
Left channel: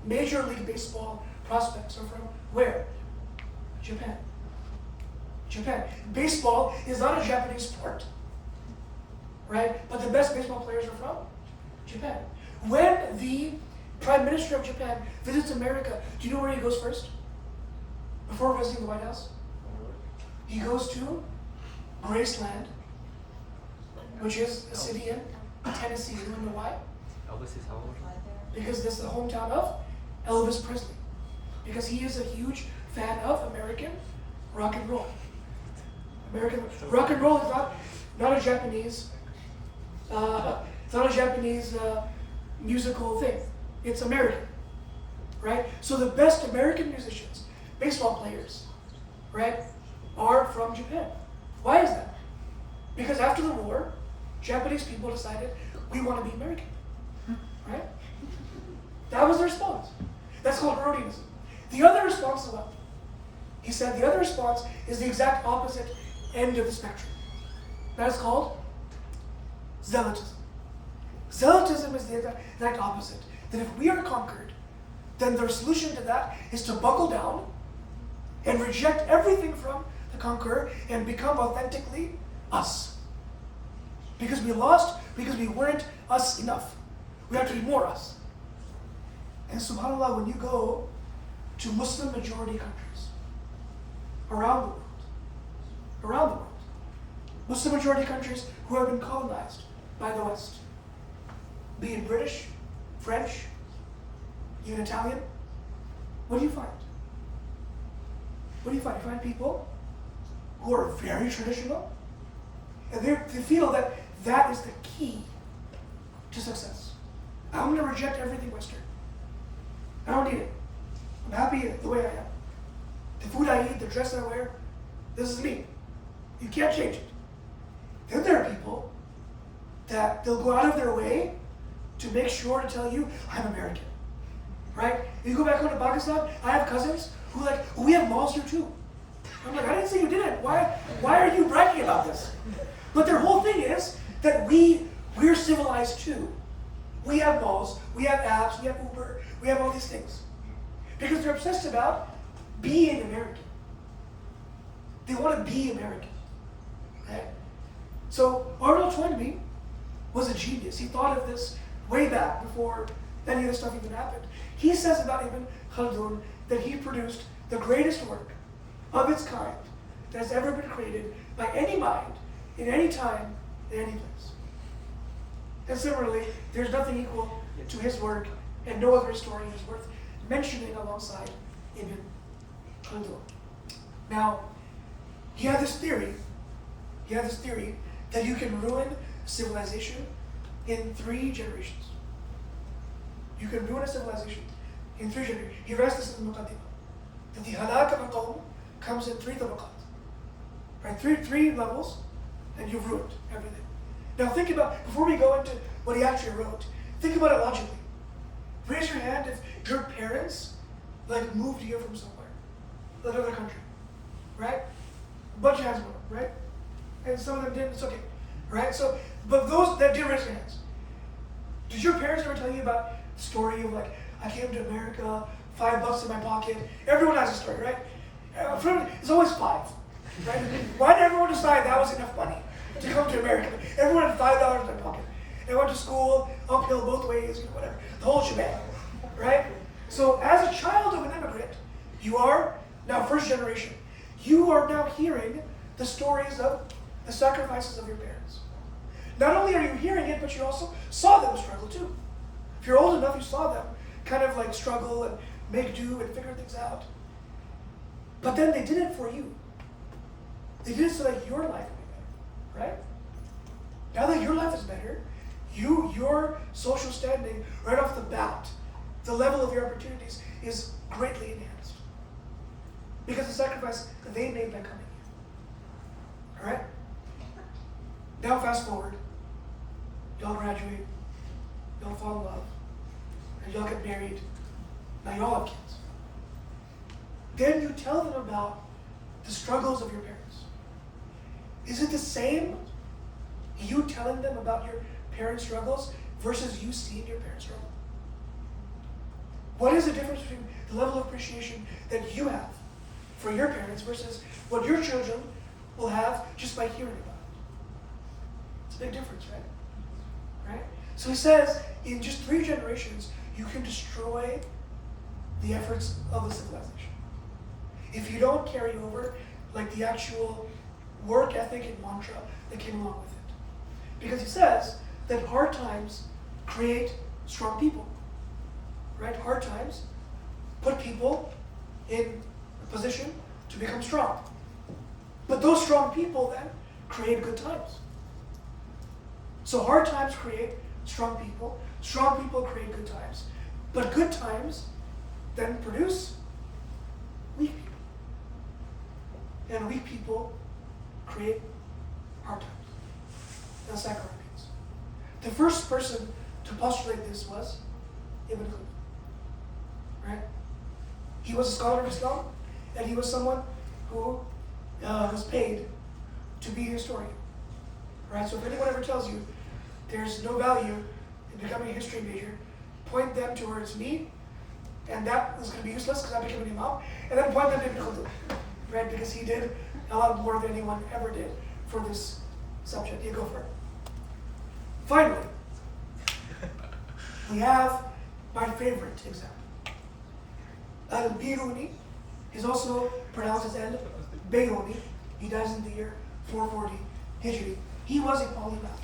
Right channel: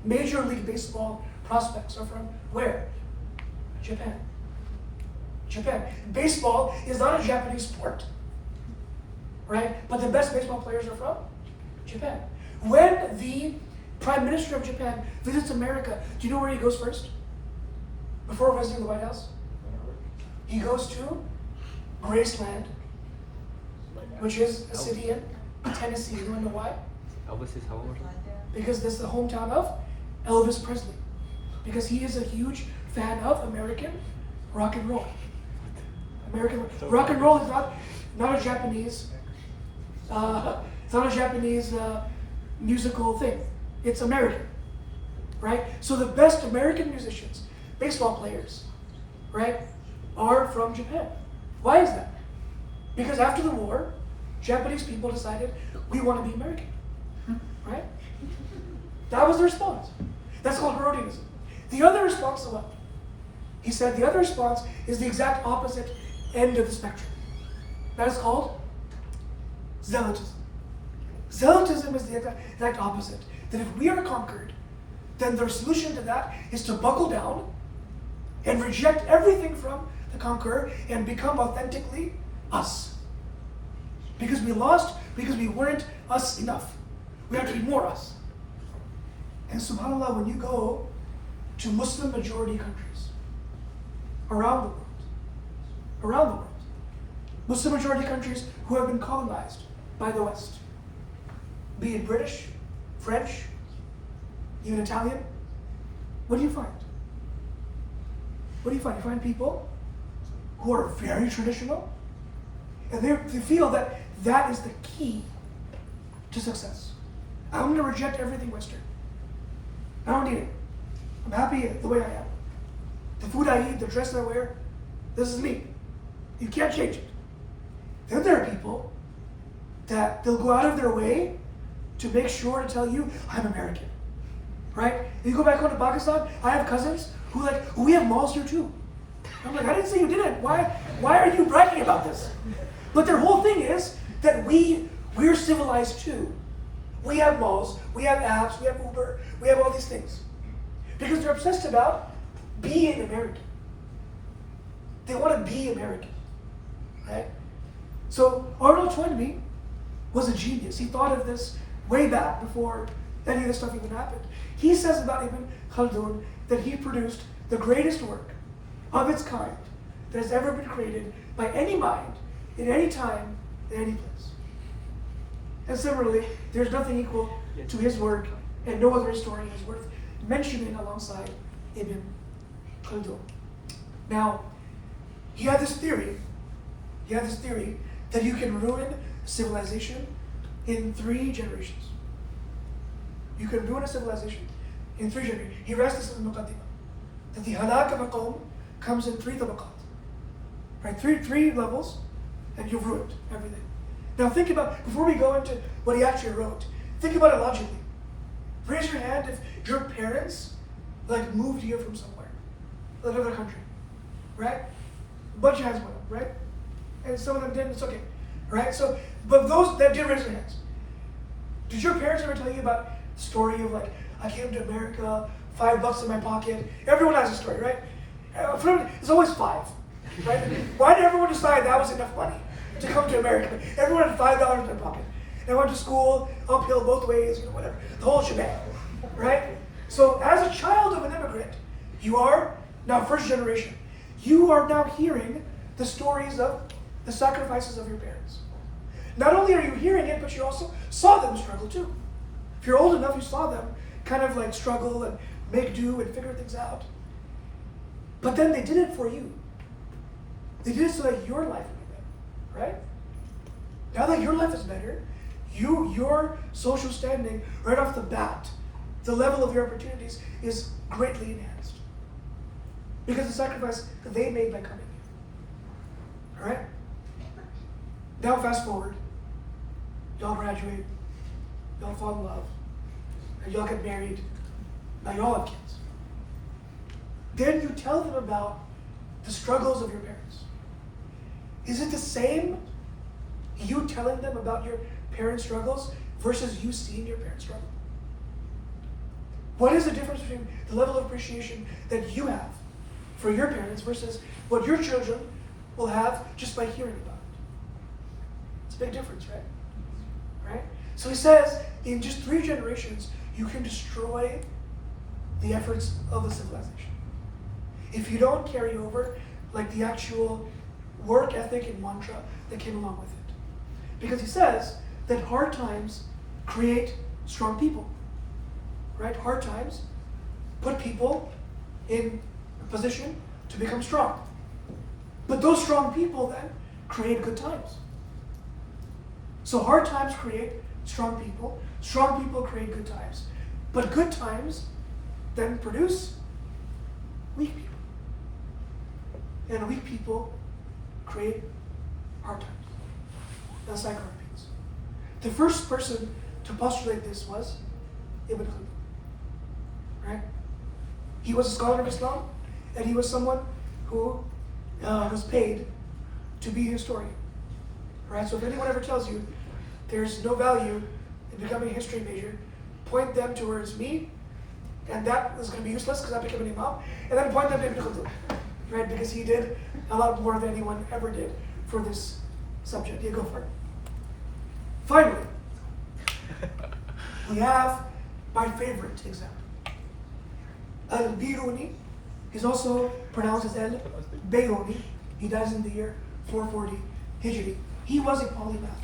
Major League Baseball prospects are from where? Japan. Japan. Baseball is not a Japanese sport, right? But the best baseball players are from Japan. When the Prime Minister of Japan visits America, do you know where he goes first? Before visiting the White House? He goes to Graceland, which is a city in Tennessee. You want to know why? Because this is the hometown of Elvis Presley. Because he is a huge fan of American rock and roll. American rock and roll is not a Japanese. It's not a Japanese musical thing. It's American, right? So the best American musicians, baseball players, right, are from Japan. Why is that? Because after the war, Japanese people decided we want to be American, right? That was the response. That's called Herodianism. The other response is what? He said the other response is the exact opposite end of the spectrum. That is called Zealotism. Zealotism is the exact opposite. That if we are conquered, then the solution to that is to buckle down and reject everything from the conqueror and become authentically us. Because we lost, because we weren't us enough. We have to be more us. And subhanAllah, when you go to Muslim majority countries around the world, Muslim majority countries who have been colonized by the West, be it British, French, even Italian, what do you find? What do you find? You find people who are very traditional, and they feel that that is the key to success. I'm going to reject everything Western. I don't need it. I'm happy the way I am. The food I eat, the dress I wear, this is me. You can't change it. Then there are people that they'll go out of their way to make sure to tell you, I'm American. Right? You go back home to Pakistan, I have cousins who we have malls here too. I'm like, I didn't say you didn't. Why are you bragging about this? But their whole thing is that we're civilized too. We have malls, we have apps, we have Uber, we have all these things. Because they're obsessed about being American. They want to be American. Right? So Arnold Toynbee was a genius. He thought of this way back before any of this stuff even happened. He says about Ibn Khaldun that he produced the greatest work of its kind that has ever been created by any mind, in any time, in any place. And similarly, there's nothing equal to his work, and no other historian is worth mentioning alongside Ibn Khaldun. Now, he had this theory that you can ruin civilization in 3 generations. You can ruin a civilization in 3 generations. He writes this in the Muqaddimah, that the halak of a qawm comes in 3 tabaqat. Right, three levels, and you've ruined everything. Now think about, before we go into what he actually wrote, think about it logically. Raise your hand if your parents moved here from somewhere, another country, right? A bunch of hands went up, right? And some of them didn't, it's okay, right? So, but those that did raise their hands, did your parents ever tell you about the story of I came to America, $5 in my pocket? Everyone has a story, right? It's always 5, right? Why did everyone decide that was enough money to come to America? Everyone had $5 in their pocket. And went to school, uphill both ways, whatever, the whole shebang, right? So as a child of an immigrant, you are now first generation. You are now hearing the stories of the sacrifices of your parents. Not only are you hearing it, but you also saw them struggle too. If you're old enough, you saw them kind of struggle and make do and figure things out. But then they did it for you. They did it so that your life would be better, right? Now that your life is better, your social standing right off the bat, the level of your opportunities is greatly enhanced. because of the sacrifice that they made by coming here. Alright? Now fast forward. Y'all graduate. Y'all fall in love. And y'all get married. Now y'all have kids. Then you tell them about the struggles of your parents. Is it the same, you telling them about your parents' struggles versus you seeing your parents struggle? What is the difference between the level of appreciation that you have for your parents versus what your children will have just by hearing about it? It's a big difference, right? Right? So he says, in just 3 generations, you can destroy the efforts of a civilization. If you don't carry over like the actual work ethic and mantra that came along with it. Because he says that hard times create strong people. Right? Hard times put people in a position to become strong. But those strong people then create good times. So hard times create strong people create good times. But good times then produce weak people. And weak people create hard times. That's like repeats. The first person to postulate this was Ibn Khaldun. Right? He was a scholar of Islam, and he was someone who was paid to be a historian. Right? So if anyone ever tells you there's no value in becoming a history major, point them towards me, and that is going to be useless because I became an imam, and then point them to Ibn Khaldun, right? Because he did a lot more than anyone ever did for this subject. Yeah, go for it. Finally, we have my favorite example. Al-Biruni is also pronounced as Al-Bayruni. He dies in the year 440 Hijri. He was a polymath.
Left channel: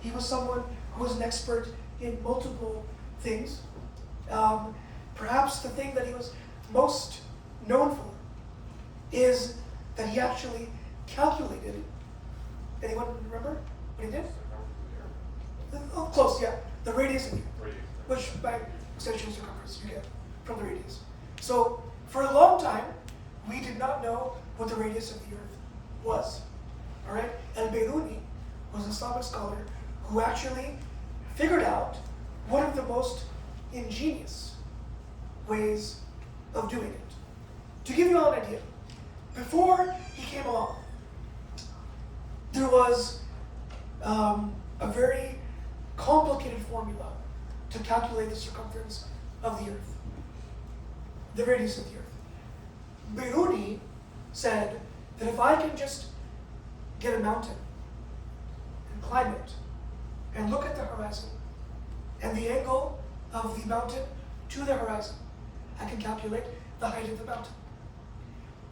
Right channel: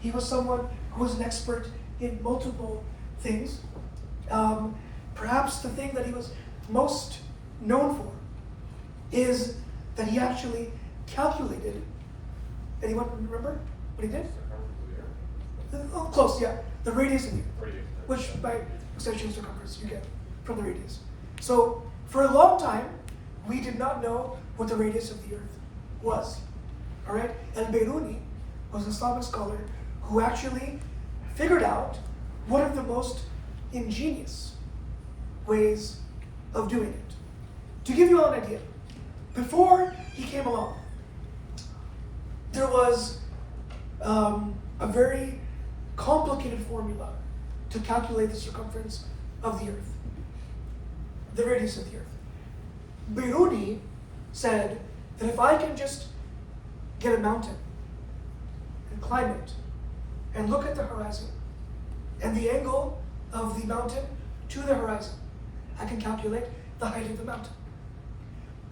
He was someone who was an expert in multiple things. Perhaps the thing that he was most known for is that he actually calculated. Anyone remember what he did? Oh, close, yeah. The radius of the Earth, which by extension of circumference you get from the radius. So for a long time, we did not know what the radius of the Earth was. All right? Al-Bayruni was an Islamic scholar who actually figured out one of the most ingenious ways of doing it. To give you all an idea, before he came along, there was a very complicated formula to calculate the circumference of the Earth, the radius of the Earth. Biruni said that if I can just get a mountain and climb it and look at the horizon and the angle of the mountain to the horizon, I can calculate the height of the mountain.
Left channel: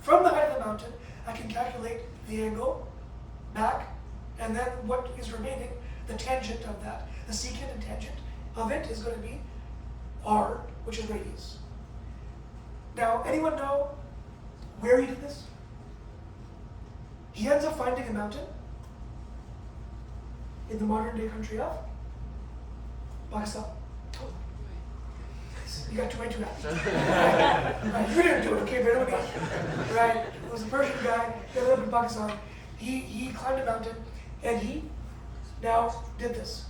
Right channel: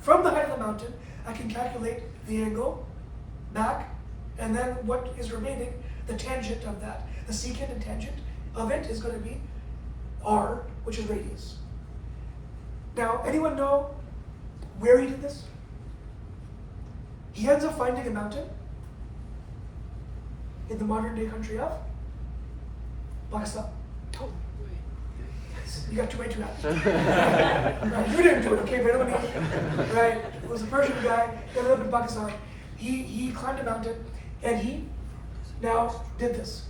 From the height of the mountain, I can calculate the angle back, and then what is remaining, the tangent of that, the secant and tangent of it is going to be r, which is radius. Now, anyone know where he did this? He ends up finding a mountain in the modern day country of Pakistan. You got too happy. Right, you didn't do it, okay? But everybody, right? It was a Persian guy. He ended up in Pakistan. He climbed a mountain, and he now did this.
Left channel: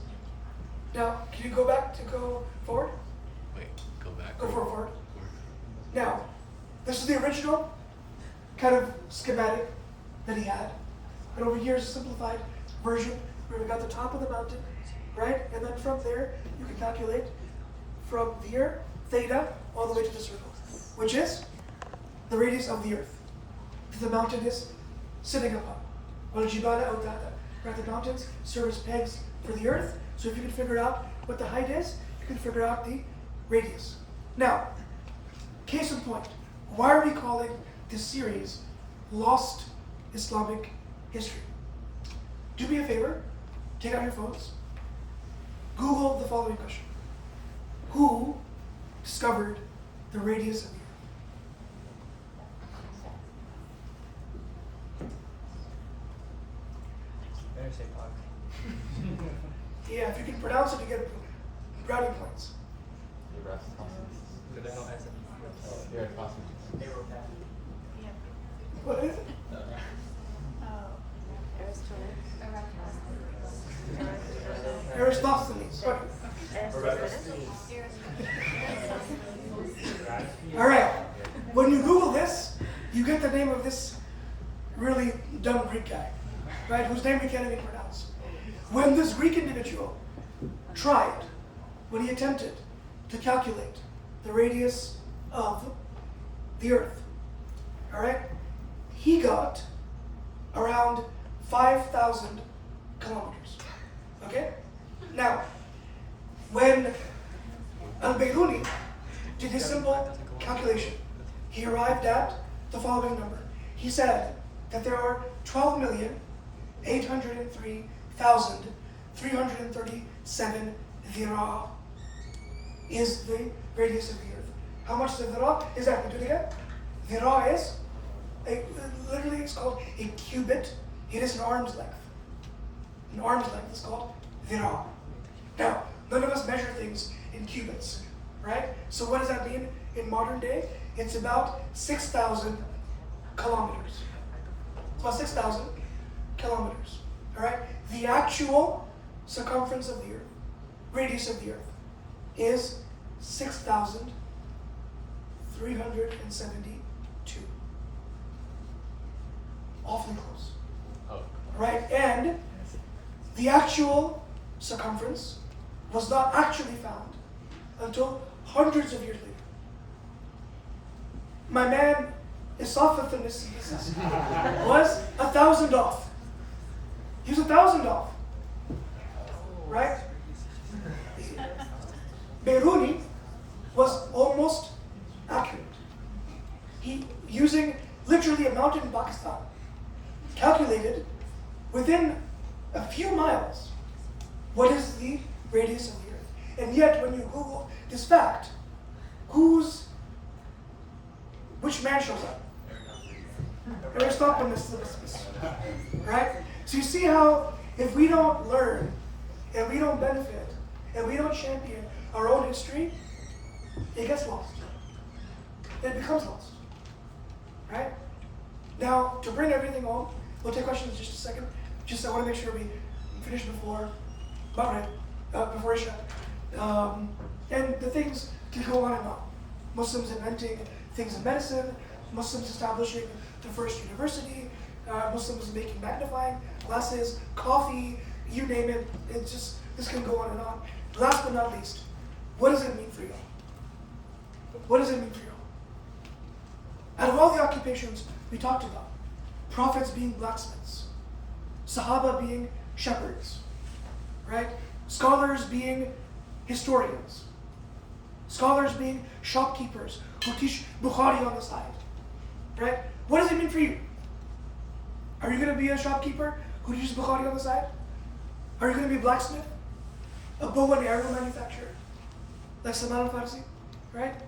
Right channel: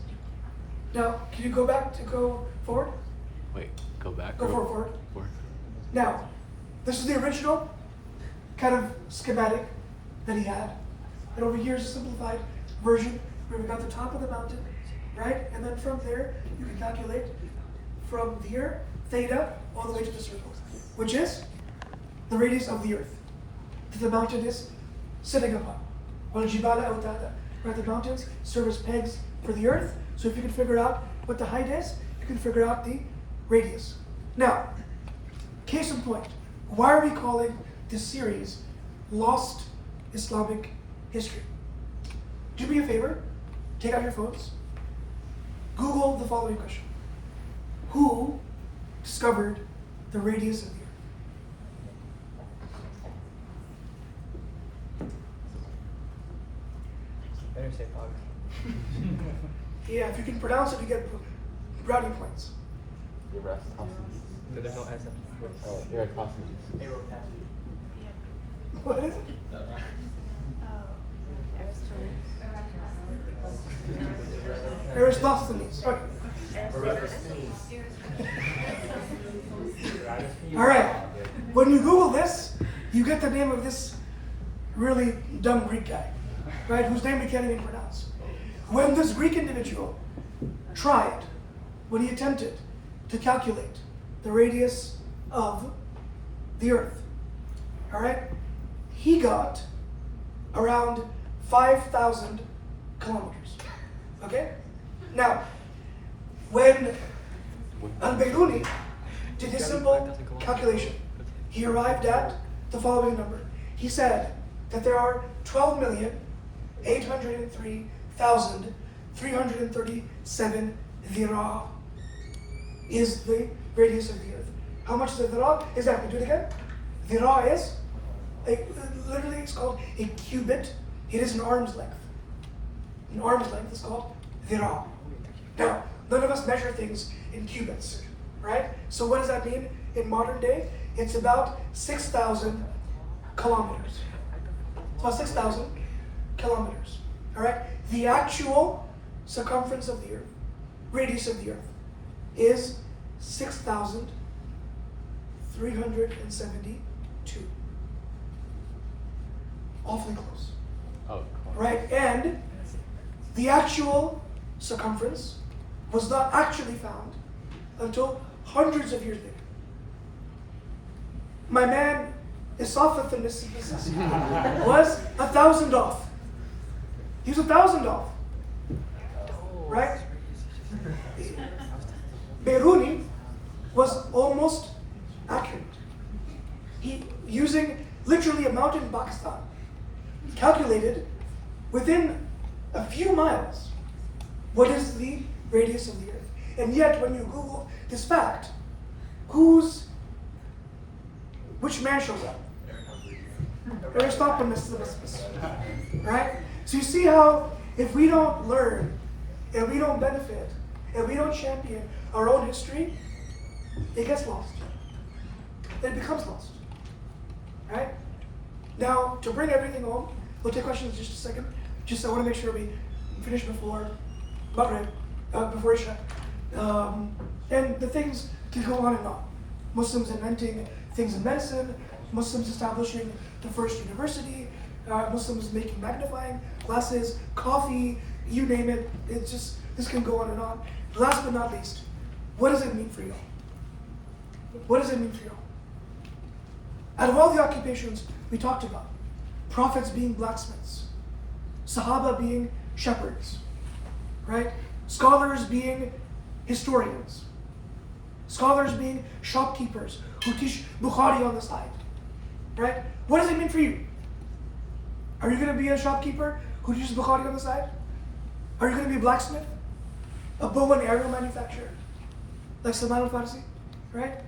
Now, can you go forward? Wait, go back. Go forward. Now, this is the original kind of schematic that he had. And over here is a simplified version where we got the top of the mountain, right? And then from there, you can calculate from here, theta, all the way to the circle, which is the radius of the Earth that the mountain is sitting upon. وَالْجِبَالَ أَوْتَادًا. Right, the mountains serve as pegs for the Earth. So if you can figure out what the height is, you can figure out the radius. Now, case in point, why are we calling this series Lost Islamic History? Do me a favor, take out your phones, Google the following question. Who discovered the radius of the Earth? Better say Fox. Yeah, if you can pronounce it, you get brownie points. No, there's no answer. Eric Hostage. What is it? Aristophanes. Okay. All right. When you Google this, you get the name of this really dumb Greek guy, right? Whose name we can't even pronounce. When this Greek individual tried, when he attempted to calculate the radius of the Earth, all right, he got around 5,000 kilometers. Okay? Now, when Al-Bayruni did his simple calculation, he arrived at the following number. He said that there are 12,803,337 dhira is the radius of the Earth. How much is a dhira? Exactly. Do it again. Dhira is, literally it's called a cubit. It is an arm's length. An arm's length is called dhira. Now, none of us measure things in cubits, right? So what does that mean in modern day? It's about 6,000 kilometers. It's about 6,000 kilometers, all right? The actual circumference of the Earth, radius of the Earth, is 6,372. Awfully close, right? And the actual circumference was not actually found until hundreds of years later. My man, Isafat was 1,000 off. He was 1,000 off, right? Bayruni was almost accurate. He, using literally a mountain in Pakistan, calculated within a few miles what is the radius of the Earth. And yet, when you Google this fact, which man shows up? Aristophanes, right? So you see how if we don't learn, and we don't benefit, and we don't champion our own history, it gets lost. It becomes lost, right? Now, to bring everything home, we'll take questions in just a second. Just I want to make sure we finish before Maghrib, before Isha. And the things can go on and on. Muslims inventing things in medicine, Muslims establishing the first university, Muslims making magnifying glasses, coffee, you name it. It's just, this can go on and on. Last but not least, what does it mean for y'all? What does it mean for y'all? Out of all the occupations we talked about, prophets being blacksmiths, Sahaba being shepherds, right? Scholars being historians, scholars being shopkeepers who teach Bukhari on the side, right? What does it mean for you? Are you going to be a shopkeeper who teaches Bukhari on the side? Are you going to be a blacksmith? A bow and arrow manufacturer? Like Salman al-Farsi, right?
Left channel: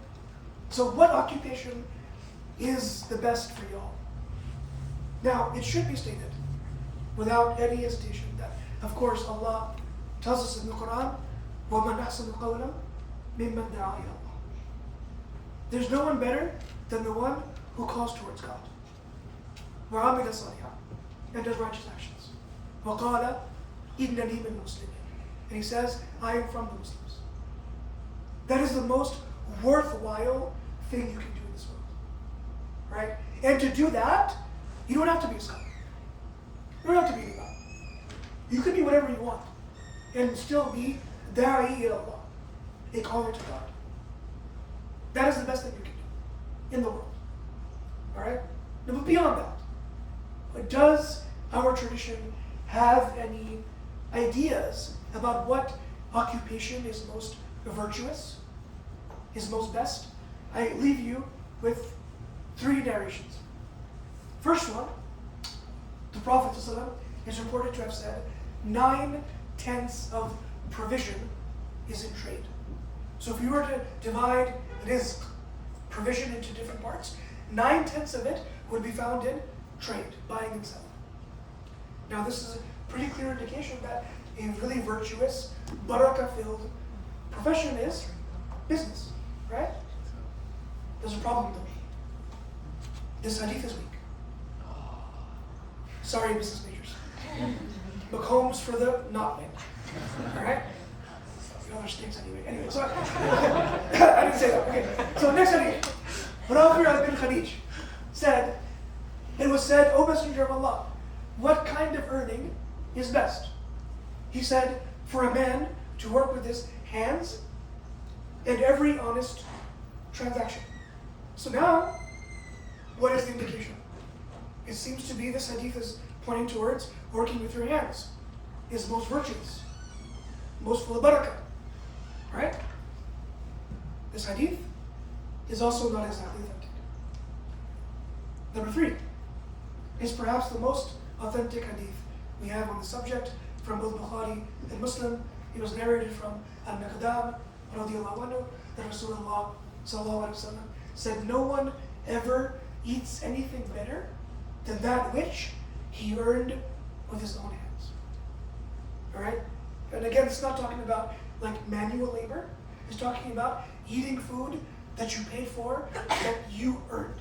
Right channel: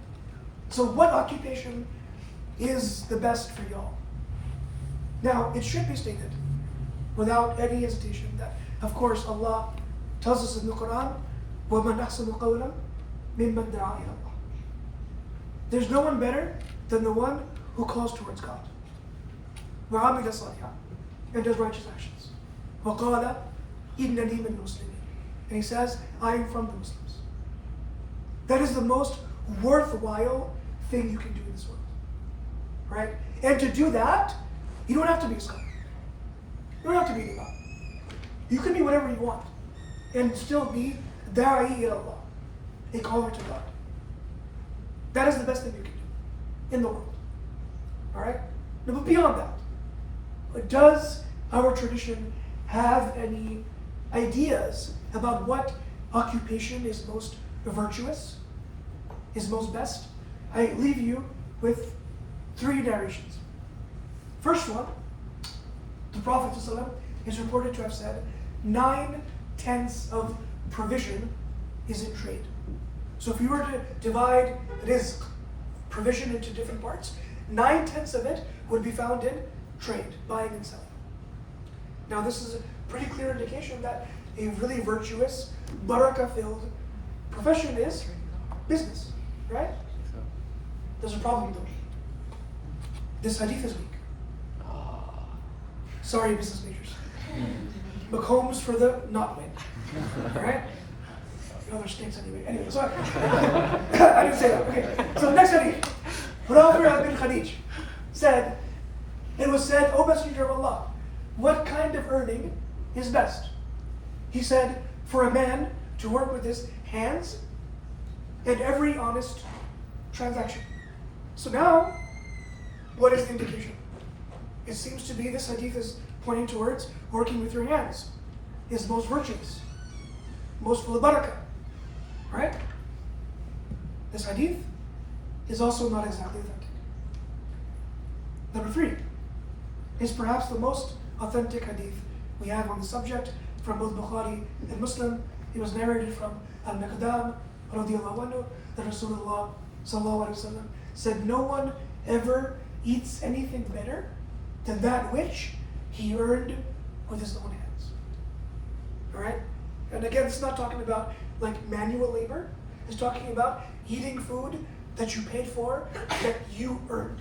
So what occupation is the best for y'all? Now, it should be stated without any hesitation that, of course, Allah tells us in the Quran, وَمَنْ أَحْسَنُ قَوْلًا مِمَّنْ دَعَا إِلَى اللَّهِ. There's no one better than the one who calls towards God. وَعَمِلَ صَالِحًا, and does righteous actions. وَقَالَ إِنَّنِي مِنَ الْمُسْلِمِينَ, and he says, I am from the Muslims. That is the most worthwhile thing you can do in this world, right? And to do that, you don't have to be a scholar. You don't have to be a God. You can be whatever you want and still be da'i ila Allah, a caller to God. That is the best thing you can do in the world. All right? But beyond that, does our tradition have any ideas about what occupation is most virtuous, is most best? I leave you with 3 narrations. First one, the Prophet ﷺ is reported to have said 9/10 of provision is in trade. So if we were to divide rizq, provision, into different parts, 9/10 of it would be found in trade, buying and selling. Now this is a pretty clear indication that a really virtuous, barakah-filled profession is business, right? There's a problem though. This hadith is weak. Sorry, business majors. McCombs for the not win. All right? You know, they're snakes anyway. Anyway, so I didn't say that. Okay. So next hadith. Rafi' bin Khadij said, it was said, O Messenger of Allah, what kind of earning is best? He said, for a man to work with his hands and every honest transaction. So now, what is the indication? It seems to be this hadith is pointing towards working with your hands is most virtuous, most full of barakah. Right? This hadith is also not exactly authentic. Number 3 is perhaps the most authentic hadith we have on the subject from both Bukhari and Muslim. It was narrated from Al-Miqdam radiyallahu anhu that Rasulullah sallallahu alaihi wasallam said, no one ever eats anything better than that which he earned with his own hands. Alright? And again, it's not talking about like manual labor. It's talking about eating food that you paid for, that you earned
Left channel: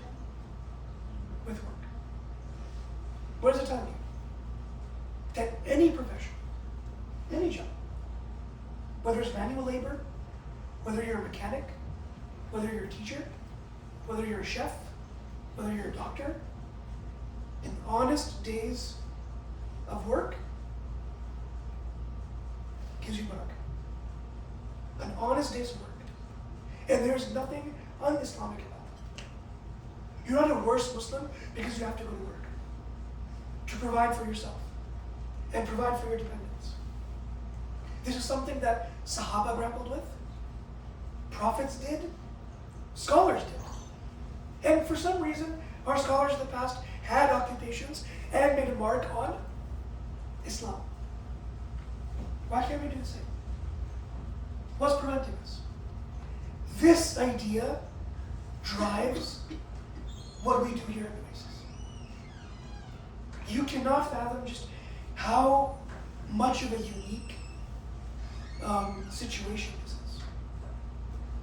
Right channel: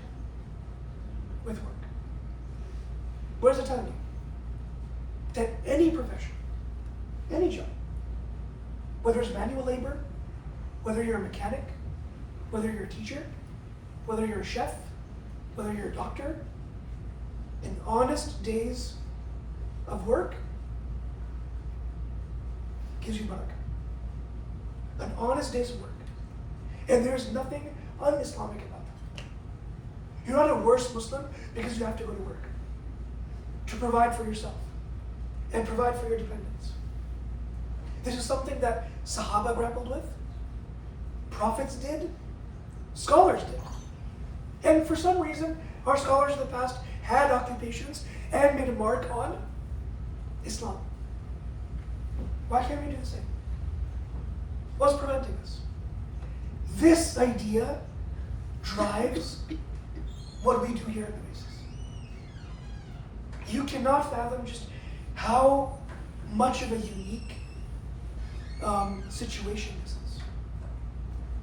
with work. What is it telling you? That any profession, any job, whether it's manual labor, whether you're a mechanic, whether you're a teacher, whether you're a chef, whether you're a doctor, an honest day's of work gives you barakah. An honest day's work. And there's nothing un-Islamic about it. You're not a worse Muslim because you have to go to work to provide for yourself and provide for your dependents. This is something that Sahaba grappled with, prophets did, scholars did. And for some reason, our scholars in the past had occupations and made a mark on Islam. Why can't we do the same? What's preventing us? This idea drives what we do here at Nueces. You cannot fathom just how much of a unique situation this is.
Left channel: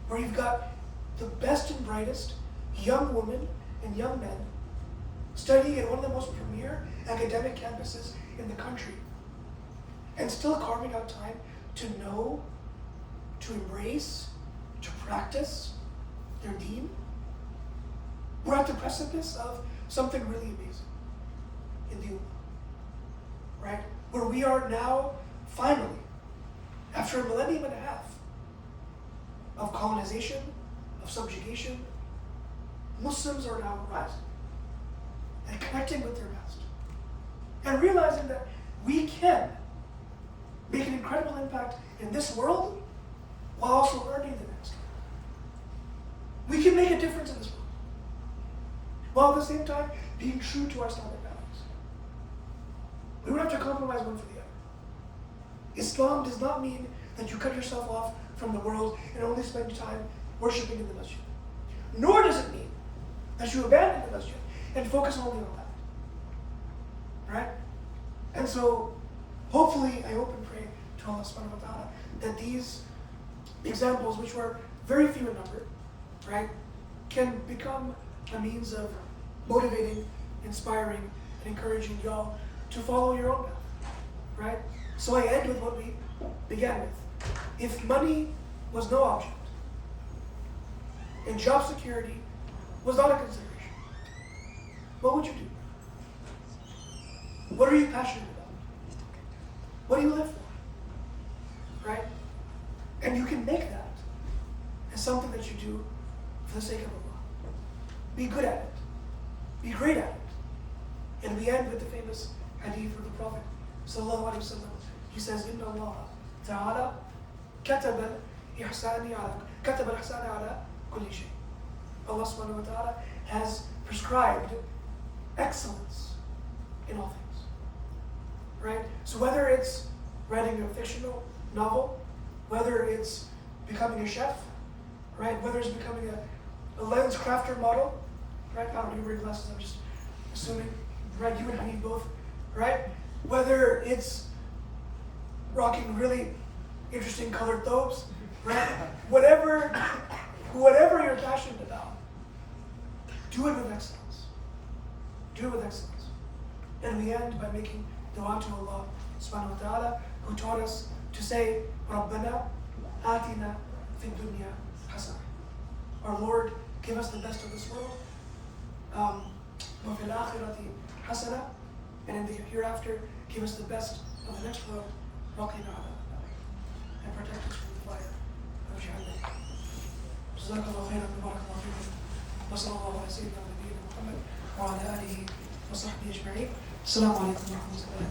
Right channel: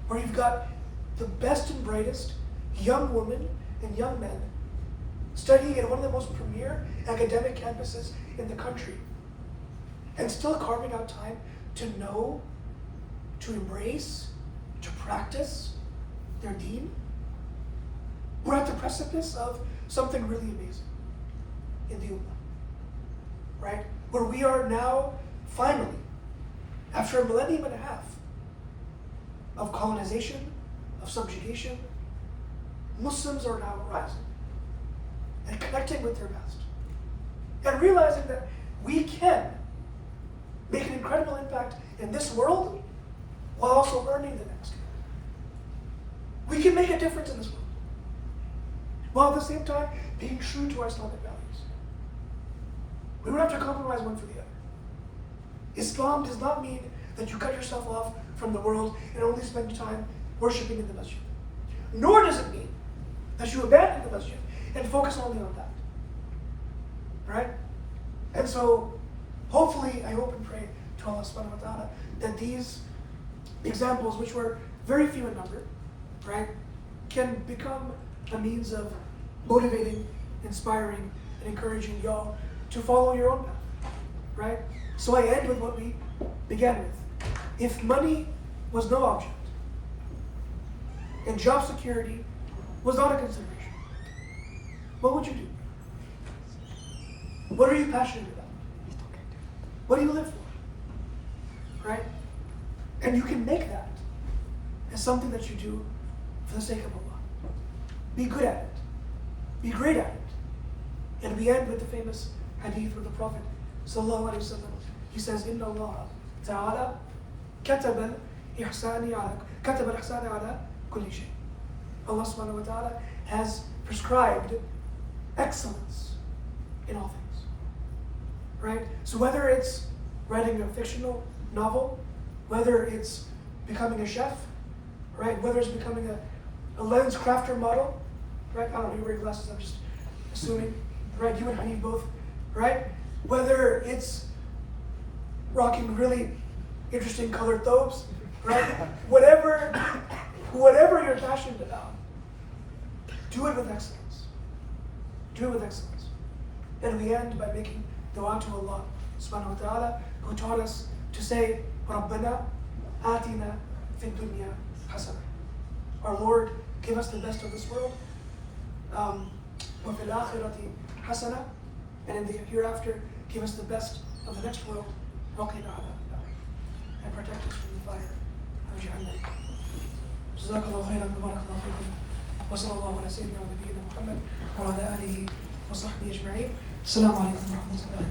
Where you've got the best and brightest young women and young men studying at one of the most premier academic campuses in the country and still carving out time to know, to embrace, to practice their deen. We're at the precipice of something really amazing in the Ummah, right? Where we are now, finally, after a millennium and a half of colonization, of subjugation, Muslims are now rising and connecting with their past and realizing that we can make an incredible impact in this world while also earning the next. We can make a difference in this world while at the same time being true to our Islamic values. We don't have to compromise one for the other. Islam does not mean that you cut yourself off from the world and only spend time worshiping in the masjid. Nor does it mean that you abandon the masjid and focus only on that. Right? And so, hopefully, I hope and pray to Allah subhanahu wa ta'ala that these examples, which were very few in number, right, can become a means of motivating, inspiring, and encouraging y'all to follow your own path, right? So I end with what we began with. If money was no object, and job security was not a consideration, what would you do? What are you passionate about? What do you live for? Right? And you can make that as something that you do for the sake of Allah. Be good at it. Be great at it. And we end with the famous hadith of the Prophet sallallahu alaihi wasallam. He says, "Inna Allah Ta'ala kataba al-ihsani ala kulli shay." Allah subhanahu wa ta'ala has prescribed excellence in all things. Right? So whether it's writing a fictional novel, whether it's becoming a chef, right? Whether it's becoming a lens crafter model, right? I don't know, you wear glasses, I'm just assuming, right? You and Hanif both, right? Whether it's rocking really interesting colored thobes, right? Whatever you're passionate about, do it with excellence. Do it with excellence. and we end by making dua to Allah subhanahu wa ta'ala, who taught us to say, رَبَّنَا آتِنَا فِي الدُّنْيَا حَسَنَةً. Our Lord, give us the best of this world. وَفِي الْآخِرَةِ حَسَنَةً. And in the hereafter, give us the best of the next world. وَقِنَا عَذَابَ النَّارِ. And protect us from the fire of Jahannam. جزاك الله خيرا وبارك الله فيكم. وصلى الله على سيدنا ونبينا محمد وعلى آله وصحبه أجمعين. السلام عليكم ورحمة الله.